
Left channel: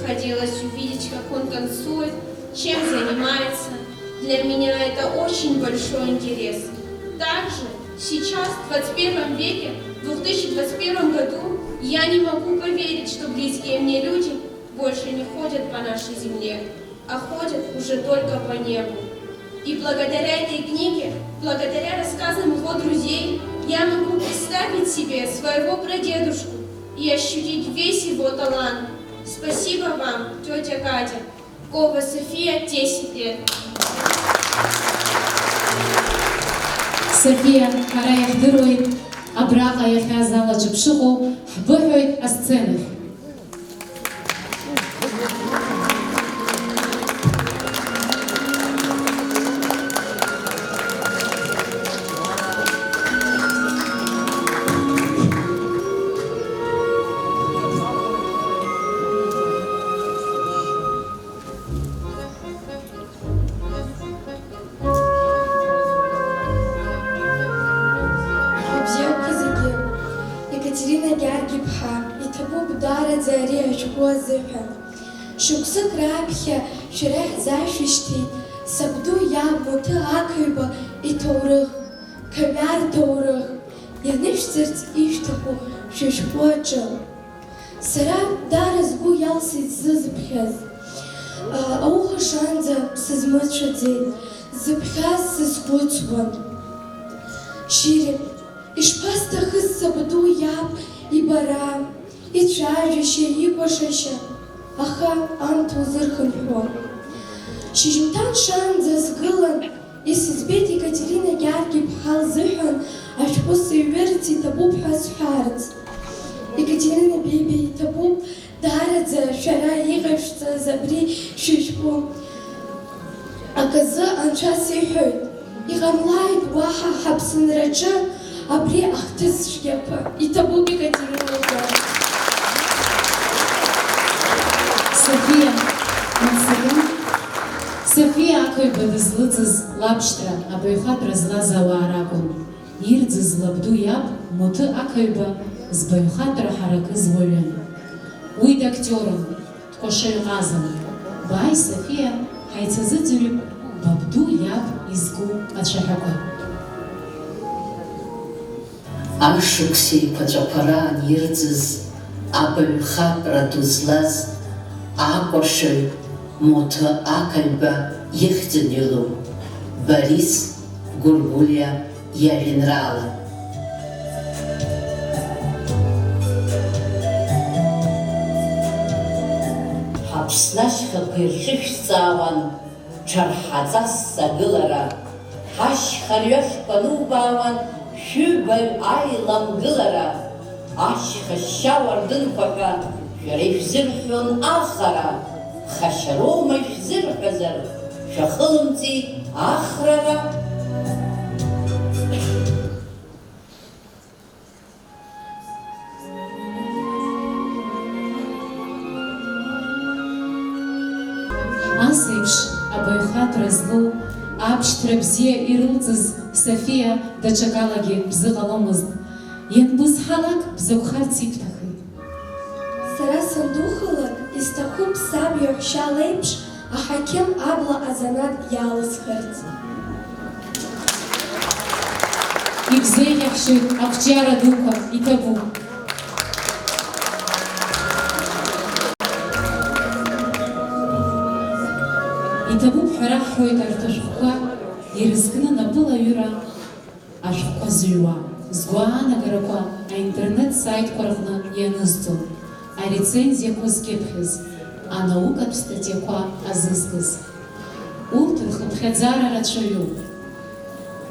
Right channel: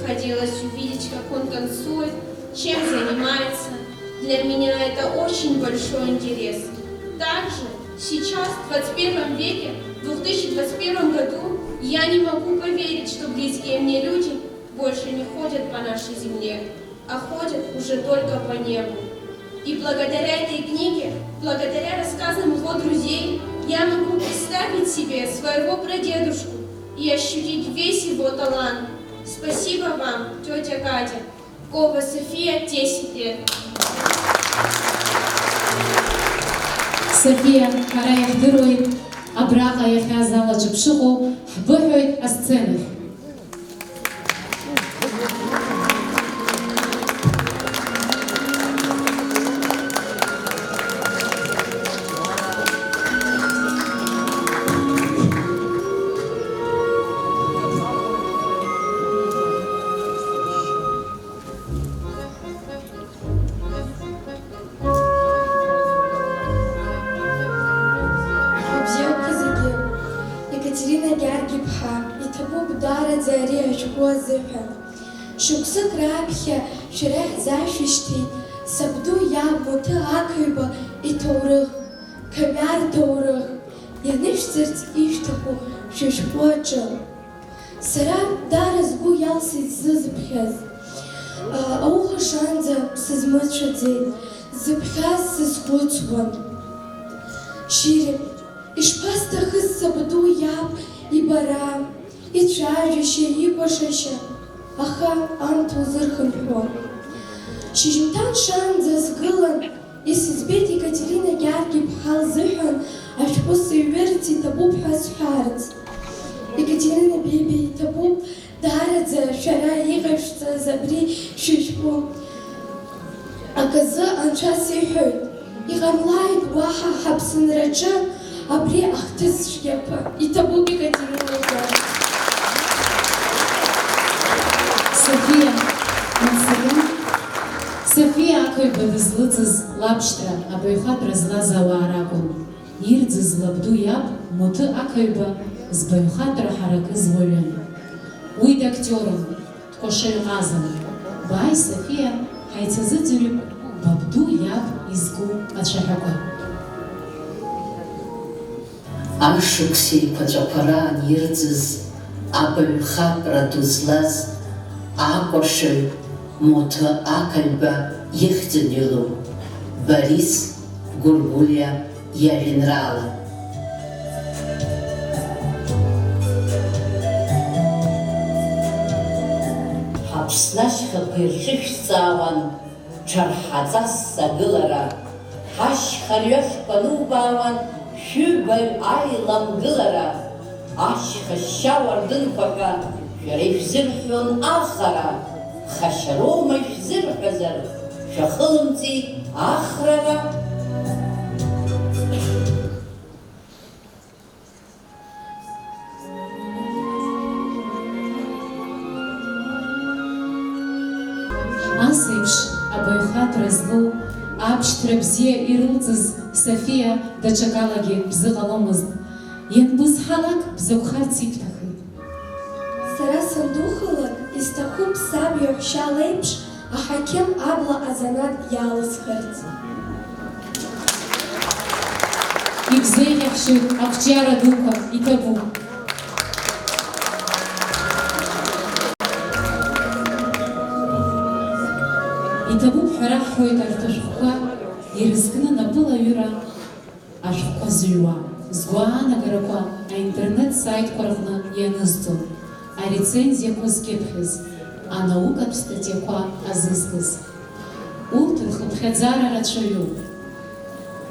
Хотелось увидеть, как он танцует, чем занимается. Для меня это очень большой интерес. Также сейчас, в 21 веке, в 2021 году, я не могу поверить, что близкие мне люди больше не ходят по нашей земле, а ходят уже только по небу. И благодаря этой книге, благодаря рассказам его друзей, я могу представить себе своего прадедушку и ощутить весь его талант. Спасибо вам, тетя Катя. Кова София, 10 лет. София, ҳара иахдыруеит, абраҟа иахьа азалаҿы бшыҟоу, ҳбыҳәоит асценахь. Шықәсык раԥхьа шәара ҳзашәышьҭит сабду иаб Муҭы Ақаҩба иҭоурых, Қамиар ҭоурых, ианышәҵарц ишәҭаху шәышәҟәы аҿы. Сара даара сгәы иалсит сзызыԥхьаз. Ауха шанӡа сызмыцәаӡеит, зыԥхьаз сызхәыцуан. Шьыри, ишԥасҭахыз сабду иаб ибара, ицәажәашьа, икәашашьа, аха анҭ узырхынҳәуа. Шьыжьымҭан шаанӡа сгылан, исыӡбеит Екатерина Гьаргь-иԥҳа лзыҳәан ашәҟәы сыҩҩырц иҭабуп ҳәа сҳәарц. Екатерина Бебиа иҭабуп даараӡа шәара иҟашәҵаз абри шәышәҟәы. Аказы анцәа сиҳәоит, иҟамлааит уаҳа ҳаԥсынраҿы абри ахҭыс цәгьақәа. Иҭабуп Екатерина Гьаргь. Софиа ақаҩба дызлыҵыз лабшьҭра абаҩхатәра злаз ауаа ракәын. Ирӡыз лабду иаб Муҭы ақаҩба збаҩхатәра ҳаракыз уаҩын. Уи дактиорын, дкәашаҩ-ҟазан. Бааи, Софиа, ҳаицазыӡырҩып бабду иаб изку ацәаҳәақәа. Ашықәс еиқәаҵәақәа раан ирӡыз абаҩхатәра ду злаз акәашаҩ Муҭы ақаҩба ихьӡын илоу Борис Гәыргәлиа иажәеинраала. Ҳаԥсны ашьхақәа ирхьышәҵаауан ҽарҳаҵас агылара, ҳашьха рҩашқәа нубаауан шәыбаҩ аиламгылара, ашьха шьа уардынқәа ҳәа шәара ишәзырҳәон ахара, хашьароума ишәзырҳәазар, шәахылымҵи ахрара. Ас еиԥш абаҩхатәра злоу, абшьҭра бзиа ирылҵыз Софиа даҽакалагьы бзы ҟаломызт. Ианбызҳалак бзықәхарц ибҭахит. Сара сандухалак, исҭахуп саб иаҳәшьа леиԥш аҳақьым абла азанат иалысхырц. Ибзеиӷьахшьоит ақәҿиара дуқәа, иҭабуп. Иҭабуп ҳәа раҳҳәоит арҭ ашәҟәқәа, ирызкны напылаҩыра ашәҟәқәа зыҩуа, згәаанагарақәа аинтернет сайтқәа рҟны ианызҵо, арецензиақәа зкьыԥхьыз, анаукатә статиақәа азызкыз. Урҭ рхыԥхьаӡара рацәаҩуп.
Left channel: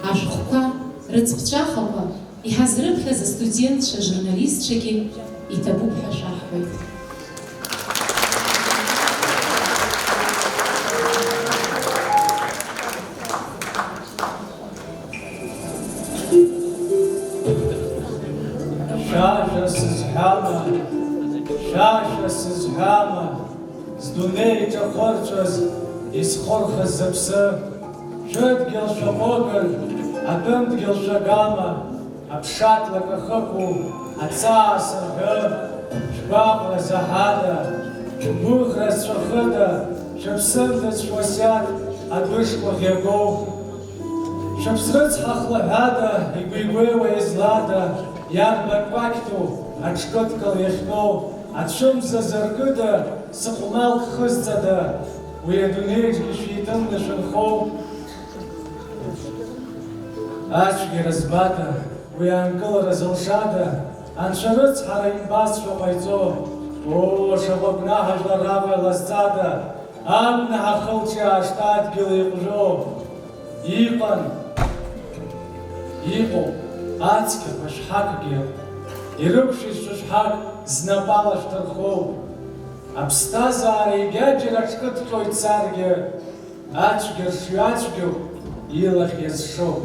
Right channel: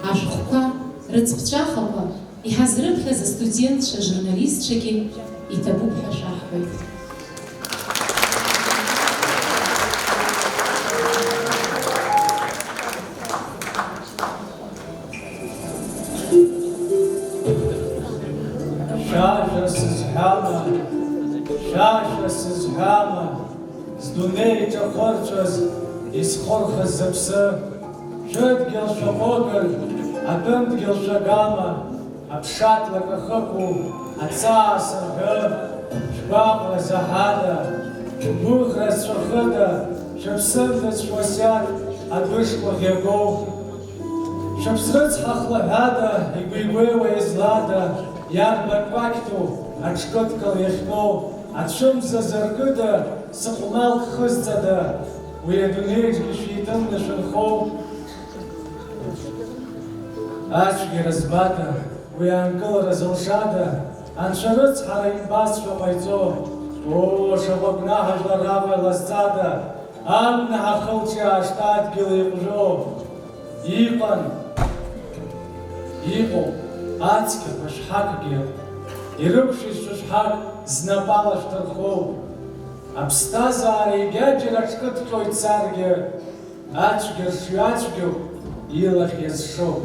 Ашәҟәқәа, рыҵԥҵәахақәа, иҳазрыԥхьаз астудентцәа, журналистцәагьы иҭабуп ҳәа шәаҳҳәоит. Шаша сызҳәама, шаша сызҳәама, здунеи иҿахәырцәаз, исхәырхыз зыԥсы, шәыдгьыл шәаҟәыган, атәымдгьыл шәагама, аԥшатлак ахықәу, аҵаа сырҳәы, шәгәаҟра заҳада, шәгәыӷра зцәахыда, шәыԥсымҭац шәуасиаҭ адәышқәа ӷьагоу, шәыԥсрыцҳа хлаҳәада, игәигәеиуа излада, иарбак кәакьту, аҽкыдкыл иахьтәоу, ацәымза зыркыда, сыҟәмалк хызҵада, уи адунеиҿгьы шәиҭынны шәынхоу. Ацәгьара збада, уи аанкылара зылшада, анцәа рыцҳара имбазшәа ҟаиҵо, шаҟа гәнаҳа жәлар лазҵада, агәнаҳа хылҿиаашт адгьыл иҟәжәо. Иҟан, иҟоуп ацқьақәа шәҳакгьы, ирықәшәеит шәышҳак знапала шәҭырхоу. Аԥсҭазаара егьаџьара аҽкыдҟьо ицаргьы, ацәгьа ршҩацәгьоуп илахь иазшоу.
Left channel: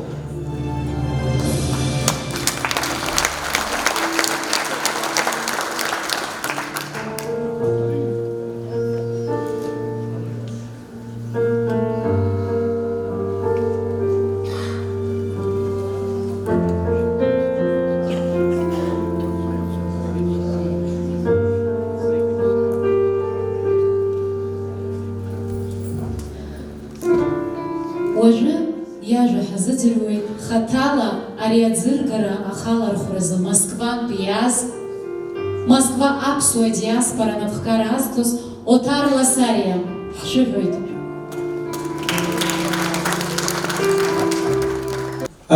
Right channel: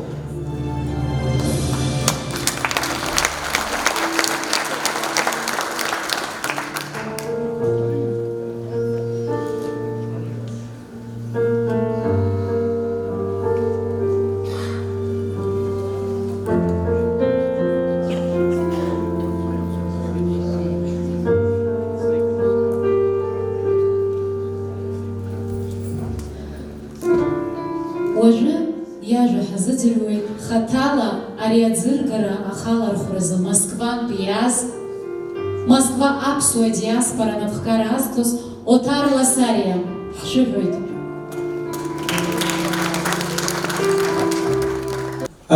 Уажәы иажәа ҳазыӡырҩуеит хаҭала ари аӡыргара ахалархәразы Москвантә иааз, Москва аԥсуа диаспора напхгара азҭоз Оҭар Ласариа ҳшәыҳәоит.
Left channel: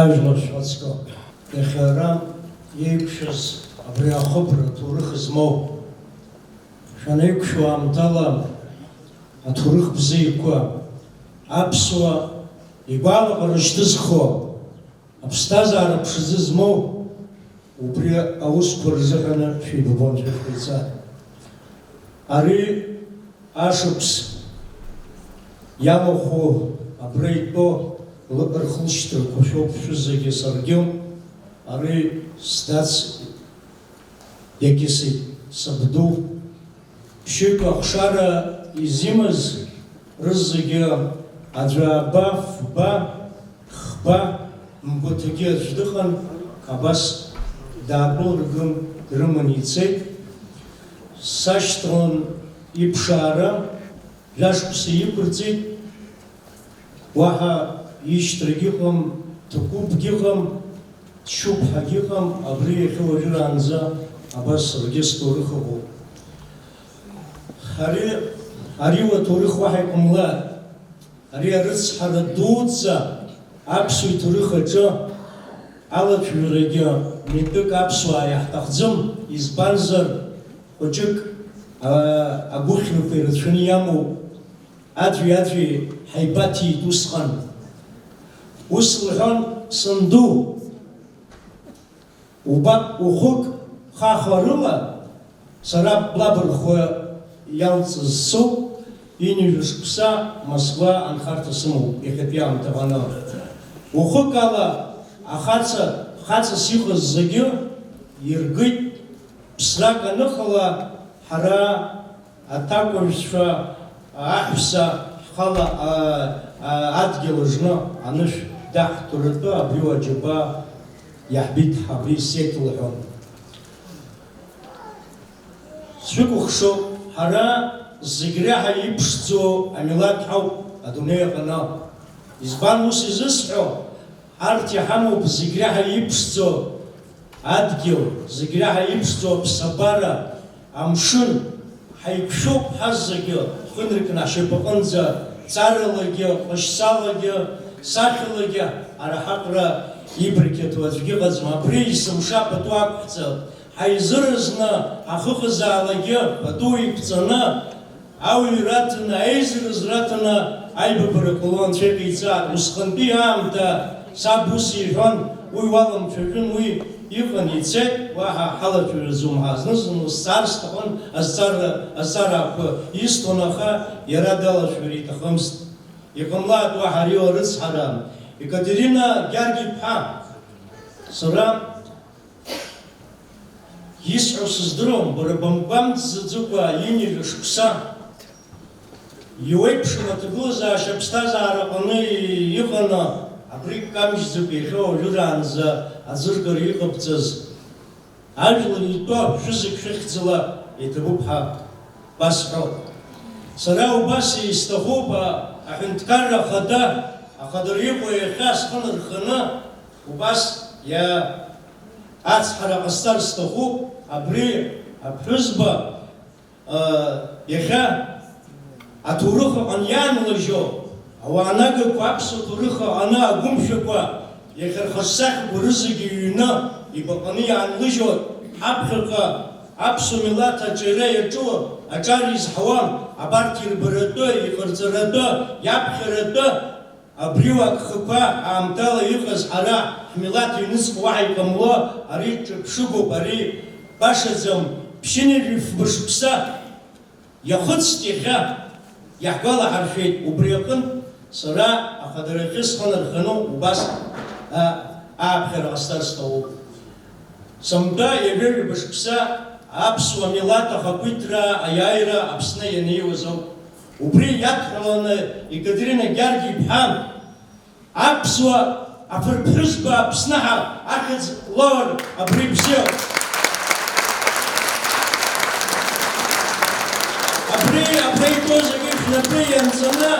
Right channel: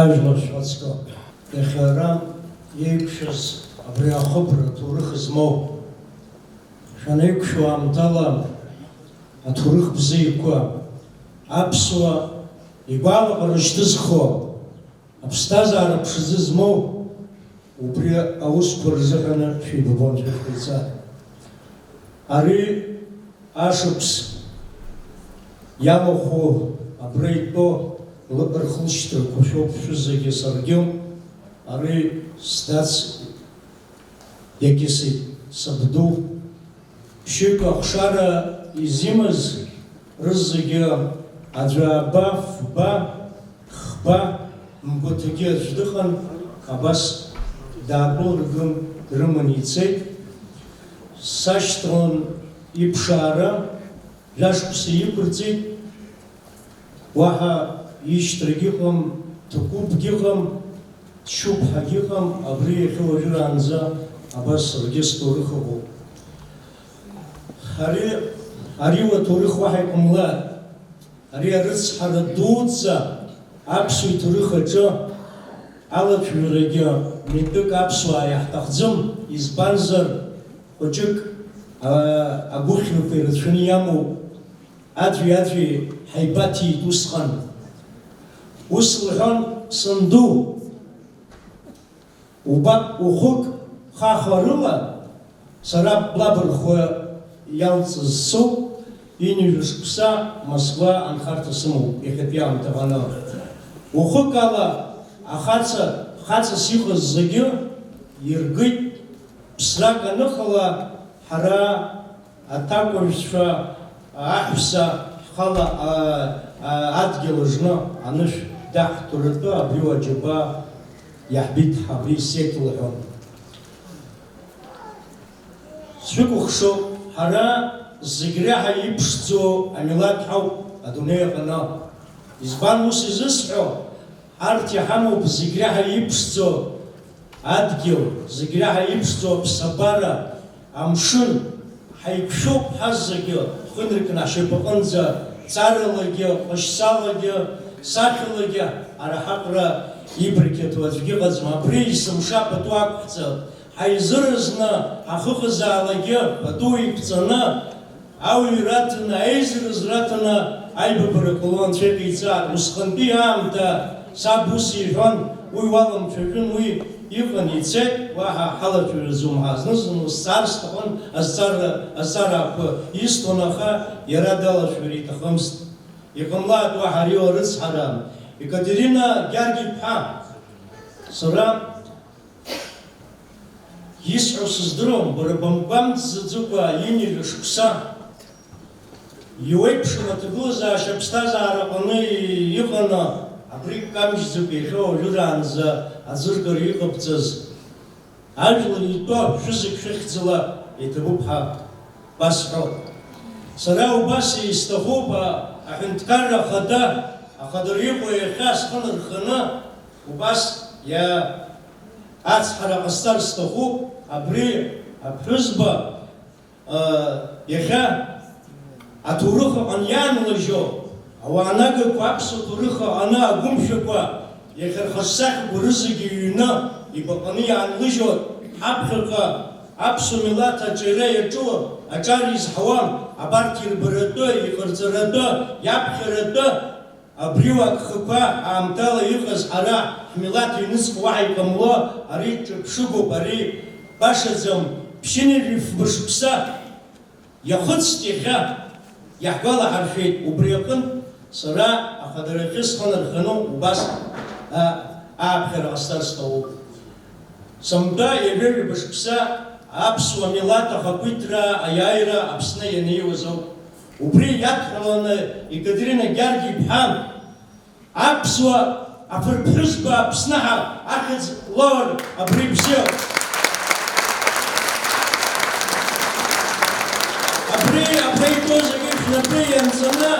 Ажәлар шәҟәыҵәҟьоуп, иахьа ара иеиԥшыз абри ахыбра аҭоурых змоу шәанаиқәшәо аамҭала аҭоурых бзиақәа аԥсуа игәалаҟара шьҭызхуа аԥсҭазаара ԥшӡы змоу убри аусқәа рзыҳәаны шәибабон шәышәҟәиҵа. Ари ашықәс иамаху абра итәоу рхылшьҭрақәа шәоуп шәызегьы саргьы. Ари сдац иагьысит сабду ԥшьҩык ахшара изимаз рызегьы аӡәааба, фба, хба, мгәаҭагьы аӡә дыҟан, абас даакылырган дрыман ицеит. Сашьҭалан иԥшаара жәашықәса иқәырҵеит, уаҳа ишьҭрагь ыҟам, ҭакәыпгь ыҟам, шьуԥҳагь ыҟам, абри иахьа уажәраанӡа абас саргьы сҭоурых ыҟоуп. Ари уаҭоурых уаҳа иҟамлааит. Ари арыцҳара дуӡӡа аԥсуа иҭоурых аҿы алаԥшҩрагьы митәык аԥсуаа иаҳҭахӡам, избанзар хәыҷык агәыхьрақәа ирацәаны иамоуп. Аӡәи ҳаибаҭиит усҟан. Ус лҳәон санду, убап ухәык хахарыла сара блабырхәа иалҵыз соуп, инижә шықәса Москва анхарҭа сымоуп иахьатәи аамҭаҟны. Ухәык ала хаҵас иҟаз зегьы иргит. Ԥсрак аныҟала ҳара аҭакәажәцәа аҳәса ҳхала адгьыл аҿны анышә даҳҭоратәы абри аџьаба иаҳбит абри сеит лҳәон. Сшәыкәыхшоуп, ҳара зегь реиҳа иԥшӡоу амилаҭ ҳауп адунеи аҟны. Избан ус изысҳәо, арҭ иҳамоуп зегь реиҳа иԥшӡоу адгьыл, зегь реиҳа иԥшӡоу аԥсабара, амшын. Ҳаиқәшәоуп ҳазегьы ҳхынркны ҳшьапаҟынӡа ҵаралагьы, ҟашьсалагьы, сахьалагьы араҳаҟра ибрқьаҭу аӡәгьы ыҟаӡам. Абри есымша пату ақәҳҵап. Ҳаизыразны ҳахыҟазаалагьы пату иқәҵаны ауаҩ раҭаны, аизараз раҭаны аибабара ҟало анцәа иҟаиҵааит. Усҟантәи аамҭа саб ус иҳәон, уи уаламцәажәын, уи иҟан ицеит, уаҳа ҳалаԥшҩраӡом ҳа. Зны-зынла сцар сҭахын, азҵаарақәа исҭон, аха иара далаԥшҩыр иҭахымызт. Иҟамлааит уаҳа ари арыцҳара. Екатерина Гьаргь-иԥҳа, сара исҳәо сыздыруам, бара бымгәамҵӡаӡакәа инижә шықәса иуеиԥшым аҭагылазаашьа аԥсҭазаара аҟны иҟаны абри камшьӡакәа иахьа уажәраанӡа аӡыргара иҟабҵаз ажәлар итәы шәызык шәыхьӡала иҭабуп ҳәа басҳәоит. Сара убас исҭахуп аҳәынҭқарра ахада, ахадара иҟоу иахьа схы нырханы убас ацҳара ҟасҵар сҭахуп. Абри аԥҳәызба иахьа аҭоурых аҟны иаанлыжьо, ауаанагақәа аԥсуа ҭоурых аҟны агәымшәақәа иахьа рхаҿсахьақәа рызегьы ҩны ибаҟаны иаанлыжьо, ҳаԥхьаҟа аԥсуа милаҭ аҿиара иаҿу аҿар изҳауам. Абарҭ ирбаратәы, иҟарҵаратәы, иаԥхьаратәы абри агхақәа аамҭала иҟаз ҳара ҳмилаҭ иҩныҵҟа уаҳа иҟамло, ари ҿырԥшыгоуп, ари башаӡам. Ԥшьынҩажәи фба-шықәса иахыҵт иахьа, иаҳгәалаҳаршәеит. Убри аҟынтә сара ахадарахьы схы нарханы убас ааԥхьара ҟасҵар сҭахуп. Сымтәа иажәа-ҩба шықәса аԥсуа милаҭ ахақәиҭра аиааира Аԥсны ианеиуаз ауп. Убри иадҳәаланы Екатерина Гьаргь-иԥҳа аԥсуа афырԥҳәызба Аԥсныҳа ахьӡ лоур абри бзиоуп. Абри аԥеитәоу зегьы шәнапы ианҵаны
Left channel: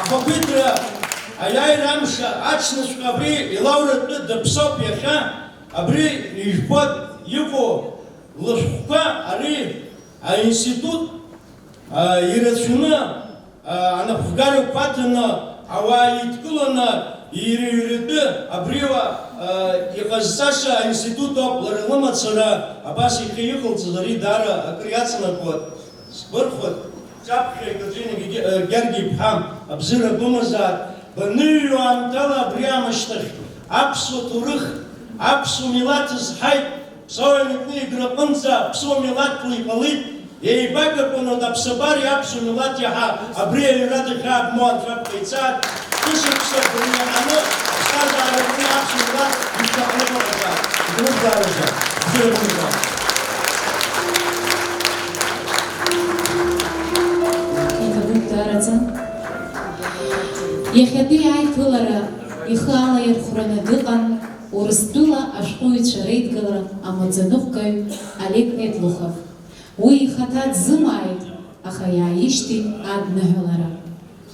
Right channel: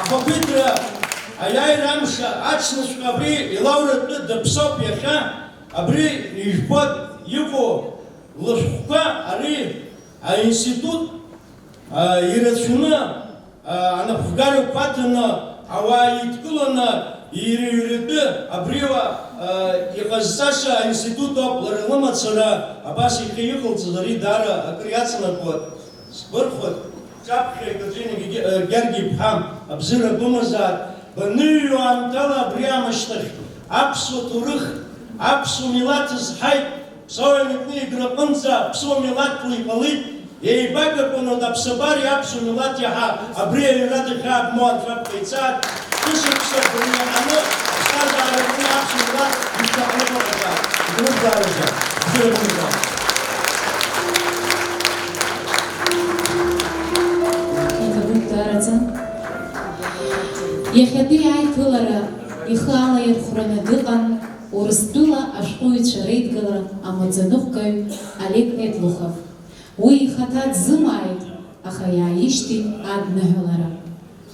ахақәиҭра аиааира амш аҽнҵәҟьа абри илауратәы даԥсоуп иахьа. Абри ижәбо иҟоу лышәҟәқәа ари аинститут ирацәаны анапхгарақәа аҭаны ауаа идкыланы иреиҩратәы абриуа иҟазҵаша аинститут ауп, лара лымацара абас ихы иҟалҵаз ари даара акыр иацнакуа сгәырхуеит. Ҵаԥхьа Екатерина Гергиԥҳа абзыра бымазаат, баныҩуа аамҭала абри аамышьҭахь аԥсуа ҭоурых, аԥсуа милаҭ зҳаит, ԥсауа митны играҟынӡа аԥсуа милаҭла иҟалит, еибагақәаны аԥсабареи аԥсуа милаҭ иаҳа абри аҩра дахьаабмо анцәа дҟаиҵаат, шәышықәса дырҩаҳаны аԥсҭазаараҿы аԥсуа милаҭ ишьҭахныҟаҟаҵаат. Идурызааразы, бзыра бымазаат. Иахьатәи аиԥылара ихы алаирхәраны дыҟан Урыстәыла ашәҟәыҩҩцәа реидгылара амаӡаныҟәгаҩ Олег Этлухов. Уи ихаҭа дзымааит, аха иааишьҭит адныҳәалара.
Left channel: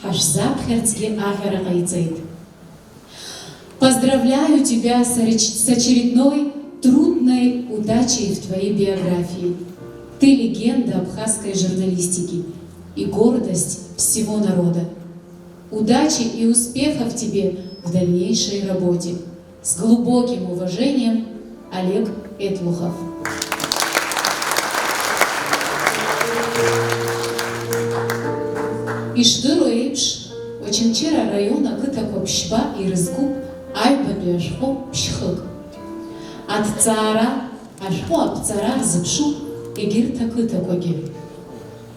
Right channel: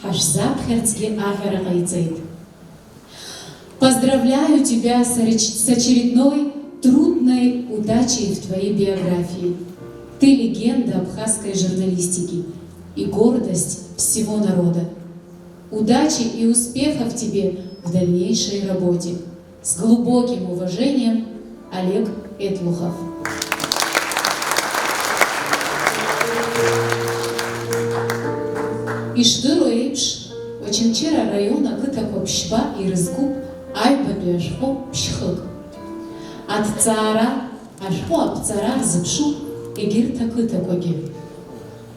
Ҳашзаԥхьарцгьы аӷьара ҟаиҵеит. Поздравляю тебя с очередной трудной удачей в твоей биографии. Ты легенда абхазской журналистики и гордость всего народа. Удачи и успехов тебе в дальнейшей работе. С глубоким уважением, Олег Этлухов. Ишдыру еиԥш, Очамчыра район ақыҭақәа ԥшьба ирызкуп аҩбатәи ашәҟәы ԥшьхык. Аҭҵаара, ашәҟәы аԥҵара рзыԥшуп егьырҭ ақыҭақәагьы.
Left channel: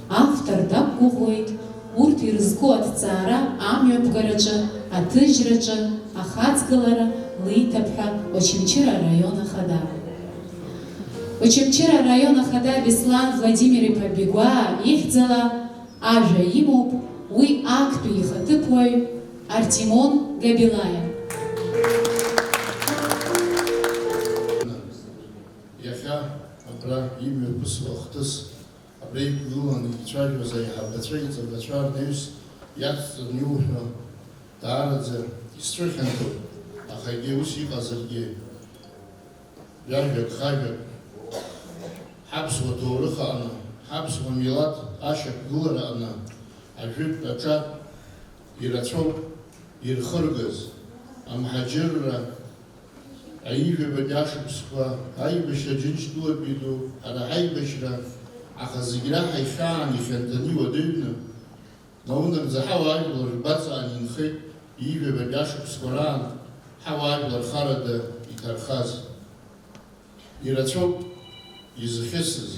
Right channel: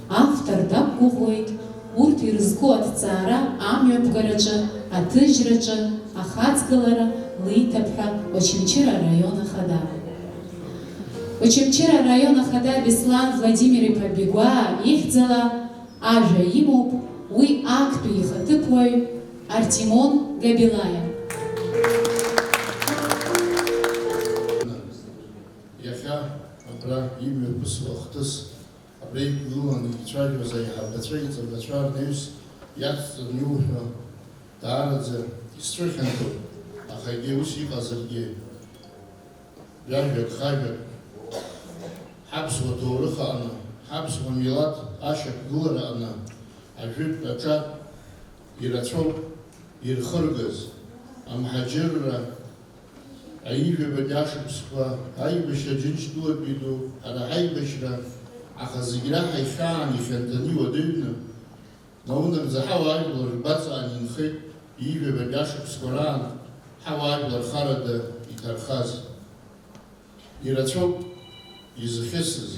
Автор дақәгәыӷуеит урҭ ирызку аҭҵаара амҩаԥгараҿы, аҭыжьраҿы, ахаҵгылара лиҭап ҳәа Очамчыра араион ахада. Очамчыра араион ахада Беслан Владимир-иԥа Бигәаа ихьӡала ажәа имоуп уи актәи ихаҭыԥуаҩ Артемон Габилаиа. Иахьа абра имҩаԥысуа ахҭыс абра иқәгыланы ицәажәоз аиҳабацәа, иҵабацәа рнаҩс иацҵаны иуҳәо даараӡа исцәыхьанҭоуп, аха егьи ус иҟазаргьы ҩажәак хажәак ҳаԥсуа ҭоурых аҟны, ҳаԥсуа милаҭ ашьақәгылара аҟны ажәытә аҿар ирацәоуп ирхыргаз амҳаџьырра аижәабатә ашықәсқәа, аибашьра Џьынџьтәылатәи ду, ҳара ҳаибашьра, аха зегь раҳа ихьаан ихьанҭаны иуадаҩны, наунагӡа ҳауаажәлар рбаҵаан инхеит иижәабатә ашықәсқәа раан ҳауаажәлар харада иҭархаз. Ирацәоуп изхьысыз.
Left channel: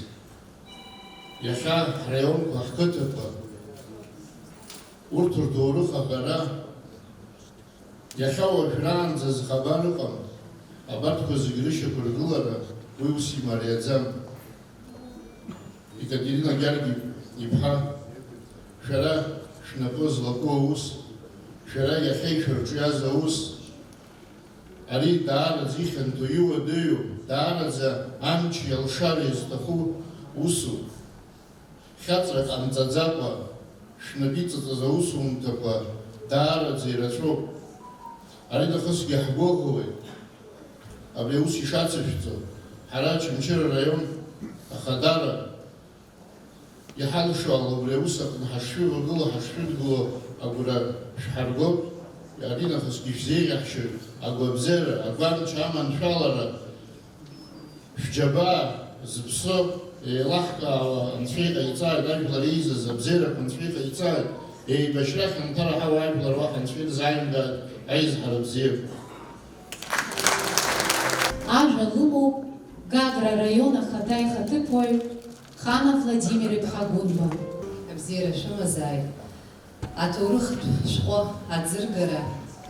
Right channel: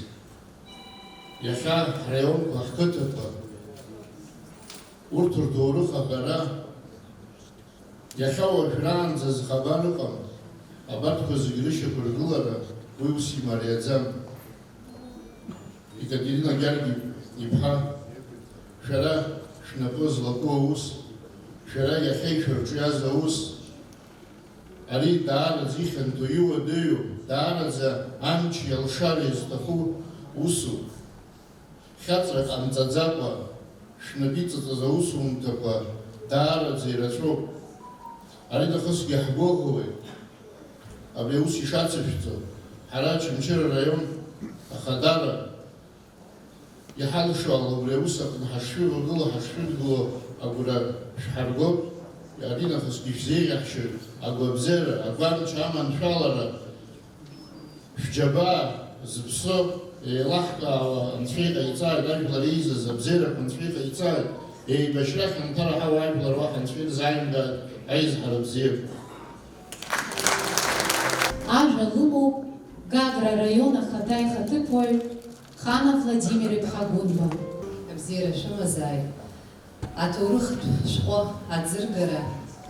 Иахьа ҳраионқәа, ҳқыҭақәа, урҭ рҭоурых аҟара иахьа уажәраанӡа зхабар ыҟам. Абарҭқәа зегьы рышьақәыргылара уи ус имариаӡам. Екатерина Гергиԥҳа, шәара шәнапы злаку аус, шәара иахьа ишәырҿиаз аус, ари даараӡа ихьанҭо иуадаҩу, даараӡа амчи алшареи зҭаху усуп. Хьаҵрак ҟамҵаӡакәа шәнапы иҵаҵаз аусумҭақәа даараӡа ирацәоуп. Ари нахысгьы ҳгәыӷуеит. Абри аус ишацышәҵо ҳара Очамчыра араион ахадара иҳалшо абри аус аҟны ҳашшәывагыло, ҳашшәыдгыло агәра шәҳаргоуп. Ари нахысгьы шәзеиӷьаҳшьоит агәабзиара, агәамч аманшәалара, шәџьабаа зыԥсо еилаҳкаауа анцәа иҟаиҵааит, ажәлар еизаз абзиарақәа анцәа иҟаиҵааит, еибашьра хьанҭара ҳауа ажәлар уаҳа анцәа ирзааимгааит аизҳара бзиақәа. Ажәа лымоуп Гагра араион ахада ихаҭыԥуаҩ Хана Владимир-иԥҳа Гәынба. Абзиара шәымазааит. Аҭоурыхтә шәҟәы аӡыргара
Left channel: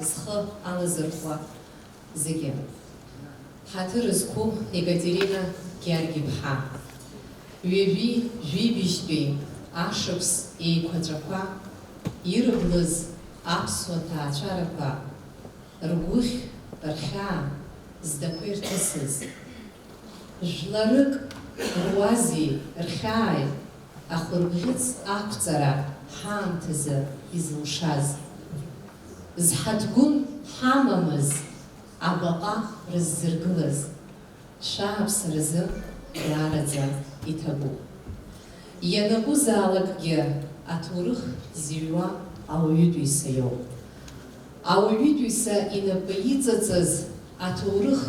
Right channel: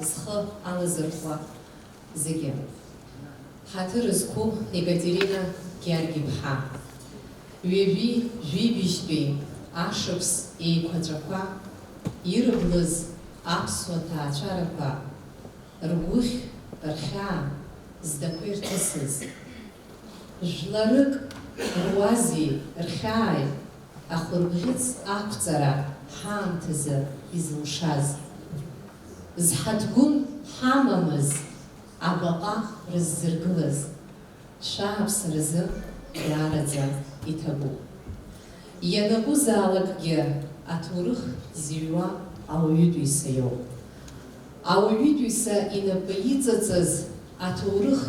зхы алазырхуа зегьы. Ҳаҭыр зқәу Екатерина Гергиԥҳа. Ҩажәи жәибжьтәи ашықәс еиқәаҵәақәа ирблыз аԥсуа ҭаацәарақәа ргәыхь, рхьаа здақәа ирҭысыз. Жәларык руази, рхьааи, ахәырбӷьыц ақәҵара ҳаамҭазы изылшаз. Зҳаҭгәын ҳамамыз абаҟа рыззыргылаз. Шәааԥсаразы даараӡа иҭабуп. Ианакәызаалакгьы аҭоурых зыҩуа ауаҩытәыҩса иоуп. Ауаҩытәыҩса инапы иҵаҵаз Аҭоурых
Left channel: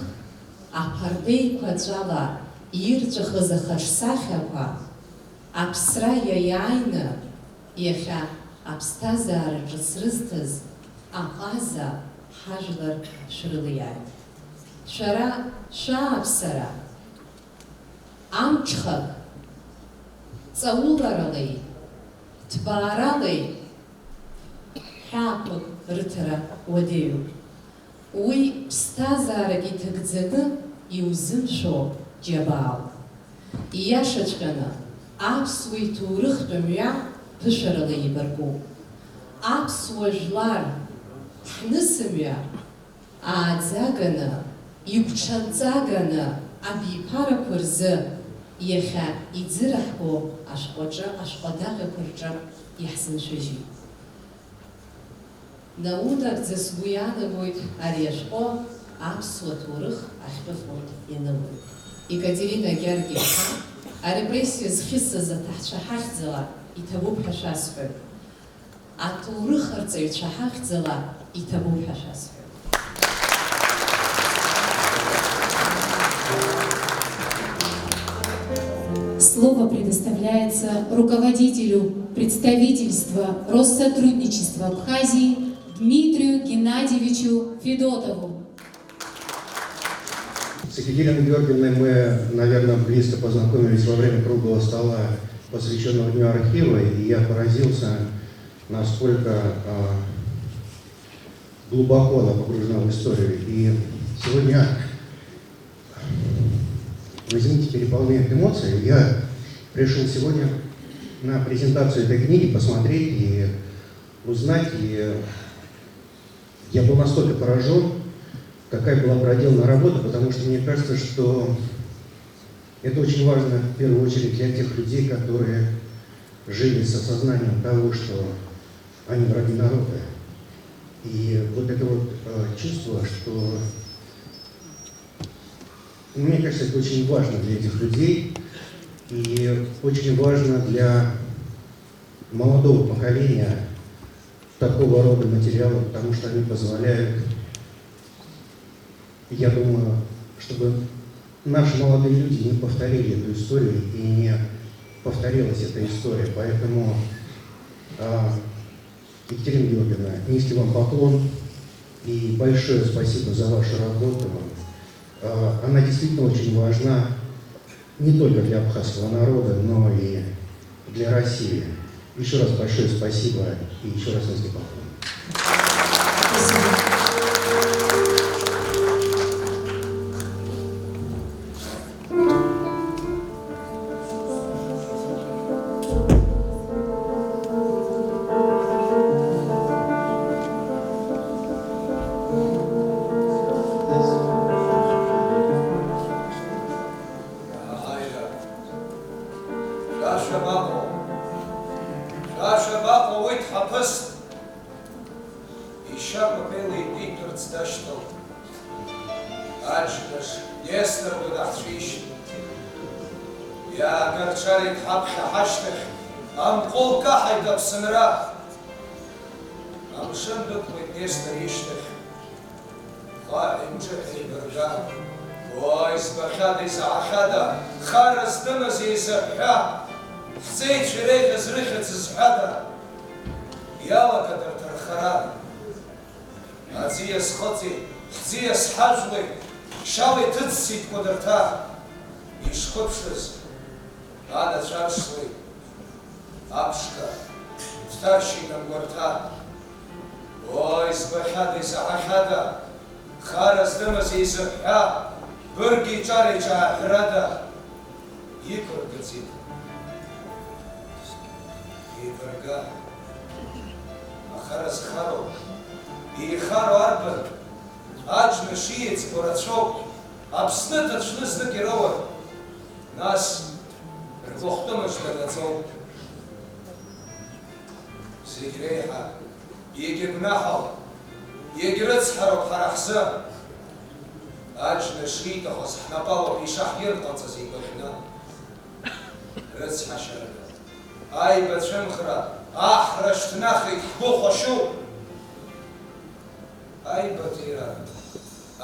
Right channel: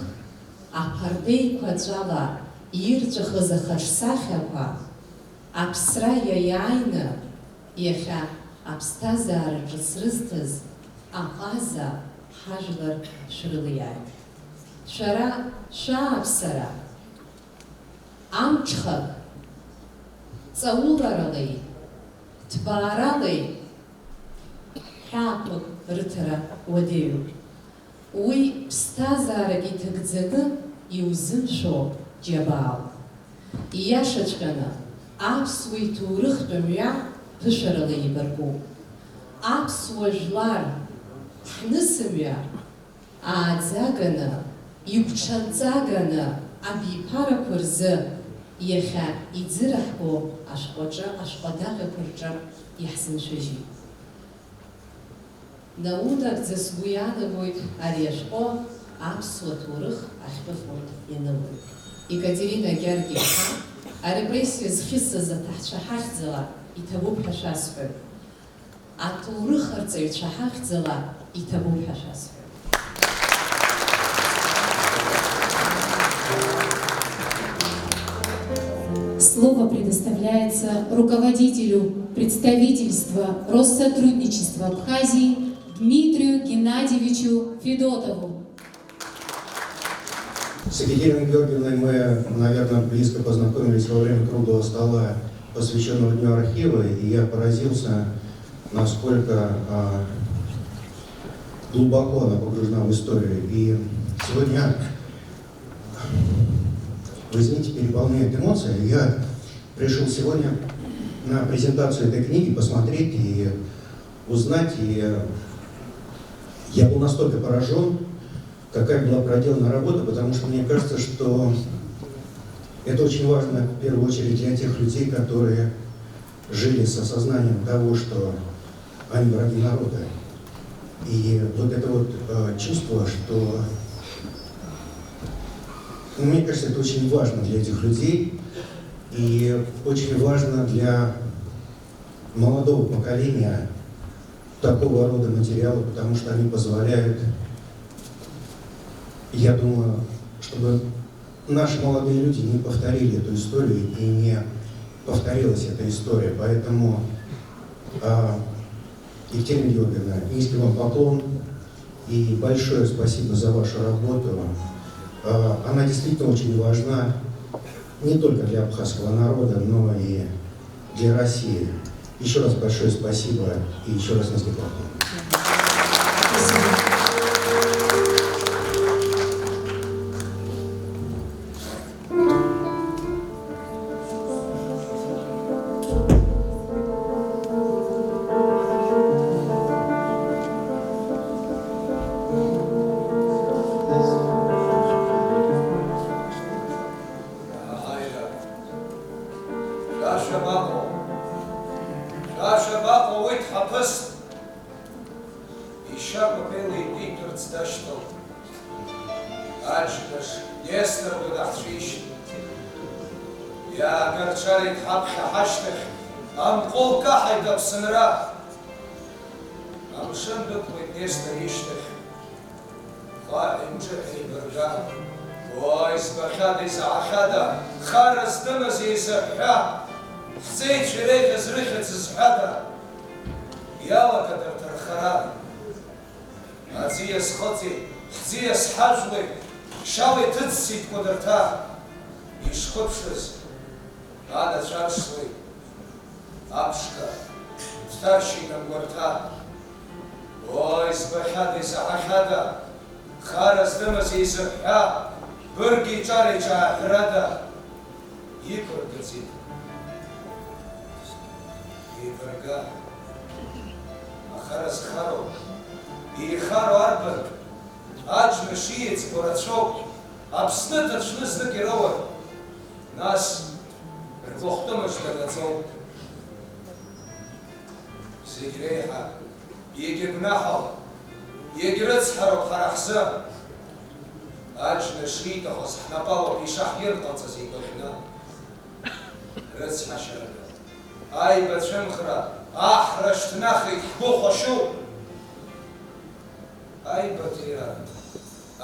аԥардеиқәа ҵәала ирҵәахыз ахаҿсахьақәа аԥсра иаиааины иахьа аԥсҭазаараҿы срызҭаз аҟаза ҳажәлар шәрылиааит. Шәара шәааԥсара амҽхак ҵауларалеи ҭбааралеи ҳәаақәак рыҭара уадаҩуп. Уи ԥсҭазаарак иҭагӡаны иузымшәо џьабаауп. Ииашаҵәҟьаны аԥсуа иҭоурыхтә мҩа ԥышәарала ибаркуп. Аԥсуа жәлар ҳнысымҩа ааӡаганы, игәҽанҵаганы абиԥарақәа рзы иахьа иӡыраҳго ашәҟәаҿы, ашәҟәадаҟьақәа рҿы иаҳзыншәыжьит. Наунагӡа сгәы иаанагоит ари ашәҟәы аԥсуа ҭоурых ахьтәыхоит ианылоит. Екатерина Гьаргь-иԥҳа арепрессиа зхьысыз аҭаҳцәа ҳахьӡала иҭабуп ҳәа шәасҳәоит. Аҭоурых-арҵаҩцәа ҳахьӡала иҭабуп ҳәа шәасҳәоит. Слово предоставляется руководителю представительства Россотрудничества Абхазии Дмитрию Геннадьевичу Федотову. С Екатериной Георгиевной мы, наверное, близко познакомились во время круглого стола, посвященного Дню архива, и я поразился, насколько глубоко она погружена в историю. И сегодня, вы извините, переполняют эмоции, я решил сегодня на презентацию этой книги посмотреть и узнать, и я был настолько поражен, какая была проделана работа, потому что мне кажется, что это очень важно в первую очередь для тех людей, которые жили с осознанием того, что они враги народа. И вот это вот чувство, что, мне кажется, это очень важно для этих людей и очень важно для молодого поколения такого рода материала, потому что они позволяют, я думаю, чтобы наши молодые люди не повторили эту историю и не повторилась эта история. Поэтому, Екатерина Георгиевна, низкий вам поклон и большое спасибо за вашу работу. Она действительно очень важна не только для абхазского народа, но и для России. Еще раз большое спасибо и еще раз низкий поклон.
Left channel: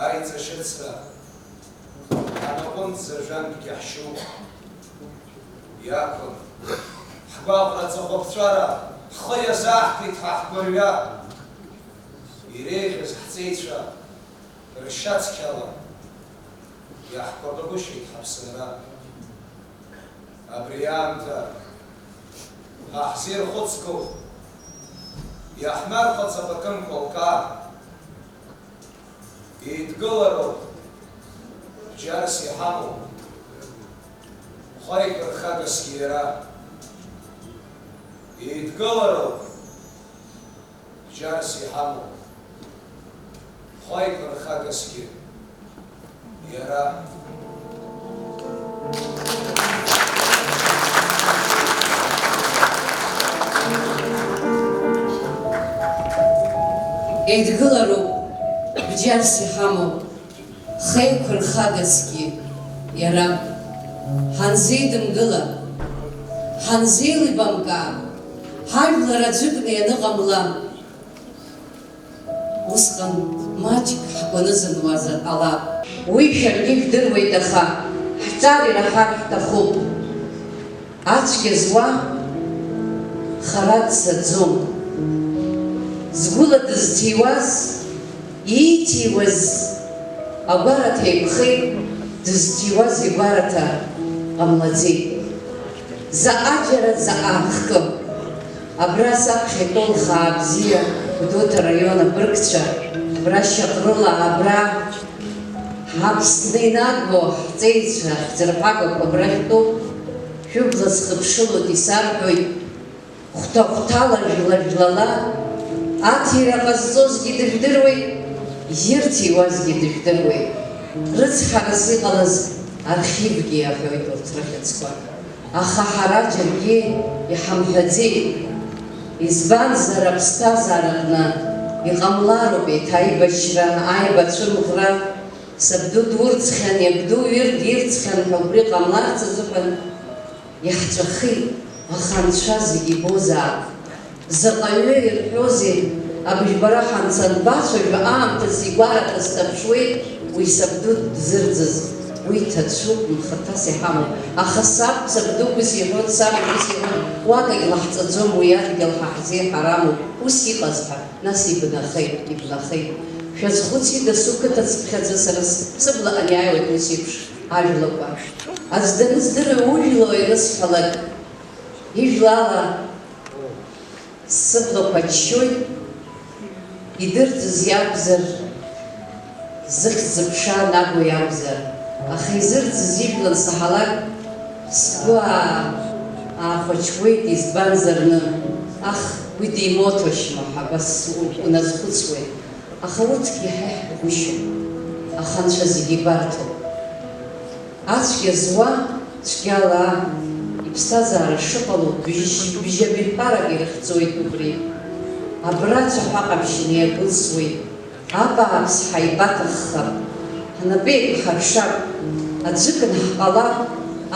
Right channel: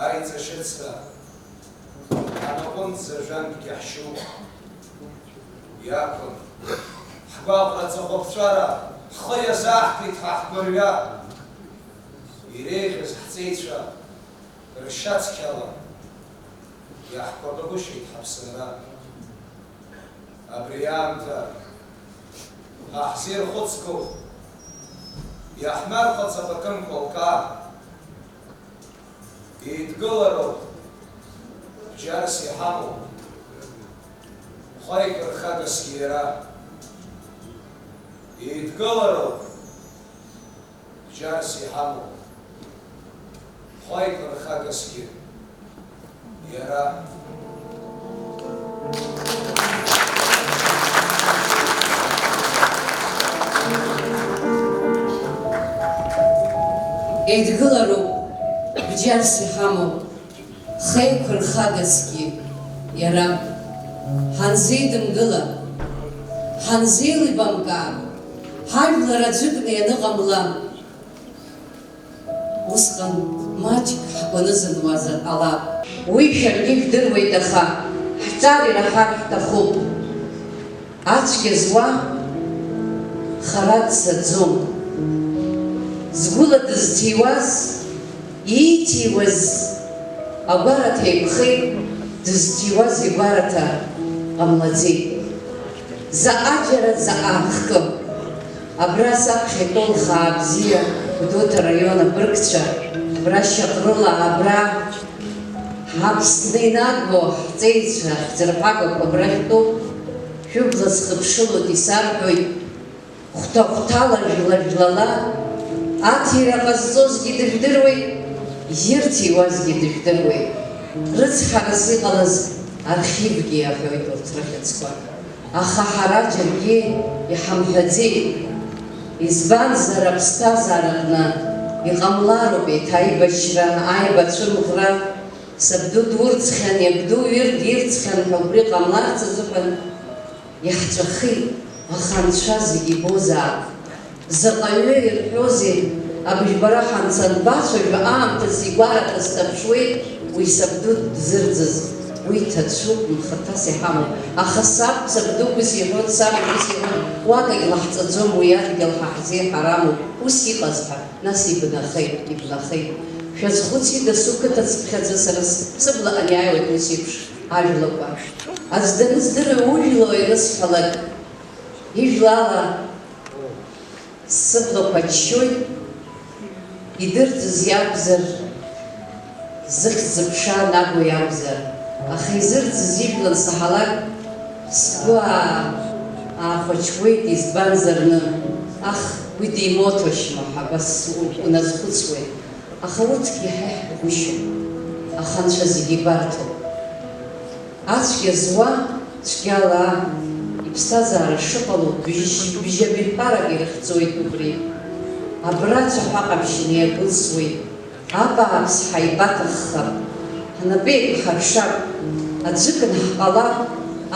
аиҵашьыцра, анаҟәынӡа жәантәгьы ҳшьуп, иақәын, ҳгәаҟра ҵыхәаԥҵәара, ҳхы иазааҳҭит ҳаҳгәырҩа, иреиӷьыз ҳҵеицәа, ршьацқьала, иаҳкәабагәышьеит ҳаԥсынра. Абри аамҭа ҳаҳзирхәыцқәоу, иаҳмарҟац абакынқәа алкаа, еидгылароуп, бџьарс иҳамоу, хәаик рхагасгьы иара. Еидгылароуп, бџьарс иҳамоу, хәаик рхагасгьы иара. Еидгылароуп, бџьарс иҳамоу, хеиқәа рхагасгьы иара. Ҳанзеидымгыла, ҳанзеилибамкаа, ҳажәлар аӡәыкны ианыҟамла, усҟан маҷк ҳкәаны зынуазар ҟалап. Уи шәаргьы ижәдыруеит, аха ҳҿар ираҳар ҳҭахуп. Ацәгьа зуа хара дцаӡом. Згәыла дызҭиуаз, ииҭиуаз агәараҭа еиқәхеит, дызҭиуаз игәараҭа ҟамлаӡеит. Заҟа џьара, заҟа хкы. Абра саԥхьа итәоу лхаа бзиа, Гәдоуҭа раион абыргцәа, абра Шьаҟрыла, абра ҳаԥсны инагоу ҳҵеицәа, ҳӡырԥагақәа абра итәоуп. Шәыбла зхыԥшылоит исарҳәоит, хәҭа-хәҭала, жәла-жәлала, аҭира ҟазҵозгьы дыжәдыруеит, ирҭиуазгьы дыжәдыруеит. Рыцҳарас иҟалаз архивгьы иаҳәоит урҭ рыхьыӡқәа. Аха ҳара џьаргьы иҳамҳәаӡеит. Избанзар аԥсҭазаараҟны иҟамлароуп еиҭаибашьра, аибацәымӷра. Сабду дурӡхьан, иабду ирцхьан ҳәа убри ҟамларц азыҳәан иаҳҵәахит, аха анцәа зегьы ибозаап. Заҟаҩы ирҳәозеи, абыжәбара ҳанцанбацәажәа аамҭас игәараҭа сҭаԥшуеит, уи сабду дзырӡыз, уи ҭацәуп, мхаҭас иҳамоуп. Аха сабдугьы иҳәоит, сабгьы иҳәоит, уагагь лаҳҵаӡом, уи адгьыл ҳаҳзеиҳарамуп. Ус иҟаз ҳәа, нас ибнахеит. Шәазхәыци дасу қыҭацԥхьаӡа сара сыбла аниааиуеит ус еиԥш ажәлақәа. Аӡә даныздыруа ужәла ирысҳәалак, ижәлала сыблақәа аччоит, идырӡыз иакәзар, зыхьӡ-зыԥша нагоу иакәзар. Аха изырӡыз ижәлан саҳалак, сгәы аахәаҽуеит, избанзарны, уи димоҭошьма ҳәа абас уназхәыцуеит. Аха урҭгьы иҳаиҳабгәышьоуп, аха анцәа зегьы ибарҭоуп. Ацәгьа зуа цәгьала иԥсҭазаара шыҟало бжьабаҩԥарак ирыхьӡоит убри. Абрацәа ҳаҟаԥшьны иагәылсуеит, абааԥс ҳаибаҭаххап, ҳнапы еиқәҳаршап, аӡәыкын ҳҟалап,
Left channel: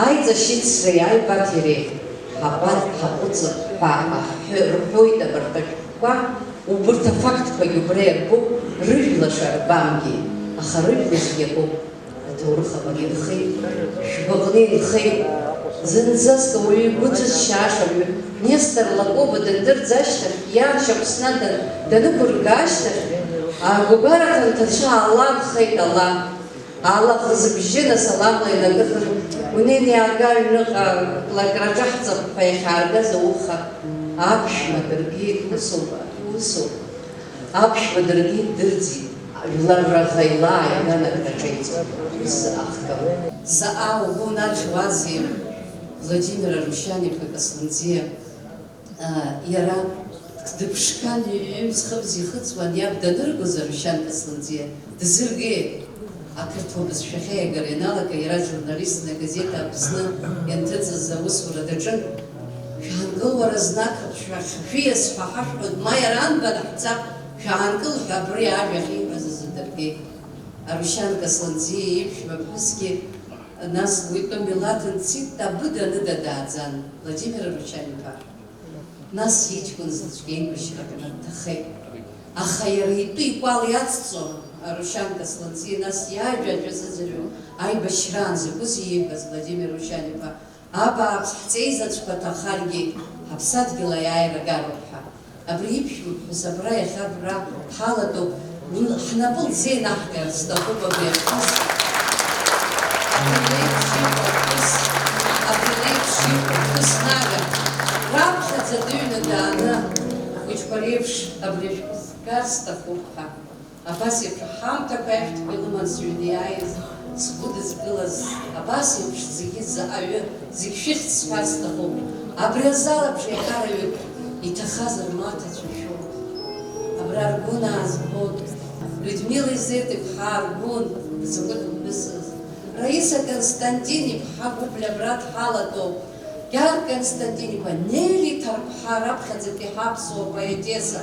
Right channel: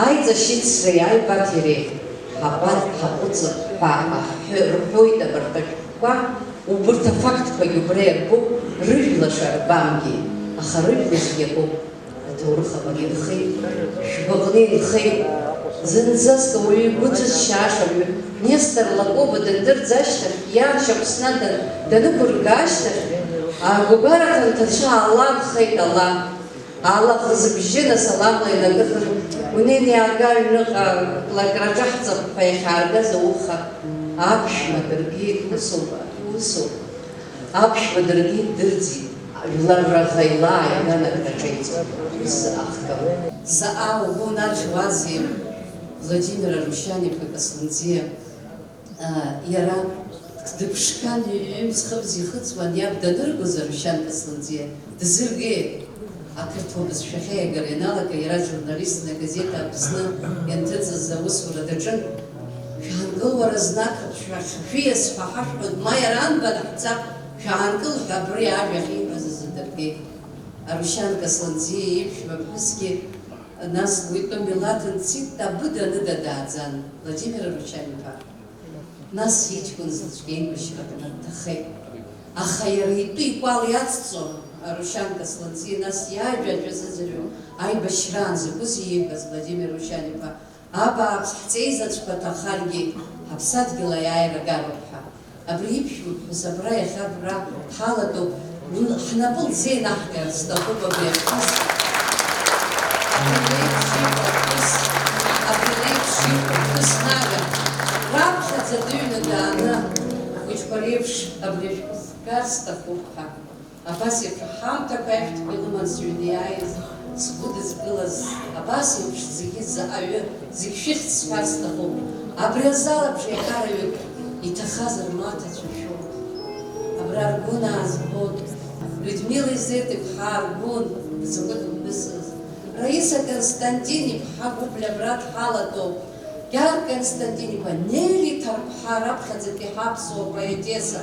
аиҵашьыцреи аибаҭиреи ҳаҟәыҵып ҳәа рҳәоит абарҭ ашәҟәқәа. Убырҭ афактқәагьы убра иарбоуп, рыжәла шарбамгьы, аха рыжәлазгьы иакуп. Аҭоурых абагьы инхеит, шәгәаҟны инхеит. Зынӡаск ауаҩы игәы ҭызшьааша Нестор Лакоба дандырӡ ашьҭахь, иарча Аԥсны данықәырга ашьҭахь, агәабараҭа анҭацәа ааланхеит ала. Аллаҳ зыбжьы насаламла инакыхын, унеины иаага аҩныҟа, лакраҿаҳҵап ҳәа иахьааргаз ауха. Аԥшәма даргьы усоуп. Аԥшәма даргьы дырӡит, жәлар раӷа иааиган акраҿеиҵоит. Заҟа угәы унаржьуазеи Владимир Арушьаниԥа Касланӡиа, иара дыԥшқан ҩымз-хыбз ихыҵуан, иаб даныргоз Арушьан Касланӡиа дызыргеит. Ақырҭуа бызшәахьы иагара ианалага, иара журналистны агазета Аԥсны ианҭыҵыз аусура даҿын. Шәаанкыл уара знак, шәиас ҳәа ҳашәҳәоит, ма иара анбан ҳцап, шәаанкыл ҳәа абри ажәа ахьиҳәаз азы дыргеит. Арушьан Касланӡиа иԥшәма ԥҳәысгьы нас уитәы милаҭ нцит, абыда-ныда дааӡан Владимир Арушьаниԥа. Нас иҷкәын заҵәык еибашьра дҭахеит. Аха иара итәы икәал иацҵон Арушьан Константин, нас иажәа зыӡырҩу аибашьраан закәыз иибаз Владимир Рушьан-иԥа, абааԥс ҳҵеизаҵәқәа ҭахаргьы ҳаԥсадгьыл аиааира гароуп ҳәа. Абри иԥшәма ԥҳәыс абра иахьа абра ҳалатәоуп, ҳнапы лзеинаҳкаар сҭахуп абри аԥҳәыс. Абри леиԥш иҟоу ԥҳәыс нага, раԥхьаӡа дыҩны дааны ахәыҷқәа реиԥш абри ашәҟәы згар сҭахуп ҳәа. Абас еиԥш ҳамҭақәа ашәҭқәа илыман сҩны иааиз, сгәыдызгылаз, абас еиԥш зегьы заҟаҩы, зегь шәыхьӡ сҳәар сҭахуп. Абри азал абжеиҳараҩык иҭахазар маҭацәа шәоуп. Абра аргәын аазгон, Людмила Изет-иԥҳа Аргәын, закәытә ԥҳәысыз, Раиса Константин-иԥҳа Гәыбле абра дҳалатәоуп, Гьар Константин-иԥа Нели Ҭарԥҳа раԥхьаӡатәи ҳаԥсуа поетеса,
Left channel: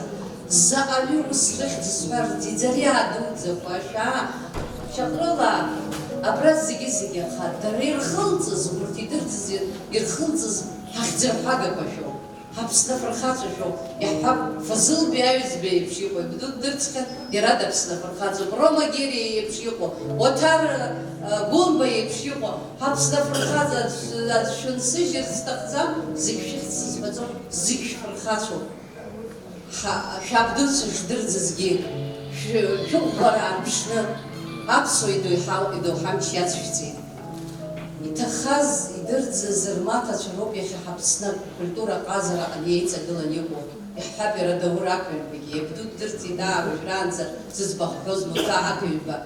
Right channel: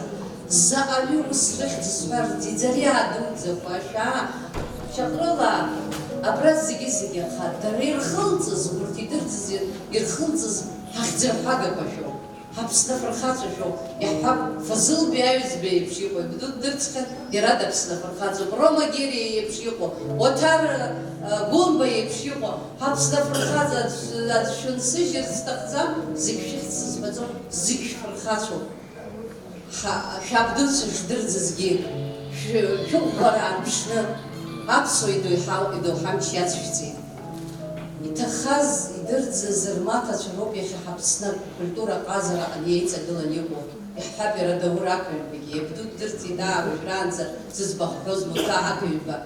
заҟаҩы ус рыхьӡ сҳәар ӡиӡариа дуӡӡақәа ашәаа шьаҟрыла абра зегьы аха дара ирхылҵыз, урҭ ирхылҵыз ҳахьӡырҳәагақәа шәоуп, ҳаԥсны афырхаҵа шәоуп. Иаҳҳәап, Фазылбеи аҩӡбеи еиԥш иҟоу, ибду дырцхьан, иара даԥсны афырхаҵоуп. Рома Герия еиԥш иҟоу, Оҭар Гәымба еиԥш иҟоу, ҳаԥсны афырхаҵа шәынсыжьыр зҭахӡам, зегь шәыхьӡ сызбаӡом, зегь шәфырхаҵоуп. Шәабдуцәа шдырӡызгьы, шәыӷәӷәара анԥшны, аԥсуа идоуҳамч иацшәҵеит. Иҭахаз, идырӡыз рмаҭацәа роуп иахьа ҳаԥсны акультура ҟазара иеиҵагылан иҟоу. Иаҳҳәап, иара Даур ақыҩбагьы, иабду дырӡит уажәраанӡа зыӡбахәҳәоз Муҭа ақыҩба.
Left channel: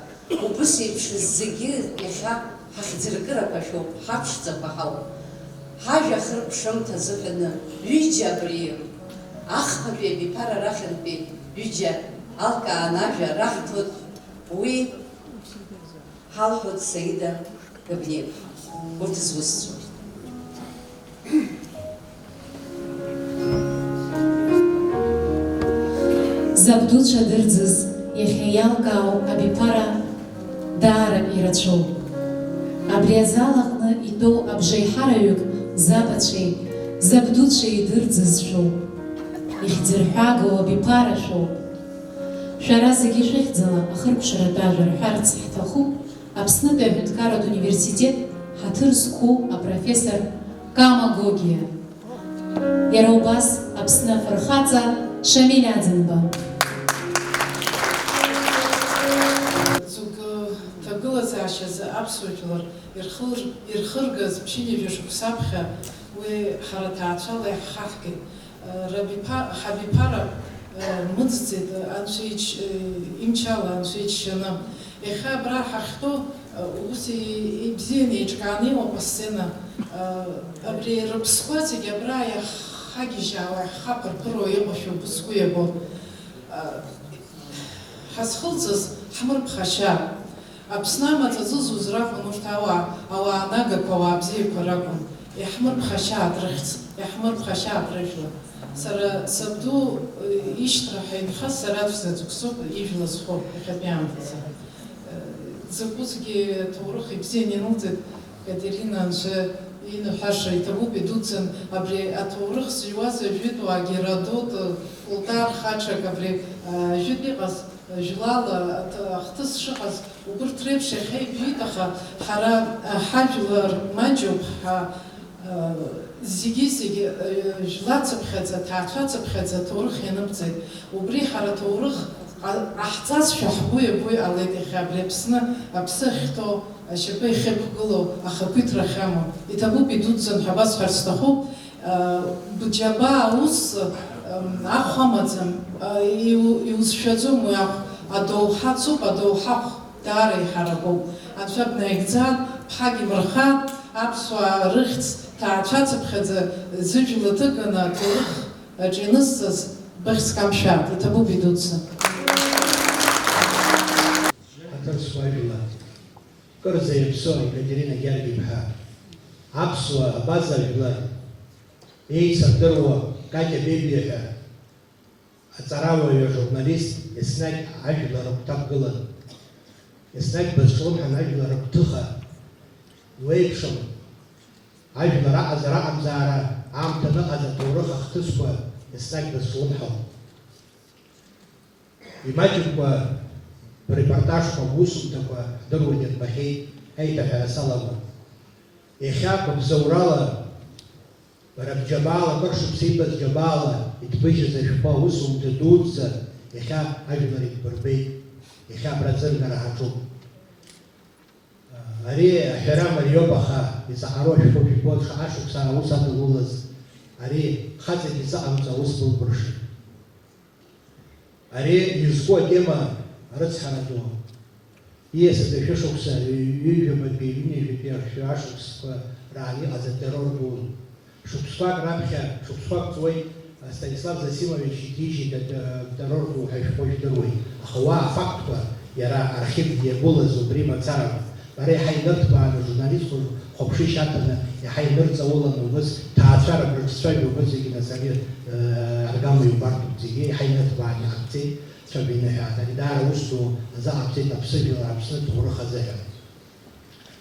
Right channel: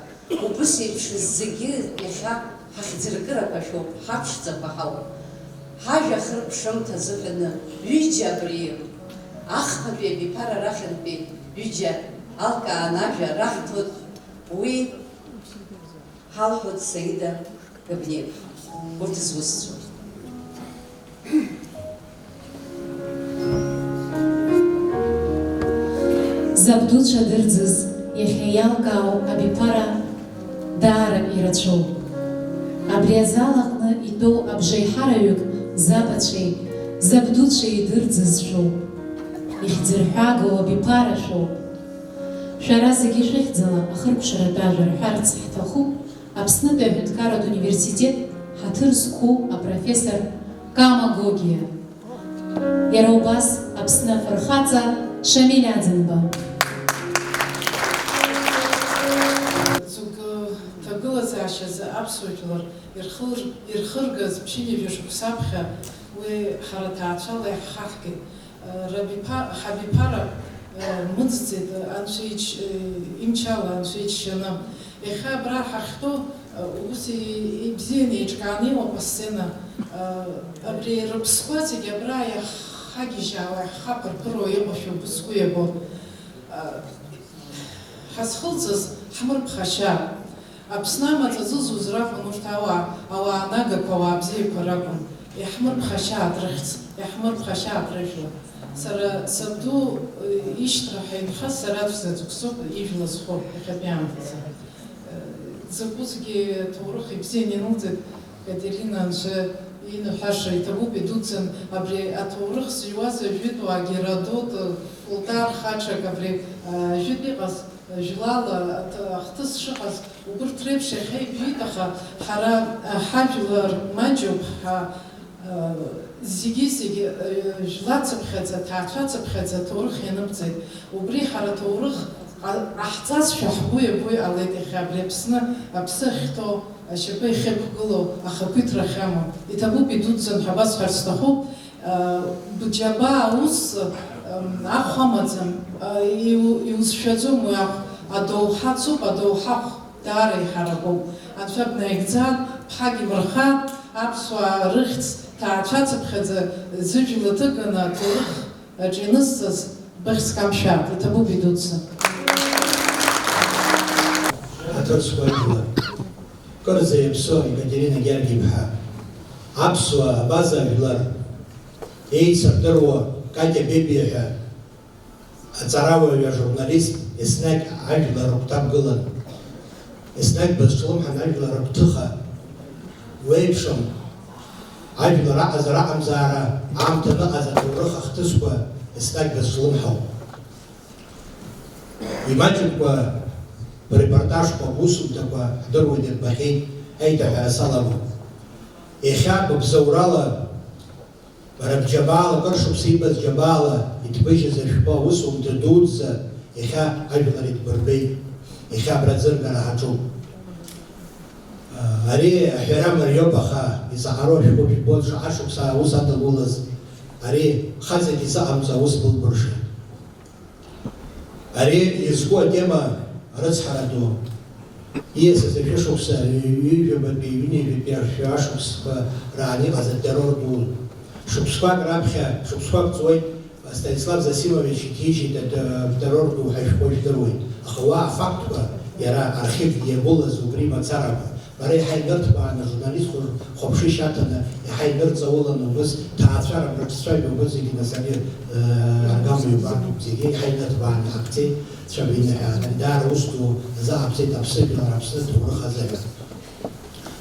Убыс еиԥш зегьы иахьа ҳахьӡыркырақәа шәоуп, ҳаԥшӡақәа ҳауп. Ҳажәа хырԥшымҭа азыҳәаны ҩыџьа абри ахԥатәи абиԥара рахьынтәи ҩыџьа алкаан ажәа раҳҭоит, уи ҳалҳәоит Саида Габниеԥҳа. Урҭ зусҭцәоу. Забдуцәа дырӡыз иахьа иалкаау абиԥара даара ирацәоуп. Абри азал аҟны итәоу абжеиҳараҩык забацәеи, забдуцәеи идырӡызшәоуп. Ихьӡырҳәагоу абиԥара шәоуп. Шәара зегьы шәыхьӡала ахыркәшаратә ажәа рҳәарц ҳҭахуп Аԥснытәи аҳәынҭқарратә университет ҳаҭыр зқәу апрофессор Кама Гогиа. Иара убас Аԥсны афырхаҵа Шамиль Аӡынба. Ҵук ҭагылазаашьазы аԥсуа жәлар ирхыргаз ԥшьынҩажәа шықәса аԥхьа уи ҳара ҭаацәала иаҳхаҳгеит. Ҳабиԥара мыӡӡеит имчала анцәа иџьшьаны. Иахьа абра ҳахьтәоу ус ибзианы еиҿкааны имоуп асцена. Абри рыԥсқәа зегьы абра иаҳхагьежьаауа, иаҳхаԥырԥыруа иҟоу шәыбзқәа иабо. Ҳазхылҵыз ҳмырԥхашьа. Аԥсны амаҵ зызуз ракәын урҭ ауаа нагақәа, ауаа бзиақәа ракәын. Иаҳмырԥхашьаат рыхьӡ, иаҳмырԥхашьаат рыжәла. Сара сабду ишьҭраҳәа инхаз сара аӡәзаҵәык соуп ижәла зхо иахьатәи аамҭазы. Закәызгьы ҭоурых ибзианы инылҵит Катерина анцәа иныҳәаша иҭабуп идуӡӡан абри аҭоурых зыҩуаз ажәытәуаа Геродот, Плутарх хаҽак абри ажәытә иҟаз жәлала ахҭыс шыҟаз убырҭ реиԥш иахьа ибжәит, аха ҳара ҳажәлар маҷуп ҳәа зегьы жәлацыԥхьаӡа, ҭаацәацыԥхьаӡа ҭоурых ианыбҵеит. Убри ҳара ҭоурых аҳҵазшәа ҳгәы иабо иҟалеит иахьа абри Аԥсны, аԥсы ахьҭоу, ашьапы ихьықәгылоу, ахақәиҭра ахьамоу. Иҭабуп идуӡӡан ҳәа басҳәарц сҭахуп. Бџьаба аус ахә амаӡам, иузшәаӡом уи ахә. Адоуҳа цуп, адоуҳахә даара иҳаракуп. Анцәа бнаигӡан, ԥҳагь имырхан, аԥсуаа рыхьӡ ҭаацәацыԥхьаӡа зыжәла ҭыганы аҭоурых аҿы инызҵаз быхьӡ камшәат. Иҭабуп идуӡӡан. Кырӡа иаԥсоу Екатерина Гьаргиԥҳа, аԥсуа абаза жәлар еицырдыруа Катиа Бебиа ҳәа аҵараваҩы ажурналист еснагь ажәлар рыгәҭакгылан, еснагь бызҿлымҳан ажәлар рыгәҭыха, уеиԥшым ажәлар аҟазара аҟамзаара аамҭа ныҟаз аҭоурых ахҭысқәа еснагь бызҿлымҳауп. Имаҷқәа репортажқәа усумҭақәа дыруеит ирбахьеит аиҭаҳәа салаго. Иахьа быбзоурала рыбџьабаала кыршықәса ибаз џьабаала иҭбыжьыз ашәҟәы усумҭа дуӡӡа иахьа ажәлар итбырбеит, иахьа абраӡыргара ҳаҿуп. Ари аҳәара мариоуп, аха ицаҟароу ашәҟәы жәбоит шаҟа шықәса аус адылулаз, ари хаҵагьы изаҟамҵо аус былбыршеит. Ари изку атема рыцҳара ду. Ииасыз ашәышықәса ҩыжәабатәи ҩынҩажәатәи ашықәсқәа раан иҟаз атеррор ду. Шықәсқәак раԥхьа, шықәсқәак ҵуеит, Станислав Засимович иҭичит атеррор ду ҳәа ашәҟәы жәдыруеит. Аха уа афактқәа иара архив иагәылаз убри мацарам. Ара иаҳа инырҭбааны ажурналистқәа хәаԥши шьаҭаны иаҳа инырҵауланы убыс ҭаацәара рыҿцәажәо убыс зегьы насаби аргамҩа ибартуп, зегьы иаҳа инырҭбааны иҟабҵеит, цәаба иныҳәаз. Даара ус ду заҟабҵеит аԥсыжәлар, Аԥсны ҭоурых азыҳәа.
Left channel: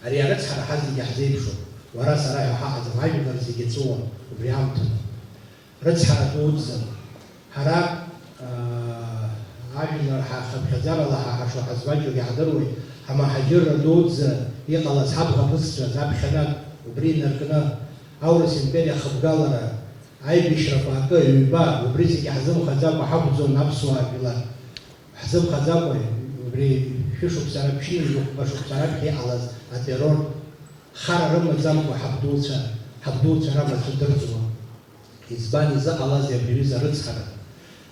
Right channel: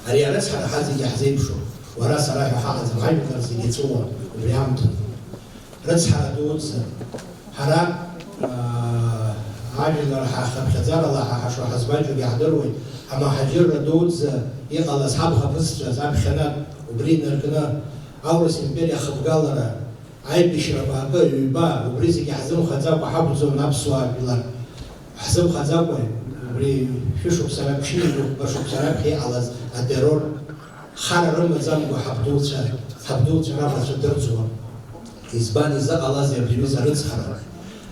Ари арыцҳара ҳа зегьы ҳзеиԥшуп. Уара сара ҳәа ҳаҟаӡам, ажәлар зегьы ҵуан убри аамҭа. Рыцҳара дуӡӡа ҳара ажәлар ҳахыԥхьаӡарала ҳашо ҳазбаџьур иаҳдыруеит. Амаҳаџьырра дуӡӡа иҟалаз ҳабӷа-бызцәа заԥхьаны убри инаркны аурыс империа ахыбгалара, аибашьрақәа акы ҩба, убри зегьы ҳзымхаӡакәа ҳақәӡом аԥсуаа жәлар. Ҳзымхаӡакәа убри шәышықәса раԥшьни шықәса раԥхьа иҟалаз атеррор хара рымаӡамкәа ҳабдуцәа рамацәа дырӡуа. Избан изыҟалазеи абри арыцҳара?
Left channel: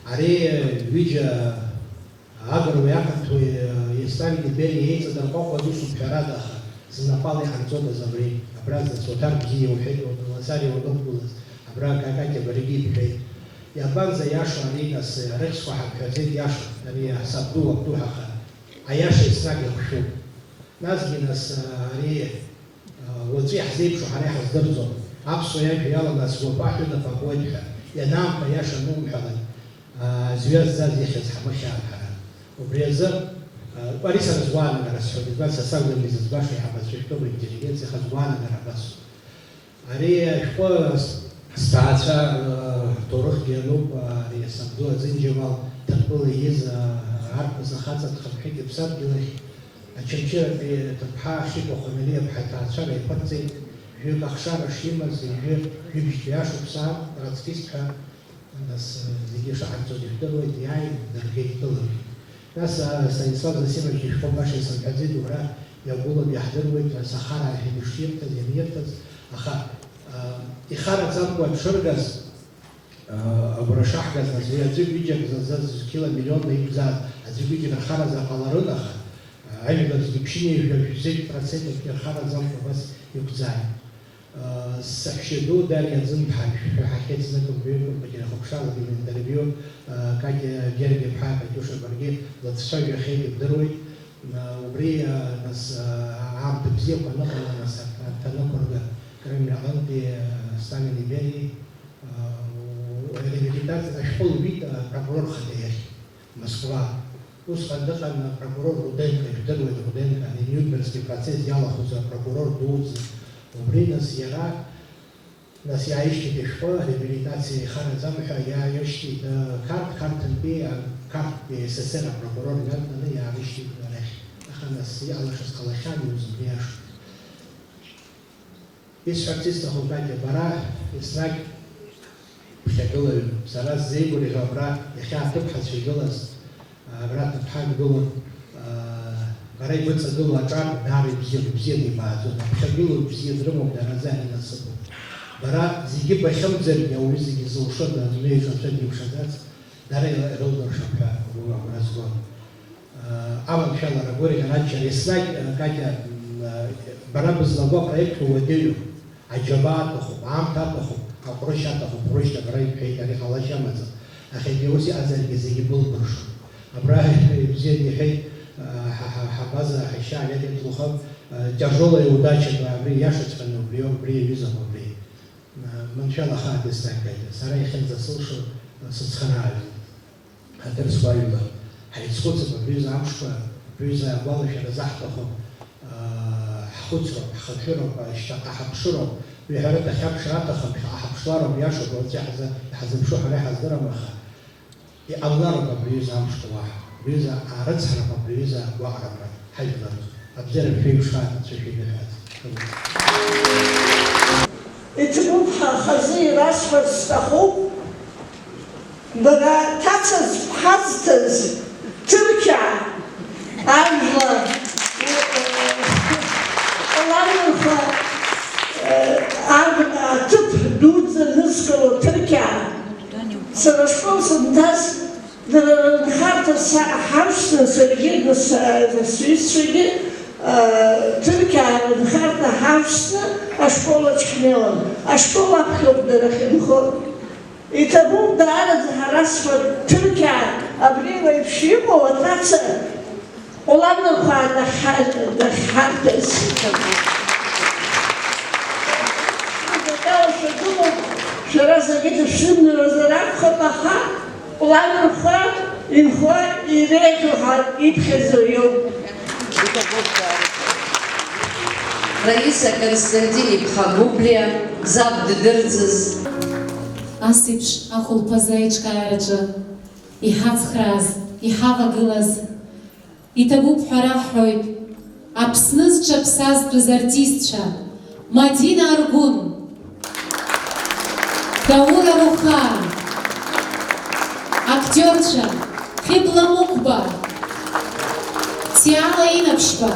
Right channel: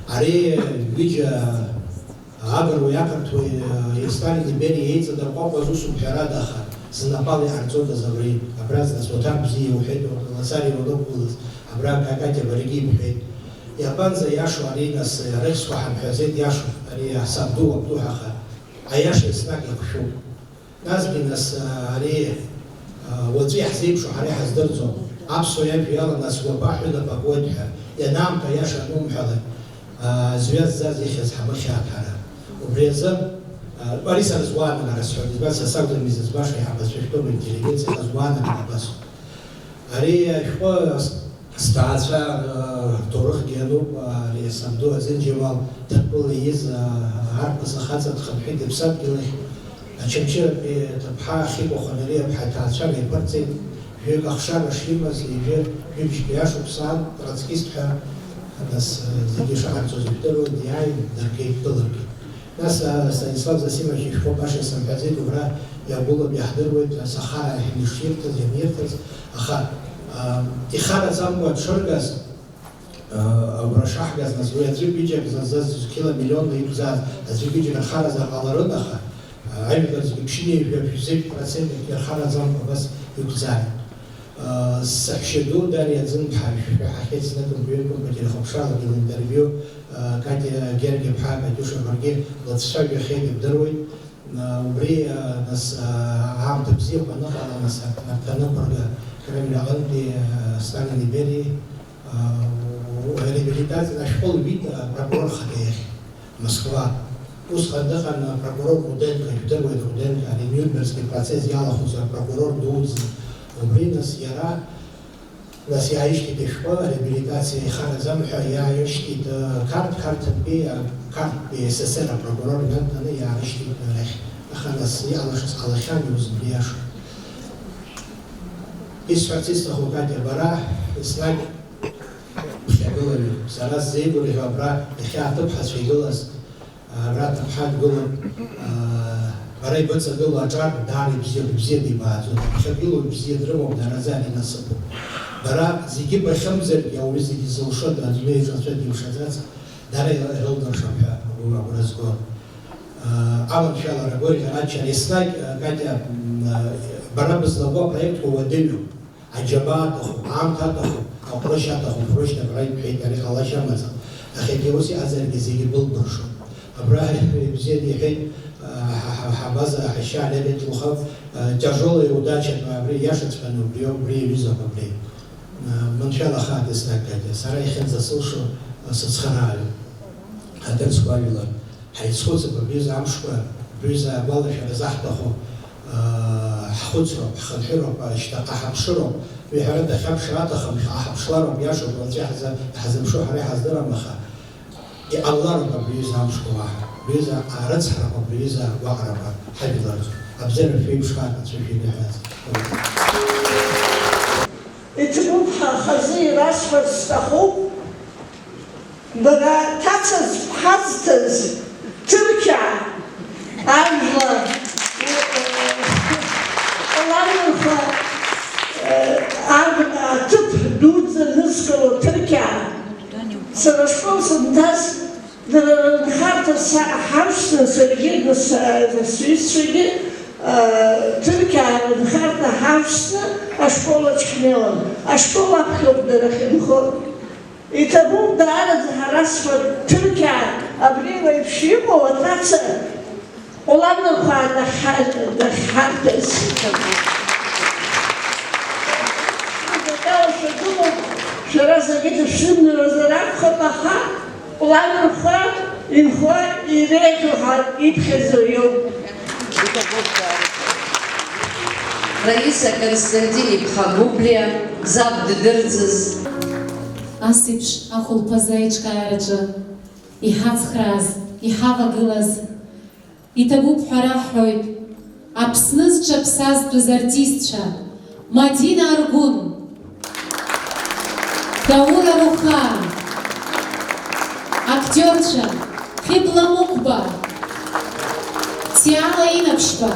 Ари ҩыџьа агыруеи ақырҭуеи Сталин империа еиҵадырҟәаҟәаз усумҳәарада, аха снапала иҟарҵодаз абри абраҵла Суҭар бзиа иуҳәеит, Лазарио лықәгылаз, абра Катя Баригьы иҳәеит. Иабанӡа иашоу ари нас рыхьсқәа ҳамҳәазеит иашоуп, ари сабду абду, аха аиаша еснагь иахшәуп. Насгьы нас ари уаҵәы иаҳзеиԥшу ҳара иҳаздырӡом. Аԥсуа иажәа иаланы асуапа ҳәынаԥ акуеит ҳәа, ианаамҭа аиаша анумҳәалак зҩа ззаз ихьыз ҳабыхьаат ҳара. Убри азы ари сара зуаанагара сҳәоит, избан са сакәӡам изыӡбаша иҳабызшәа шәтәыла интеллигенциа зуаанагара абасоуп. Ари ашәҟәы сҭаацәа ҭоурыхгьы иануп, ари сабду Азин Џьамал Ҭырқәыла ииз арԥыс ахаҵа дхынҳәит иԥсадгьылахь, Ачамчыратәи ҭыԥҳа Хьыкәа Хәамелиа-ԥҳа иҭаацәара иԥырҵит, жәҩык ахшара шимаз, ҩыџьтәи ашықәса аан троцкистҳәа нас зегьы шаҟарҵоз ижәдыруеит, иааит даргеит дылыргеит. Нас Станислав Засимович ишәҟәы баша исымҳәаӡеит, убра иагәылоуп иаҳдыруеит асахара ахь иширҭаз, ианирҭаз, аха ихараӡакәа дшыргаз, агәра шаҳгаз, нас уи аӡәы-ҩыџьак зазыз киломиллионла иқәзааз аӡәы-ҩыџьак рхаразар ҟаларын, аха ажәлар зегьы ԥшьынҩажәа 50% рхараӡамкәа бас иқәзааит. Саҳәшьа ду Дариа Ӡын-ԥҳа ҳахьеит зныкымҩыкәа материахәаԥшрала интервиу, Катя Гергиа-ԥҳа Катиуша баргьы длацәажәахьеит ибдыруеит. Убри нас аамҭа бзиақәа аныҟала, нас аҭанықәырга Кремль аҟынтәи Сталин империеи реабилитациа ашәҟәы луит апрокурор хаҭа иахь Москва. Усҟан дыҟан апрокурор Руденко, ижәдыруеит Руденко, ари Нюрнбергски процесс иалахәыз апрокурор дуӡӡа. Убри нас иара нас иааишьҭит ашәҟәы ареабилитациа ихараӡам ҳәа иааишьҭит қарҭантәи СССР апрокурор дантаны иааишьҭит арахь. Аха нас иҟалашаз ҟалахьан иус убри иашоуп. Исҳәарц исҭаху Катя, бара еснагь ԥхьагылаҩуп. Сара сзеигәырӷьо абра иахьа аҭыԥҳацәа игылаз, абра ҭыԥҳа дгылан, бара ибыҵагыло аҿар даара ибзианы ибааӡом, ԥхьагылоу бзиа дрымоуп, дараӡа инасыԥуп. Бара зегьы бахьымӡаргьы ауаҩы зегьы зылшода, аӡәы ихацәагьы имшаӡац, даара ирылдыршап ҳәа агәра згон. Аманшәалара Горько ранчо еснагь Катя бара бызлаго апроектқәа уадаҩуп. Аџьабаа аҭахуп, аамҭа аҭахуп, аҟәрышь аҭахуп, ҟәрышьҭак ара иҳәеит, ари ҟалашьа амаӡам. Аха егьа ус иҟаҵаргьы зегьы былбыршоуп. Абра ибзианы иҳәеит ҳабаза Аиша Леонид-Лухов, тяжелая удача абри иашаҵәҟьаны убри аҩызоуп абри. Маншәала ахаан еснагь Катя, сара иахьынӡасылшо сыцхырааҩуп. Ҳадырцқәа ажәлар ҳаицхәыцып абриазы амшқәа, абриазы агәалашәара заҳҭаху, ҳхәыцроуп, ҳхынҳәыроуп, ҳаҳаԥшыроуп, ҩҳәарык ахьаԥшра аҭахым, ҳаҳаԥшлароуп, иашоуп, уаҵәы ҳазымшо ҳара иҳаздырам, аха иҟалароуп абриазы амшқәа уаҳа. بريزا أرزها وبريزا وعربة حبيبات أبزر في وشان تجيب اتبوبها خزير أسفل استخوب بغا تاتز حزتز تركيا أنجلا والله تب دوز نسكلو تركيا سرشكو سنتاز نخارت حرشنا سرقين السويس شرقين تركيا نخارت حرشنا أشكولا تشكنيلون أشكولا بخير درخين خور يتبون دارد هرسفر تركيا أبريغا يبشيمو وتاتسا ولما قال نخارتس شرازة جيت الشمن رزرات خطاها ولما نخار ينخار يريكوها يبخزو يوم Раиса Константини Бхагублия, Забд Дырцыз. Асиԥш ахәылԥазы аиҿкаараҿы иҳацхрааз, иҳавагылаз, иҭабуп ҳәа раҳҳәоит Аԥсны зҿаԥсазтәыз артистцәа Мадина Аргәын, Даур Аруха, актиорцәа Хибла Мукба, Тиала Инаԥшьба,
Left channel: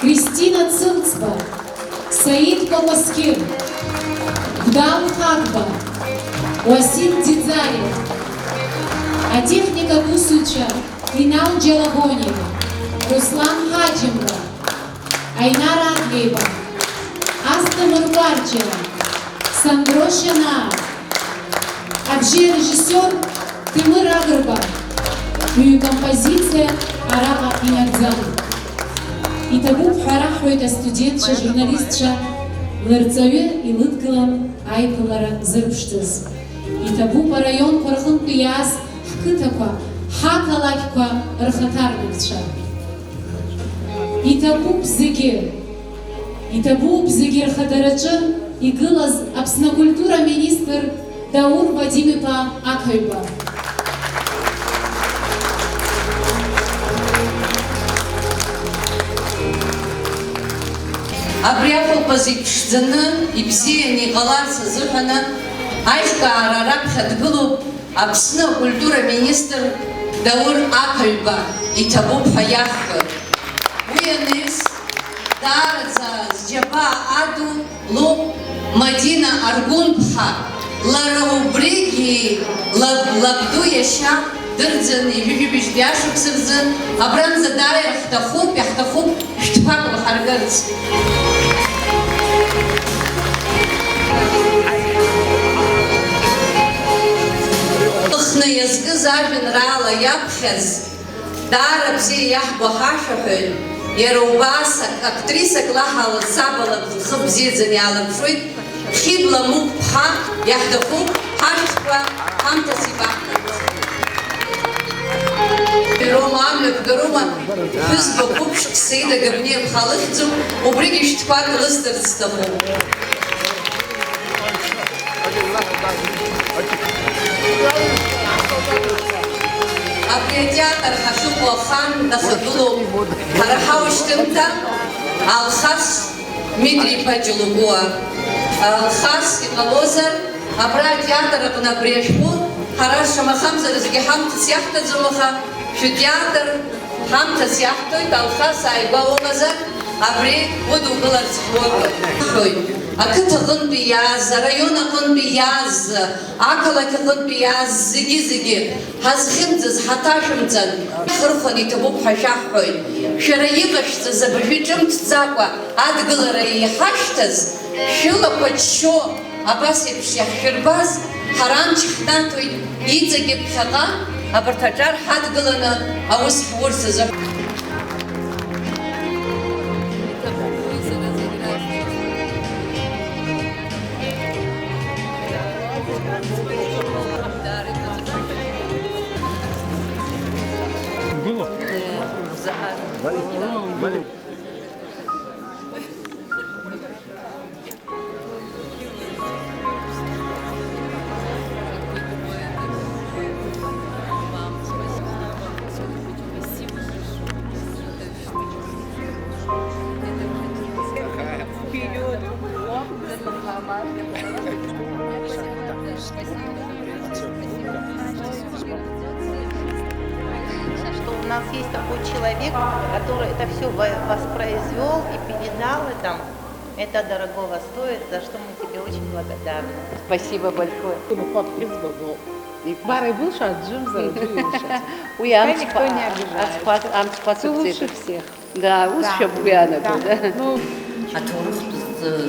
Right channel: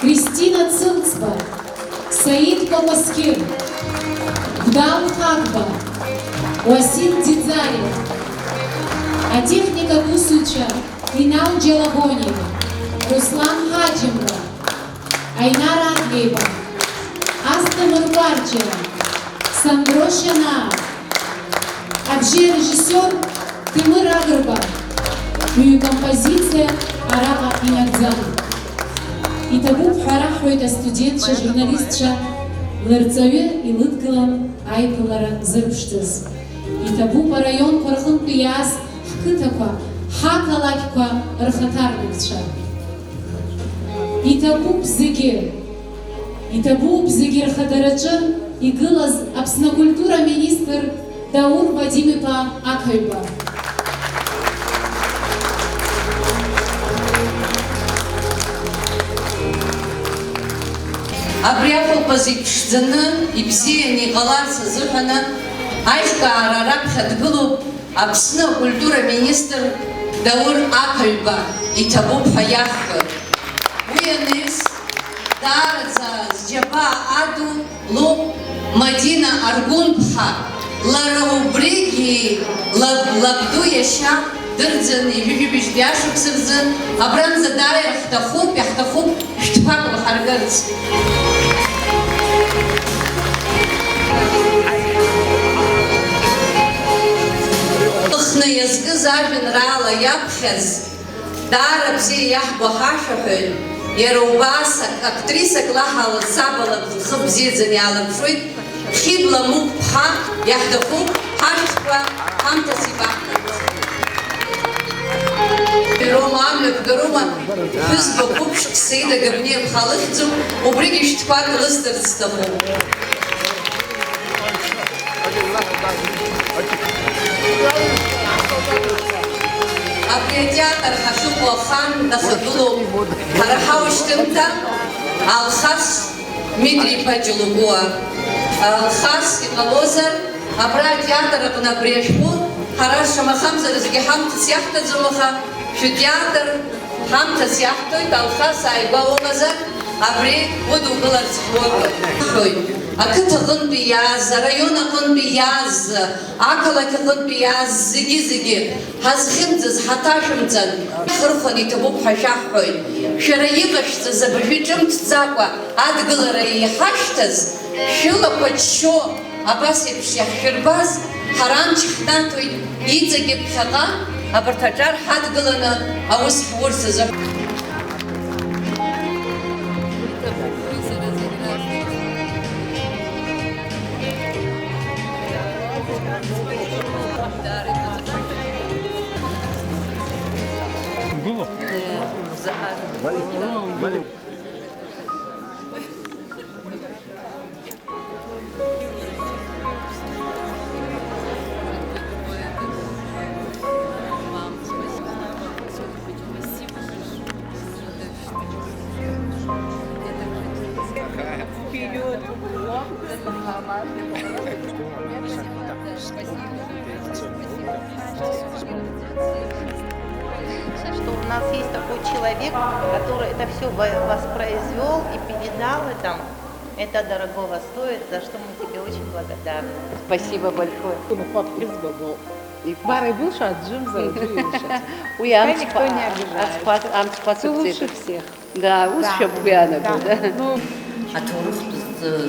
Кристина Цымцба, Саид Папаскир, Гдам Хакба, Уасил Дидзарев, а техника Кусуча, Инал Джелагонева, Руслан Хаджимова, Айнар Англеева, Аста Мурбарчева, Сандро Шана, режиссер Тимур Агрба, композиция Арага Инадзан. Иҭабуп ҳәа раҳҳәоит астудентцәа, журналистцәа лырҵаҩы илыдгылан аиԥылара зырԥшӡаз. Иҭабуп араионқәа рҟынтә иааз ҳқыҭақәа, ҳақалақьқәа рхаҭарнакцәа. Иҭабуп зегьы рхадараҿы игылаз Аԥсны акультура министр Даур Вадим-иԥа Ақаҩба. Абри ахәылԥаз иԥшӡаны, ибзианы иҟаларц азыҳәаны аиҿкаара раԥхьа дгылоуп Аԥсны акультура министр Даур Ақаҩба, иҭабуп ҳәа иаҳҳәоит. Уи аныз даараӡа зџьабаа аду лоуп Мадина Аргәын-ԥҳа. Лара убригьы лабду иашьа дырӡын ижәижәибжь биашықәса рзы абранӡа дааир иаҳҭахуп шәҭқәак лҳаргарц. Лыхны иазкыз ажәеинраала иаԥхьаз даара бзиа иаҳбо ҳашәаҳәаҩ, иара убас актрисак лаҳала сабала лхы бзиаӡаны иаалырԥшуеит Хибла Мукба иаҳҭахуп ҳашәҭқәа ҳамҭас ибаҳҭарц. Рома амҩақәа Рома ԥҳәызба қәыԥшк Саида Габниа-ԥҳа лыхьӡуп, убригьы шәҭқәак лысҭарц сҭахуп. Абри атеатр ҳахьыҟоу ахан дахагылоуп ҳара ҳаушьҭымҭа Алхас Дмитри-иԥа Ҷылугәуа. Алхас иҟалозар, абра атеатр аҟны абри ашәҟәы ҳара шамахамзар зегьы ҳамҭас иаҳҭаӡом, аха шәтеатр ҳамҭас иаҳҭоит. Алхас ааигәа умазар, абри удукыларц ҳуоит. Ақыҭа аҟынтәи иааз, араион аҟынтәи иааз, ақалақь аҟынтәи иааз зегьы ҳазхьымӡаз ҳаҭашәымҵан хырхәан иҭабуп ҳәа шәаҳҳәоит. Шәара иҟашәҵаз абыржәы ҿымҭӡакәа адгылара иҳашьҭаз, шәылақәа ччо абас еиԥш иаҳшәырбаз ҳара амч ҳнаҭоит иҵегьы ԥхьаҟа абарҭ аҿар ҳадгыланы аус ҳурц азы. Что у нас есть такой человек, который это все воспроизвел и передал это дорогого стоит, за что мы тебе очень благодарны. Спасибо большое. Барой был шат, Джим за Никто не обижает. Ты лучше всех. Да, лучше бы я был, да? התורך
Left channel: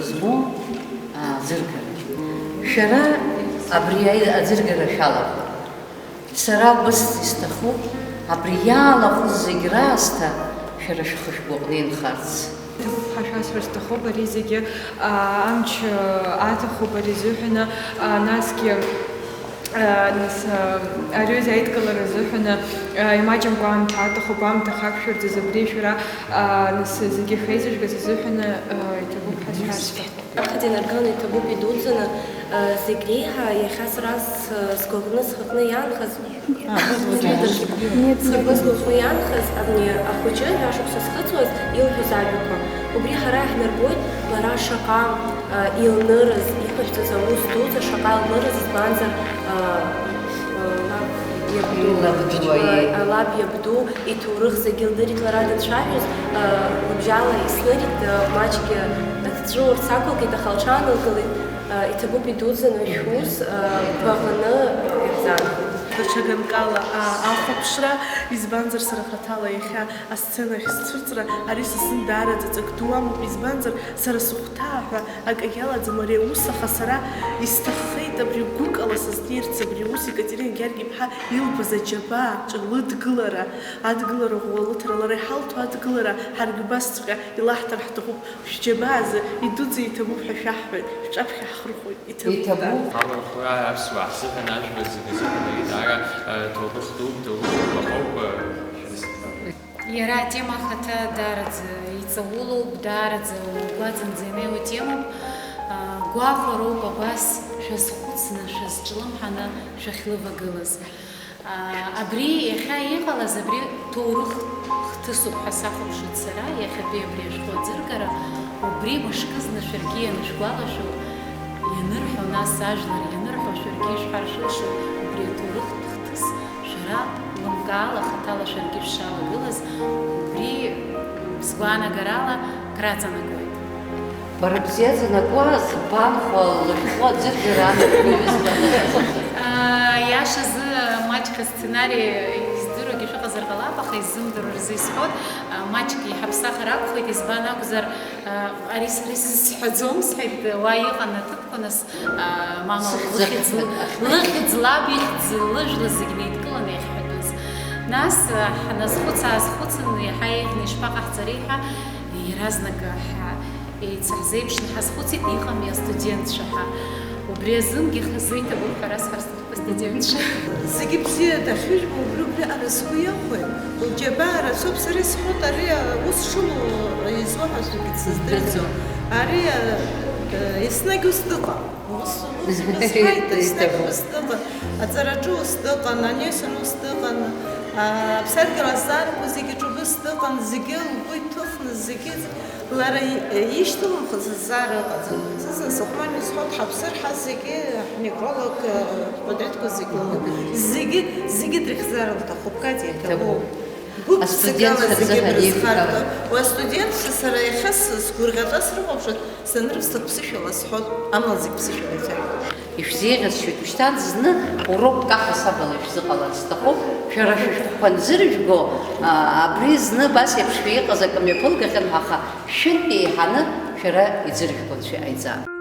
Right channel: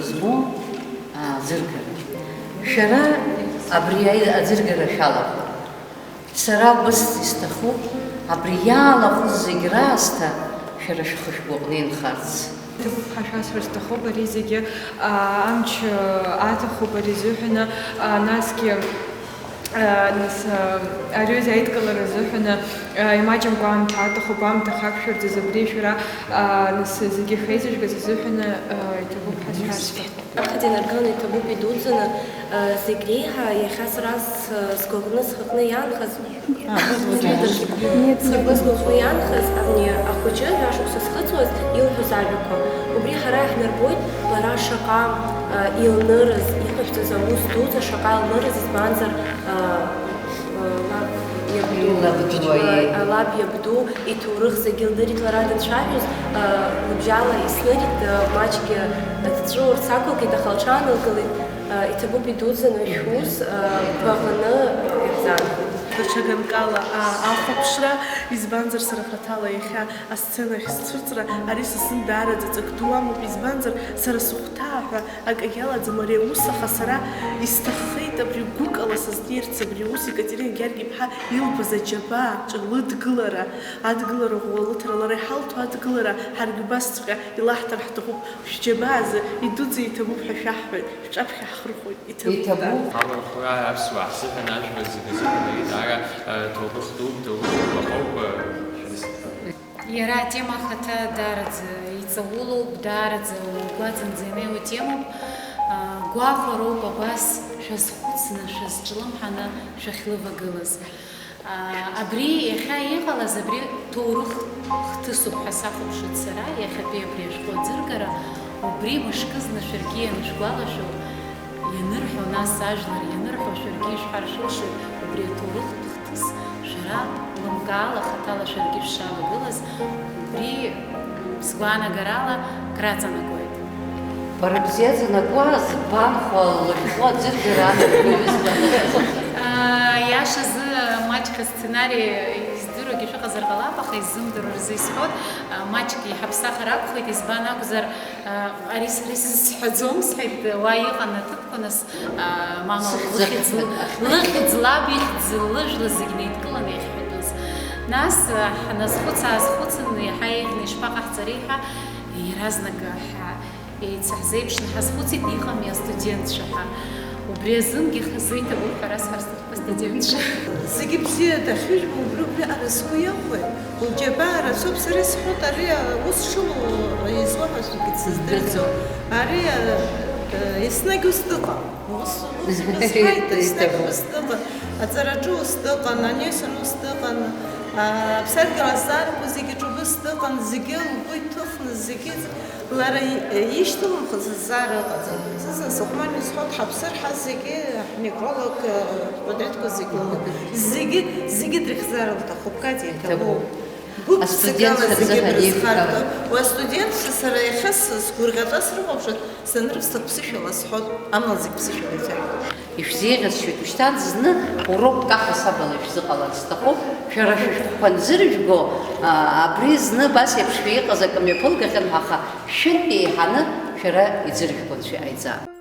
זמו הזרגר. שרה הבריאה הזרגר השלח. שרה בס הסתחו, הבריאה לחוץ זגרה עשתה, שרה שחשבונין חרץ. حشاس رستخو بريزيجي أمش آتخو بريزوحنا ناسكي ناس أريز عيد كلا رزوحنا يماجم قام تاتخو قام تخافشر تزبريشورا ناس زيجي خيزش بزوحنا يتبو حشاس أخذين أرجعني تبو بدوزنا زيجريها يخاس راس سكوغنس خطنا يانخز سكوغنس خطنا يانخز أبني أخوجي ياشوك سخطوز يلهو زعبكو وبري حراح نربوت لرا شقا يلنرز يخش تزوز دوزا شقا يلنرز يزبانزر لاب يبدو يتورخ زجلدريت لرادن شاهز لبجالا يسنريت ماچكي تجور ساكل كده خلشان الكل يتبو بدوزن وشوز بغنا يبزان Чаганкала ахопшра избанзар сарафатала иха асцена хисцурцра ариса сындара зацактуаму избанзар сара сухтаха акагела замаре усаха сара истаххеит абри гукала саздирц абри ус Екатерина Георгиевна илбаза џьаба ҿылыдгылара адгылара ӷәӷәалыҭра лара иҳалҭо адгылара ҳаргьы убасҵәҟьа илаҳҭар ҳҭахуп шәџьабаазы идуӡӡа иҭабуп ҳәа шәаҳҳәоит шәҿаԥхьа ҳхырхәоит иҭабуп Иара атема хата дараӡа иҵаулоуп, дараӡа угәаҵанӡа темоуп, гәаҟроуп абас шәазхәыцны, шәазҿлымҳаны шәахьлывагылаз. Абри иахьа иҟалаз абри ҭоурых хҭысуп ҳәа сахәаԥшит сара, иахьатәи абри ашәҟәы аӡыргара, убри мышкызны шәаргьы ианышәгәалашәо, ианырҳәо нас ажәлар, ианырҳәо шәаргьы ишҳаршылшо, убри аҭоурых хҭыс шәара лымкаала хаҭала шәаргьы шәшалагылаз, убри сгәаанагарала краҵанакуеит. Бара бзиаӡанакуа збанхәа лышәҟәы аӡыргара анарбаҩызба. Иашазы маҷк асценарий издыруагьы шәыҟазар ҟалап, аха изымдыруа рзы исҳәот, маҷк иҳаԥсахыр акәхеит, избан акәзар ари сара исзысҳәаӡом, сҳәеит, уа иҟан аҭыԥқәа, нас мама лыхьӡ, лаб ихьӡ, лыжәла зегьы неидкыланы иахьҳәатәыз. Нас ҳназхәыц-аазхәыцын, иаҳа еиӷьны ишԥаҟаҳҵари ҳәа, иаразнак еицаҳзеиԥшны ҳазхәыцит, иҟами астудентцәа ҳәа. Убри азынгьы хазы иҭабуп ҳәа расҳарсҭахуп астудентцәа. Зегьы бзиа дахьыжәбо убри ара сгәы иахәоит. Лџьабаа рацәоуп, сара исҳәот, ари ус шылоу излаҳәазогьы дсыздырӡом. Ари еснагь ус дыҟан. Ус сҳәеит, еснагь ус дыҟан. Аҵараҿы ус дыҟан, анесен ус дыҟан, аԥсадгьыл азаарқәа зегьы ҿыбыс дыҟан, зегьы лгәы иҭыхны, зегьы лара ишьҭылымхыз азаара ыҟаӡам. Сызын сыхәман исҳәот, ҳаԥсыр ҳа зегьы ҳневролог патреҭқәа зегьы лымоуп. Зегьы дрыхьӡар лҭахуп, Катя, иҭабуп. Гәык-ԥсыкала зегьы дрызхарҭо. Уа астудентцәа сара иахьа сгәырӷьаҵәа срыхәаԥшуан, санрывсҭах ԥсышәала сҳәот, амала зегь ԥсышәала иҭаркуп. Ишәзеиӷьасшьоит, ушьҭан зны урокк аҳасабала ишәзыҟаларц сҭахуп, шәара шәышәҟәқәа нзыржәго, абри зны абас еиԥш шәиҟаз акы мҩаԥылгахьан, аха шәынтә еиҳаны шәара иӡыржәго анцәа иҟаиҵа.